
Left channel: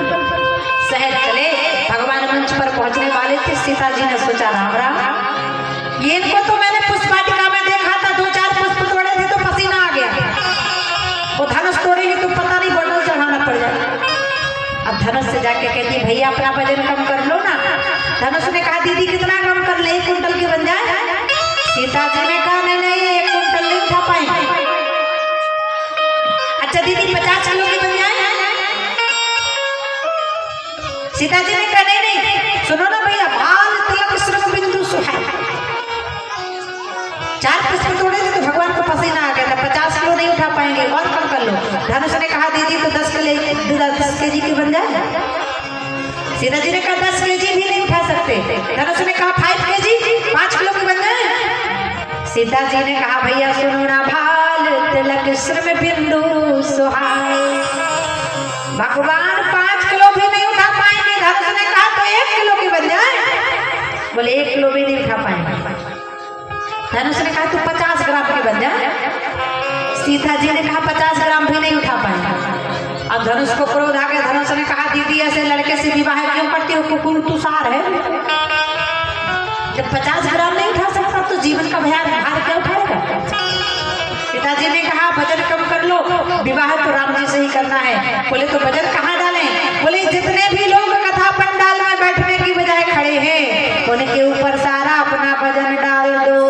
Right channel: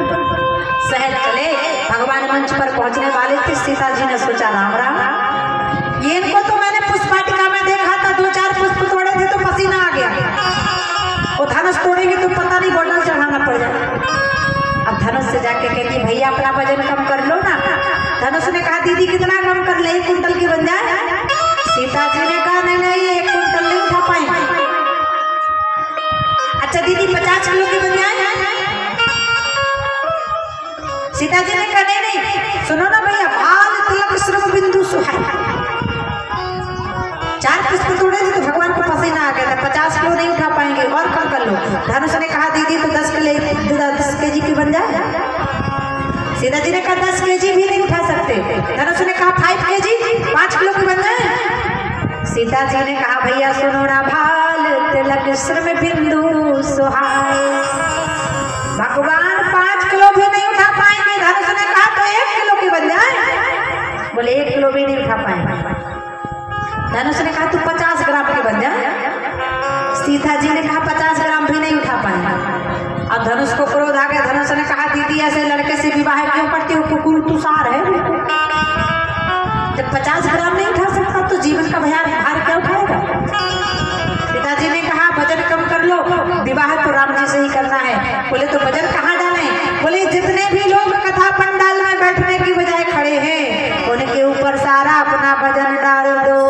शहर चले, भगवान मंच पर पहुंचने वाले थे। सीता जी ने सोचा राम राम, ये इनको तो मैंने पुष्पाटिका में देखा था, 2-4 पुष्प तोड़े थे तो पसीना आ गया। वो धनुष तोड़ेंगे तो पता नहीं बॉर्डर चढ़ाना पड़ जाए। सीता जी ने कहा नहीं नहीं, सुनो ना भैया, भाल तिलक श्रम बिंदु सुहाई। 4 पुष्प तोड़े थे तो भगवान को पसीना आ गया था, 50 किलो नहीं उठा पाएंगे, और कम कर लो। धनुष ने कहा दीदी तो 10 केजी की बन जाए। सीता जी ने कहा 10 केजी भी नहीं उठा सकते। धनुष ने कहा 5 केजी, 5 किलो की बन जाए। सीता जी ने कहा भैया सुनो ना, भाल तिलक श्रम बिंदु सुहाई। भगवान 5 किलो भी नहीं उठा पाएंगे। धनुष ने कहा तो 1 किलो की बन जाए। बोले 1 किलो भी नहीं उठा पाएंगे। धनुष ने कहा तू 50 ग्राम की बन जाए। सीता जी ने कहा 50 ग्राम भी नहीं उठा पाएंगे। अब धनुष को क्रोध आ गया। धनुष ने कहा दीदी ऐसे लड़के से विवाह क्यों करती हो, कुकुर तुषार है। जब 50 ग्राम नहीं उठा सकता तो जीवन का भार क्या उठाएगा। पिताजी ने कहा वजन कम कर लो, विवाह तो राम जी से ही करना है। बोले तो वजन कहाँ डालें। बोले जितने भी लोग कथा पंडाल में बैठने की बजाय खड़े हैं उनके ऊपर सारा अपना वजन डाल दो।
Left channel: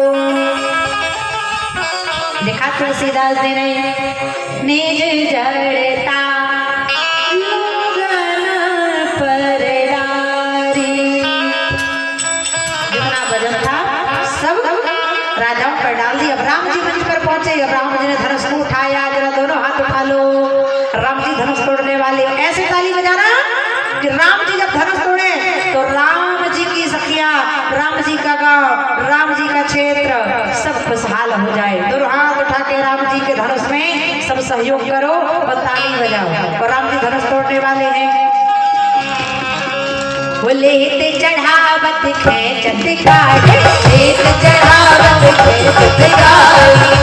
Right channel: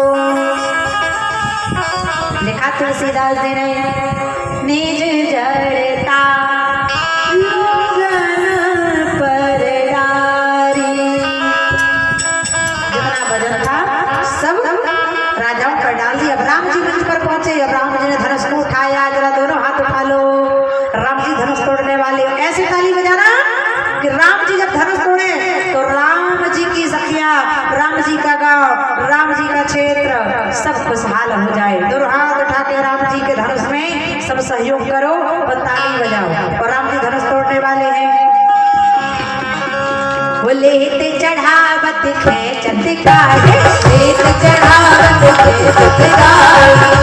लिखा तुलसीदास जी ने, निज जड़ता लोगन पर डारी। जितना वजन था सब राजाओं पर डाल दिया। अब राम जी मंच पर पहुंचे। अब राम जी ने धनुष को उठाया। जरा दोनों हाथ उठा लो। राम जी धनुष तोड़ने वाले। ऐसे ताली बजाना कि राम जी जब धनुष तोड़े तो राम जी की सखिया, राम जी का गांव, राम जी का क्षेत्र सब खुशहाल हो जाए। दोनों हाथ उठा के राम जी के धनुष में सब सहयोग करो और ताली बजाओ। और राम जी धनुष तोड़ने वाले हैं। बोले ते चढ़ावत खेचत गाड़ी, लेत चढ़ावत खेचत गाड़ी।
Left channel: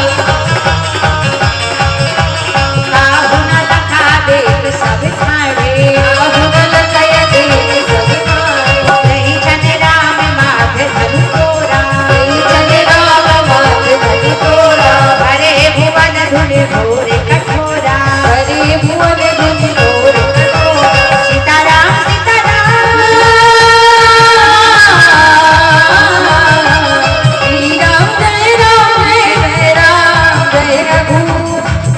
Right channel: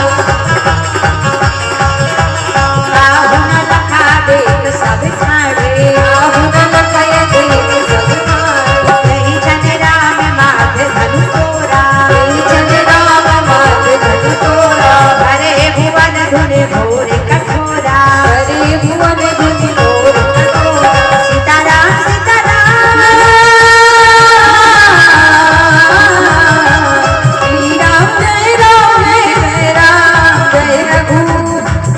आहु न लखा देख सब ठाड़े, आहु न लखा देख सब ठाड़े। नहीं चने राम माथे धनु तोरा, नहीं चने राम माथे धनु तोरा। हरे भुवन धुन घोर कठोरा, हरे भुवन धुन घोर कठोरा। सीताराम सीताराम श्री राम जय राम जय राम जय रघु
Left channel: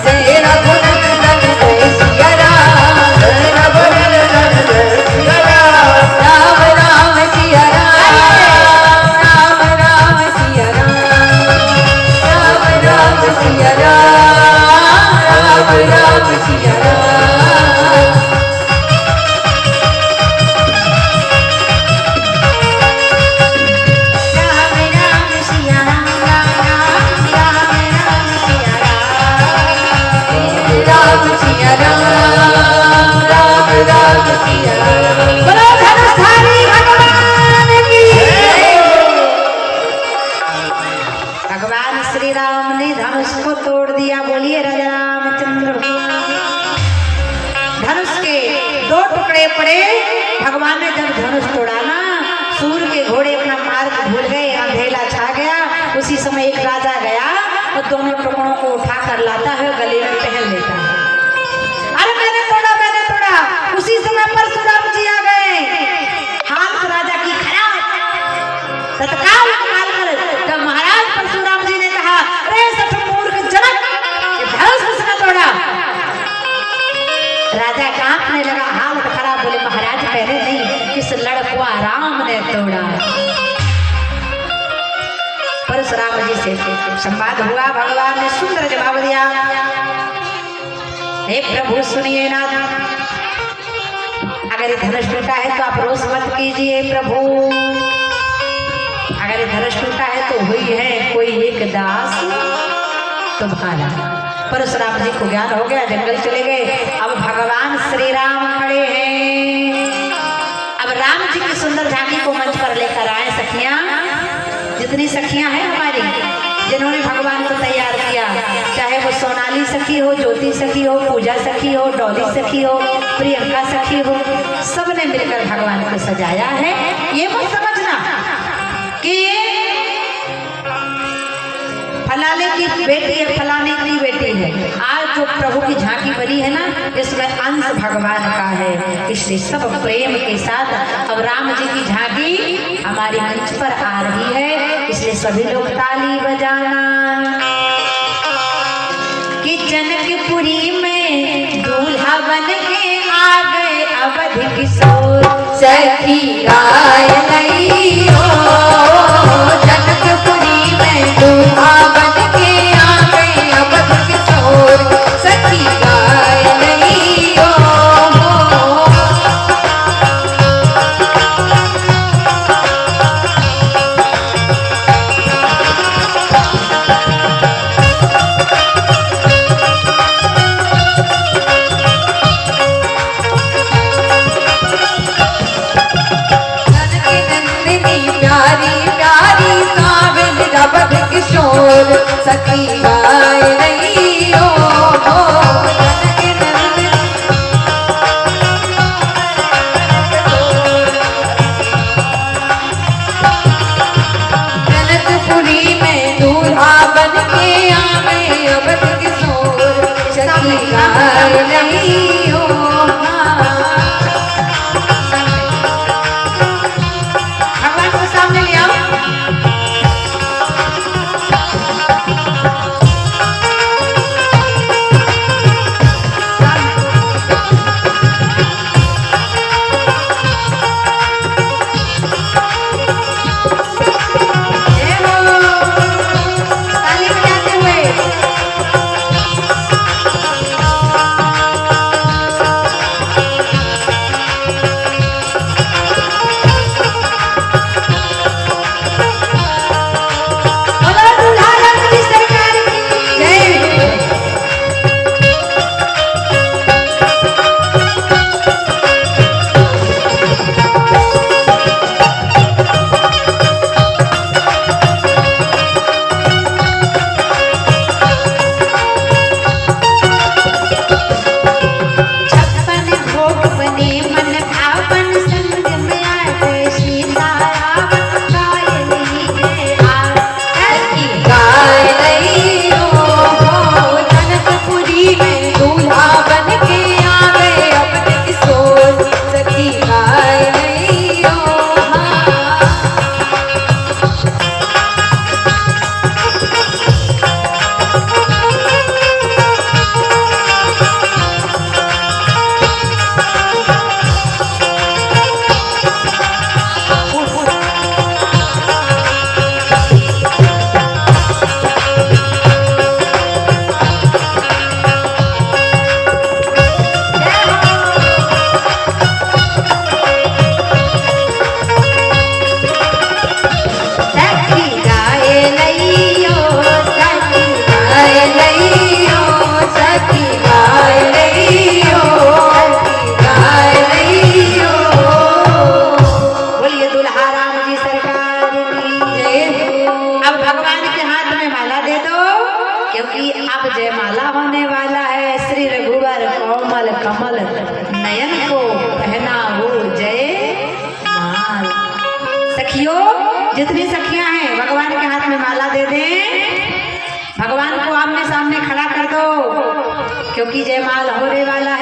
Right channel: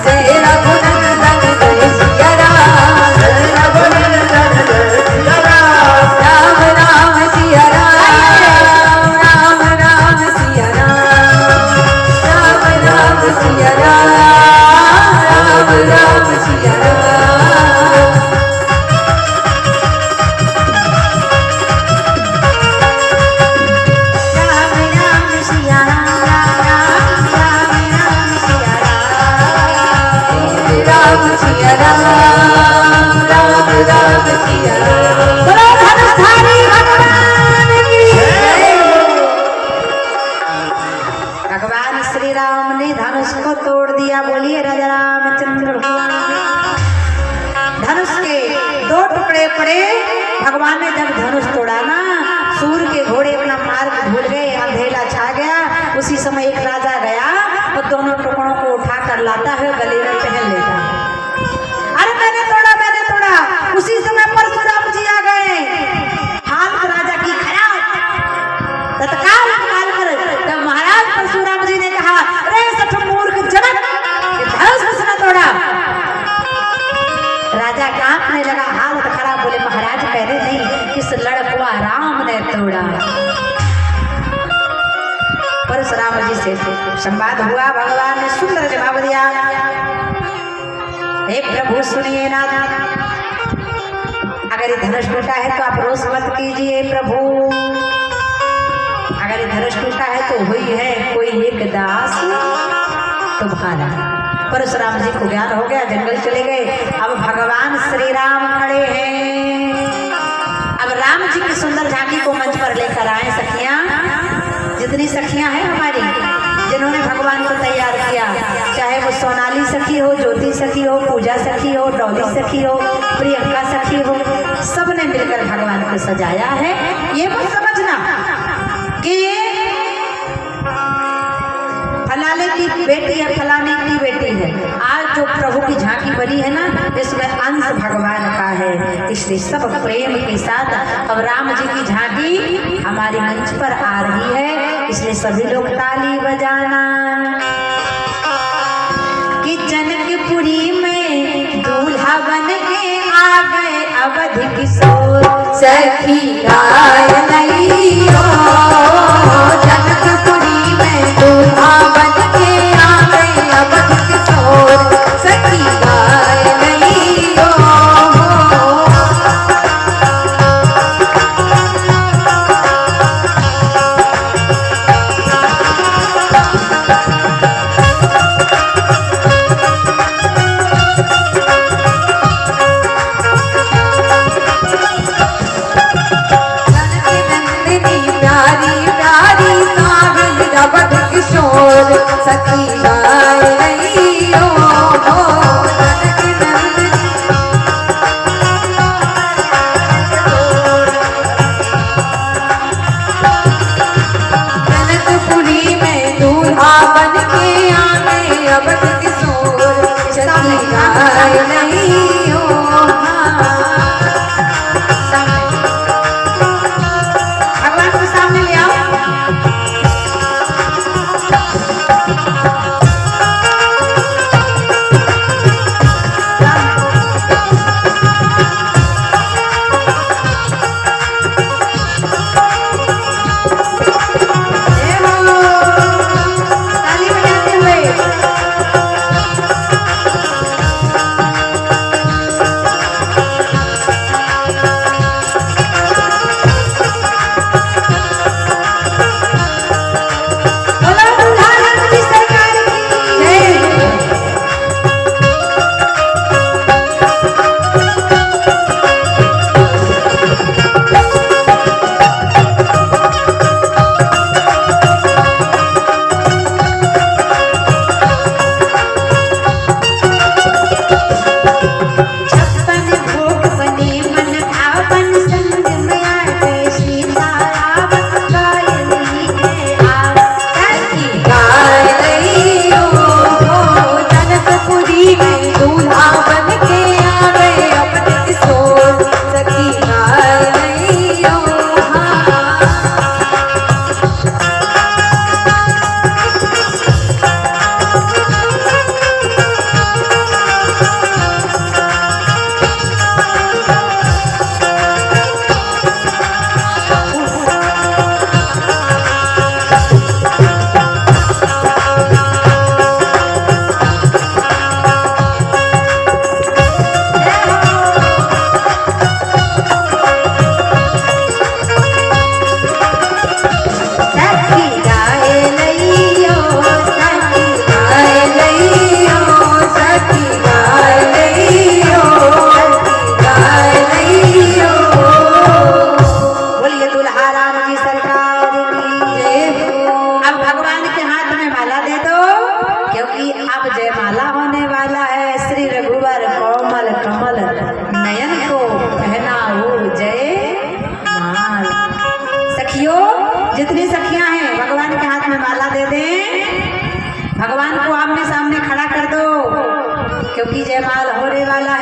जय रघुनंदन जय सिया राम, जय रघुनंदन जय सिया राम। राम राम सिया राम, राम राम सिया राम, राम राम सिया राम, राम राम सिया राम। राम राम सिया राम, राम राम राम सिया राम, राम सिया राम, राम राम सिया राम। बोलो धनुषधारी भगवान की जय। भगवान श्री राम ने धनुष को तोड़ दिया। बोलिए राजा रामचंद्र भगवान की। धनुष के 2 टुकड़े पड़े। भगवान ने जब धनुष तोड़ा ना, सूर्य के घोड़े अपना मार्ग भूल गए, अंधेला छा गया। उसी समय एक राजा गया और दोनों टुकड़ों को उठाकर लाता है, गले में पहन लेता है। अरे मैंने तोड़ा मैंने तोड़ा। उसी समय परशुराम जी आ गए। हालत राजा की खराब। तत्काल काल कर तब महाराज परशुराम जी ने कहा अरे सठ मूर्ख जनक, धनुष किसने तोड़ा। राजा कांपने लगा, हालत खराब। बोले महाराज कह रहे नहीं, किस लड़कुआ राम ने तोड़ा। परशुराम जी से संवाद हुआ। भगवान ने सुंदर जवाब दिया। हे प्रभु सुनिए ना, अगर ये धनुष टूटा है तो आप रोष मत कीजिए प्रभु। अगर ये धनुष टूटा है तो हुई है कोई एक दास तुम्हारा। परशुराम जी को ज्ञान हो गया, जंगल चले गए। अब भगवान श्री राम खड़े हैं। अब राम जी की सुंदर झांकी को मंच पर लेकर आए सखियां। जितनी सखियां हैं हमारी, जिन्होंने भगवान को तैयार किया, चाहे वो सोनाली सखी हो, ज्योति सखी हो, पूजा सखी हो, डॉली सखी हो, प्रियंका सखी हो, सबने मिलकर भगवान को सजाया है। ये मत समझना कि ये फलाने की बेटी है, फलाने की बेटी है। आज जो प्रभु की झांकी बनी है ना, इसमें अंश भगवान का है। इसलिए सब प्रेम के साथ अब राम जी की झांकी हमारे मंच पर आ रही है। इसलिए सभी लोग ताली बजाना कि जनकपुरी में दूल्हा बन के आ गए अवध किशोर सखी गाय लइयो जनकपुरी में दूल्हा बन के आवे अवध किशोर सखी गाय लइयो प्यारी प्यारी सावन अवध किशोर सखी गाय लइयो जनकपुरी में दूल्हा बन के आवे अवध किशोर सखी गाय लइयो भगवान को सामने ले आओ। जय बोलो, ताली बजाते हुए। बोलो दूल्हा राम की सरकार की जय। छप्पन भोग बने मन भावन संग में आवे सीताराम पायली है आव। सखी गाय लइयो जनकपुरी में दूल्हा बन के आवे अवध किशोर सखी गाय लइयो सखी गाय लइयो सखी गाय लइयो सखी गाय लइयो गाय लइयो बोलिए दुल्हा राम जी सरकार की जय हो अब भगवान के हाथ में माला दे दो, क्योंकि अब जयमाला होने वाला है। श्री रघुवर कोमल कमल नयन को पहना हो जय माल। सखियों, जितनी सखियां हैं भगवान के हाथ में माला दे दें। भगवान को आमने सामने खड़ा कर दो, क्योंकि जयमाल होने वाला